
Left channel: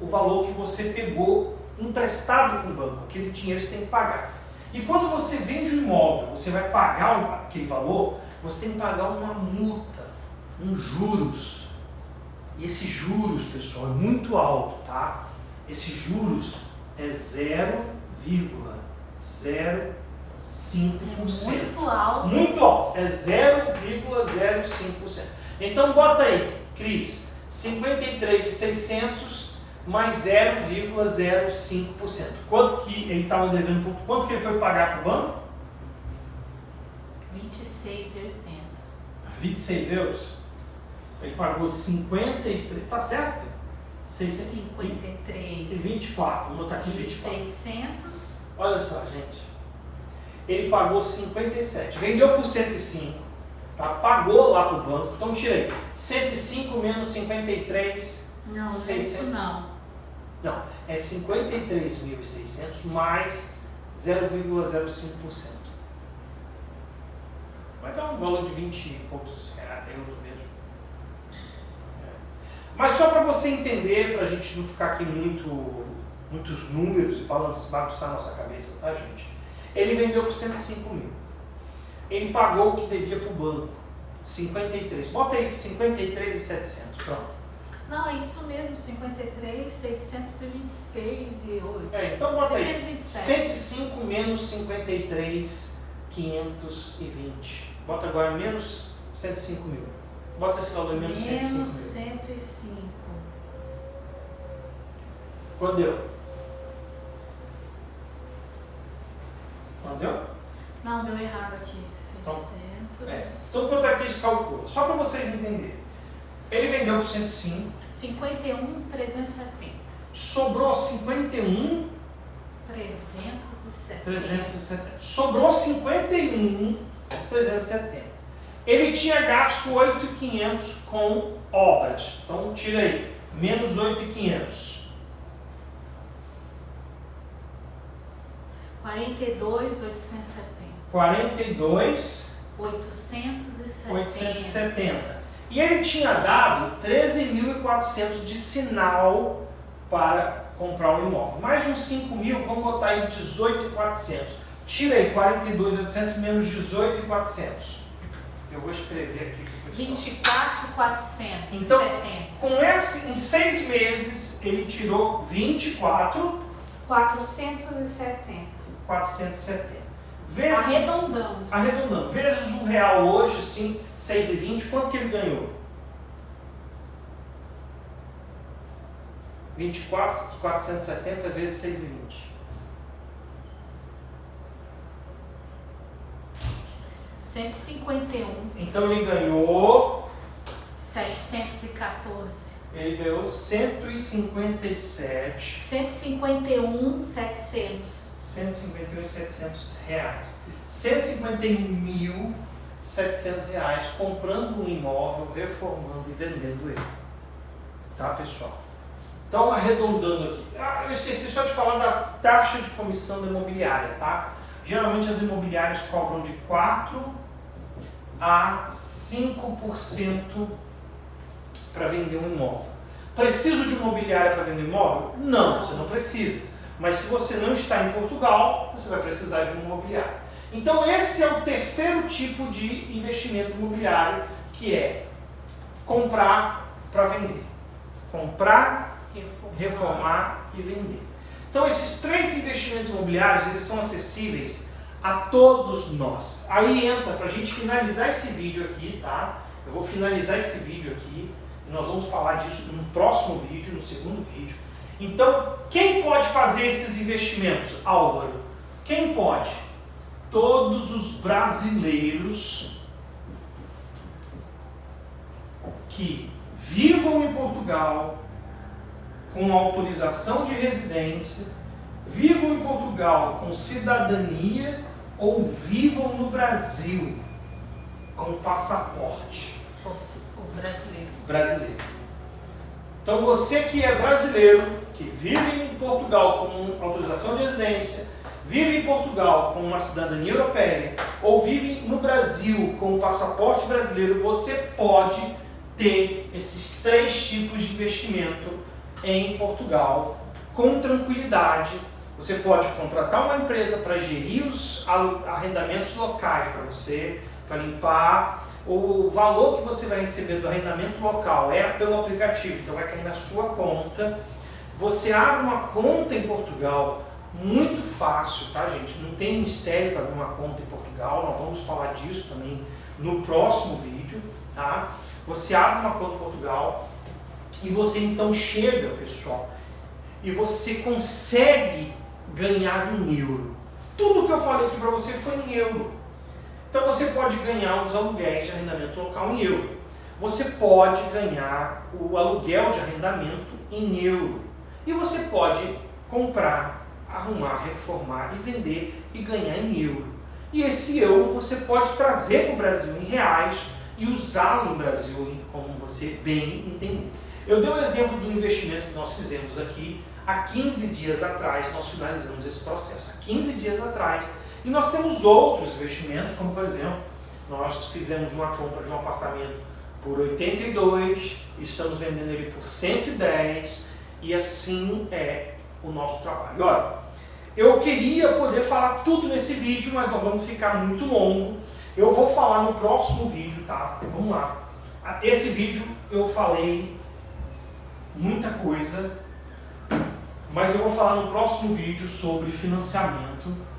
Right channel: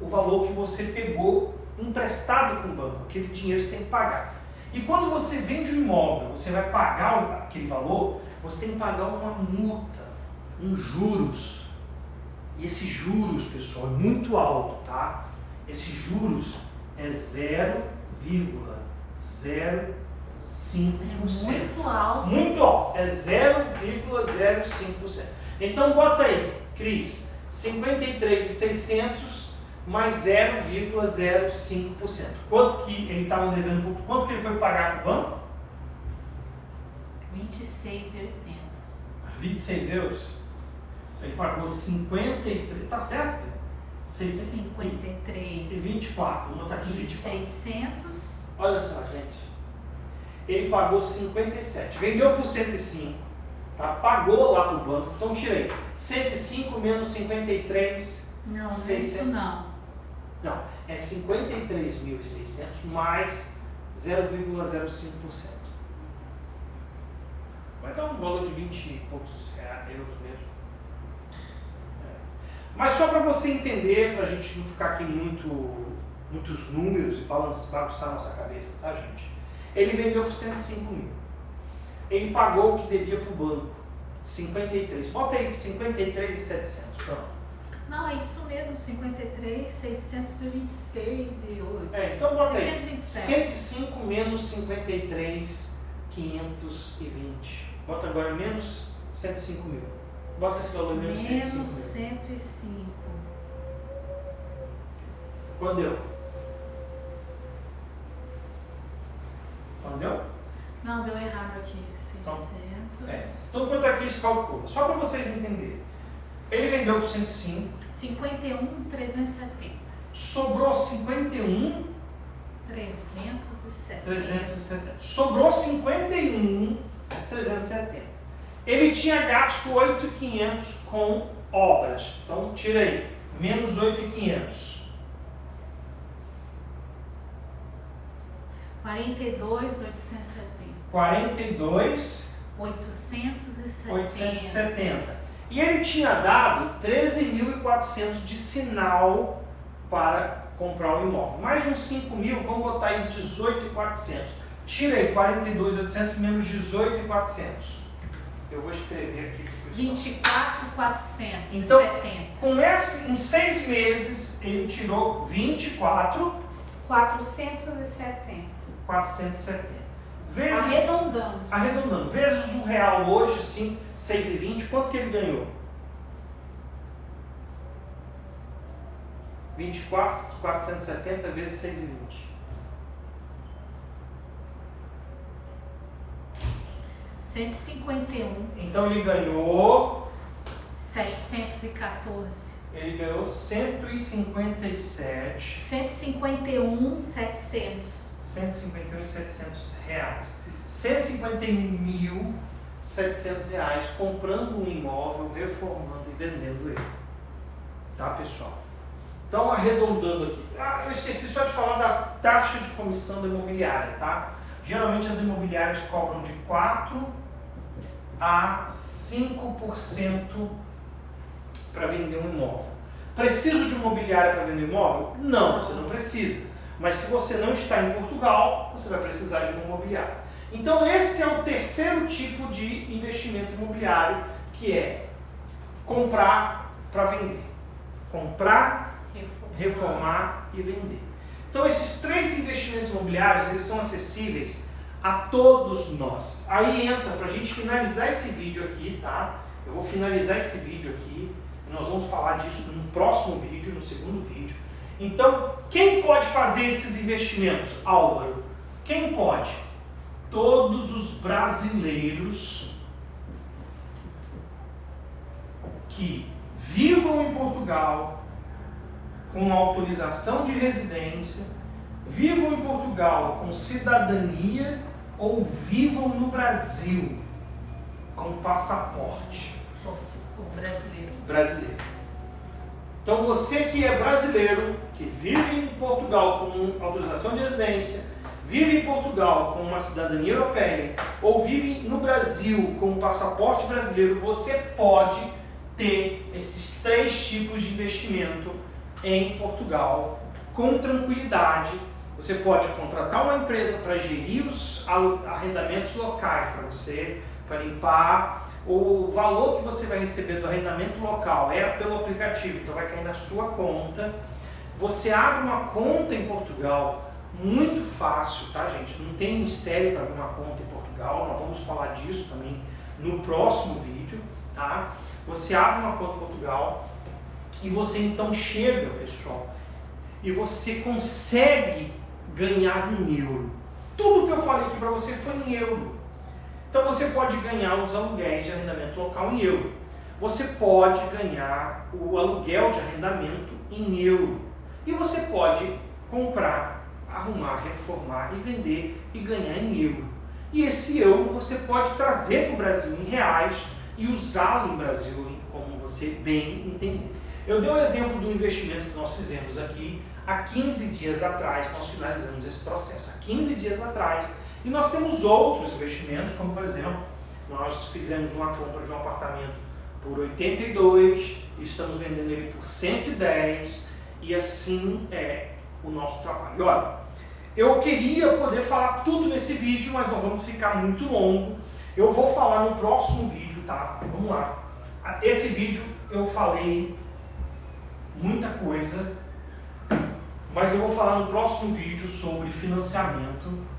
o valor que você pegou emprestado com o banco. Aquele dinheiro você tem que pagar. E quando você vende um imóvel, você vai pagar aquele valor, você tem que pagar uma multa, juros. E esses juros, pessoal, é muito alto, tá? Esses juros é 0,05%. Muito alto. Muito alto, é 0,05%. Então bota aí, Cris, 53.600 mais 0,05%. Quanto que ele estava devendo? Quanto que ele foi pagar para o banco? 26,80. 26 euros? Ele pagou 53, tá certo? 53. E 24, vou botar aqui 24. 600. Olha só, gente. Ele pagou 57, vendeu por 105, tá? Pagou lá para o banco. Então tira aí, 105 menos 53. Não, 600. isso não. Não, é 53.600 mais 0,05%. Vai dar um valor de 20 e poucos euros mesmo. Mas só para você entender, para a gente não ficar aqui muitos números e bagunçar nossa cabeça, tá, gente? Ele vendeu por 105 mil. Ele pagou o que devia para o banco, 53. Bota aí 53.700, pronto. Não, é isso mesmo, 53.626 euros. Então bota aí, 627. 105 menos 53.520. Bota agora menos 105 mil. Bota esse valor menos 105 Menos mil. 105. Quanto deu? Quanto deu? Não, deu errado aqui. 600. Então quanto é que isso calcula? Só para vocês entenderem. Ele vendeu por 105. 51.370. Sobrou 51. 370. Sobrou 51.370. Ele tinha gasto 8.500 com obras. Então tira aí, menos 8.500. 42.870. 42.870. E ele tinha dado 13.400 de sinal para comprar o imóvel. Mais uns 5 mil, vamos botar aí 18.400. Tira aí 42.800 menos 18.400. Eu vou escrever aqui para o pessoal. 24.470. Então, com esse, em 6 meses, ele tirou 24.470. Vezes, arredondando. Vezes o real hoje, 6,20, quanto que ele ganhou? 24.470 vezes 6,20. 151. Então ele ganhou 714. Ele ganhou 157. 151.700. 151.700 reais. 151.700 reais comprando um imóvel, reformando e vendendo ele. Tá, pessoal? Então, arredondando aqui. Eu esqueci só de falar da taxa de comissão da imobiliária, tá? Geralmente as imobiliárias cobram de 4 a 5% para vender um imóvel. Preciso de imobiliária para vender imóvel? Não, você não precisa. Mas se você não está em Portugal, você vai precisar de uma imobiliária. Então esse é o terceiro tipo de investimento imobiliário, que é comprar para vender. Comprar, reformar e vender. Então esses 3 investimentos imobiliários, eles são acessíveis a todos nós. Aí entra, para a gente finalizar esse vídeo aqui, tá? Eu vou finalizar esse vídeo aqui e nós vamos falar disso no próximo vídeo, no segundo vídeo. Então, quem pode fazer esses investimentos, Álvaro? Quem pode? Todos os brasileiros que vivam em Portugal com autorização de residência, vivam em Portugal com cidadania ou vivam no Brasil com passaporte. Brasileiro. Então você que é brasileiro, que vive em Portugal com autorização de residência, vive em Portugal com uma cidadania europeia ou vive no Brasil com um passaporte brasileiro, você pode ter esses 3 tipos de investimento em Portugal com tranquilidade. Você pode contratar uma empresa para gerir os arrendamentos locais para você, para limpar. O valor que você vai receber do arrendamento local é pelo aplicativo, então vai cair na sua conta. Você abre uma conta em Portugal, muito fácil, tá, gente? Não tem mistério para abrir uma conta em Portugal, nós vamos falar disso também no próximo vídeo, tá? Você abre uma conta em Portugal e você então chega, pessoal, e você consegue ganhar em euro. Tudo que eu falei aqui para você foi em euro. Então você pode ganhar os aluguéis de arrendamento local em euro. Você pode ganhar o aluguel de arrendamento em euro. E você pode comprar, arrumar, reformar e vender e ganhar em euro. E esse euro você pode trazer para o Brasil em reais e usá-lo no Brasil como você bem entender. Eu dei um exemplo do investimento que nós fizemos aqui. Há 15 dias atrás nós finalizamos esse processo. Há 15 dias atrás. E nós temos outros investimentos, como por exemplo, nós fizemos uma compra de um apartamento por 82, estamos vendendo ele por 110 e assim é o nosso trabalho. Olha, eu queria poder falar tudo nesse vídeo, mas nós vamos ficar muito longo. Eu vou falar no próximo vídeo, tá? Vamos lá. Esse vídeo eu falei muita coisa, mas eu vou falar no próximo vídeo sobre financiamento.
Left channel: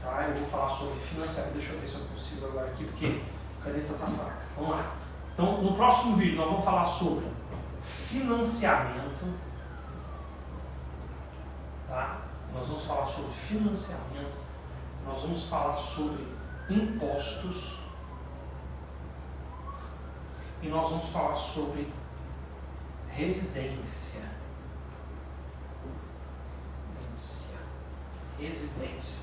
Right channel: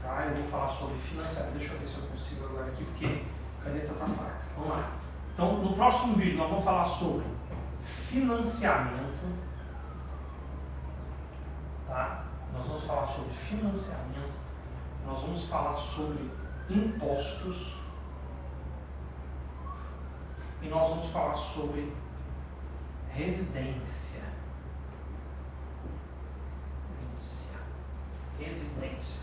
Tá? Eu vou falar sobre financiamento. Deixa eu ver se eu consigo agora aqui, porque a caneta tá fraca. Vamos lá. Então, no próximo vídeo nós vamos falar sobre financiamento. Tá? Nós vamos falar sobre financiamento. Nós vamos falar sobre impostos. E nós vamos falar sobre residência. Residência.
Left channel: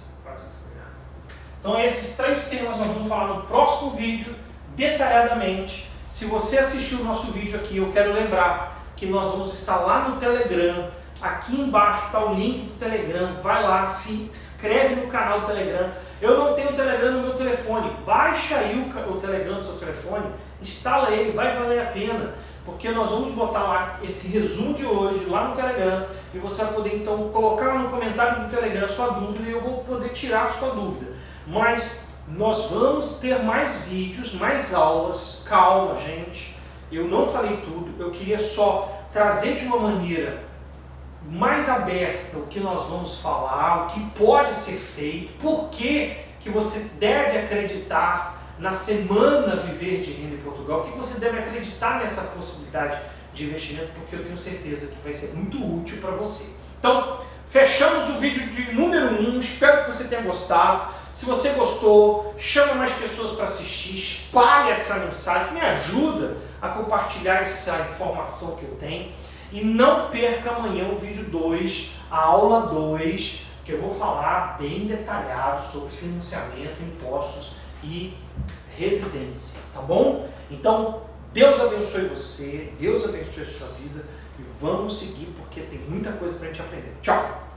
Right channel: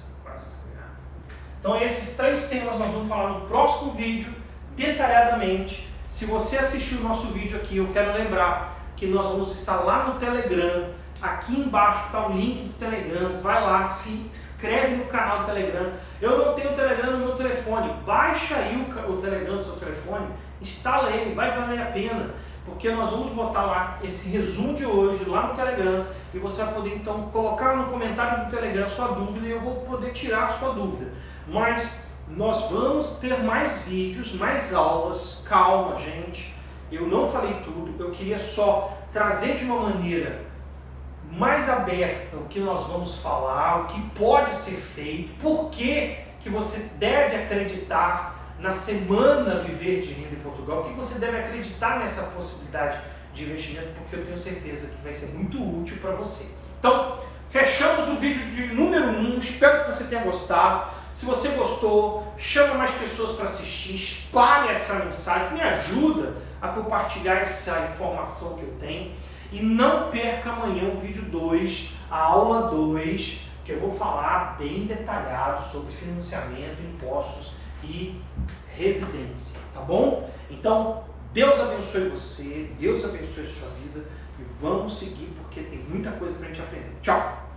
Então esses 3 temas nós vamos falar no próximo vídeo, detalhadamente. Se você assistiu o nosso vídeo aqui, eu quero lembrar que nós vamos estar lá no Telegram. Aqui embaixo está o link do Telegram. Vai lá, se inscreve no canal do Telegram. Eu não tenho o Telegram no meu telefone. Baixa aí o Telegram do seu telefone, instala ele, vai valer a pena. Porque nós vamos botar lá esse resumo de hoje lá no Telegram e você vai poder então colocar lá no comentário do Telegram a sua dúvida e eu vou poder tirar a sua dúvida. Mas nós vamos ter mais vídeos, mais aulas. Calma, gente. Eu não falei tudo. Eu queria só trazer de uma maneira mais aberta o que nós vamos falar, o que pode ser feito, por que você deve acreditar na semana Viver de Renda em Portugal, o que você deve acreditar nessa possibilidade de investimento, porque eu tenho certeza que vai ser muito útil para você. Então, fechamos o vídeo de número 1, espero que você tenha gostado. Se você gostou, chama mais pessoas para assistir, espalhe essa mensagem, me ajuda a compartilhar essa informação que eu tenho. E não perca amanhã o vídeo 2, a aula 2, que eu vou falar bem detalhado sobre financiamento, impostos e residência, tá bom? Então, Deus abençoe você, Deus abençoe a sua vida e vamos seguir porque tem muita coisa para a gente aprender. Tchau!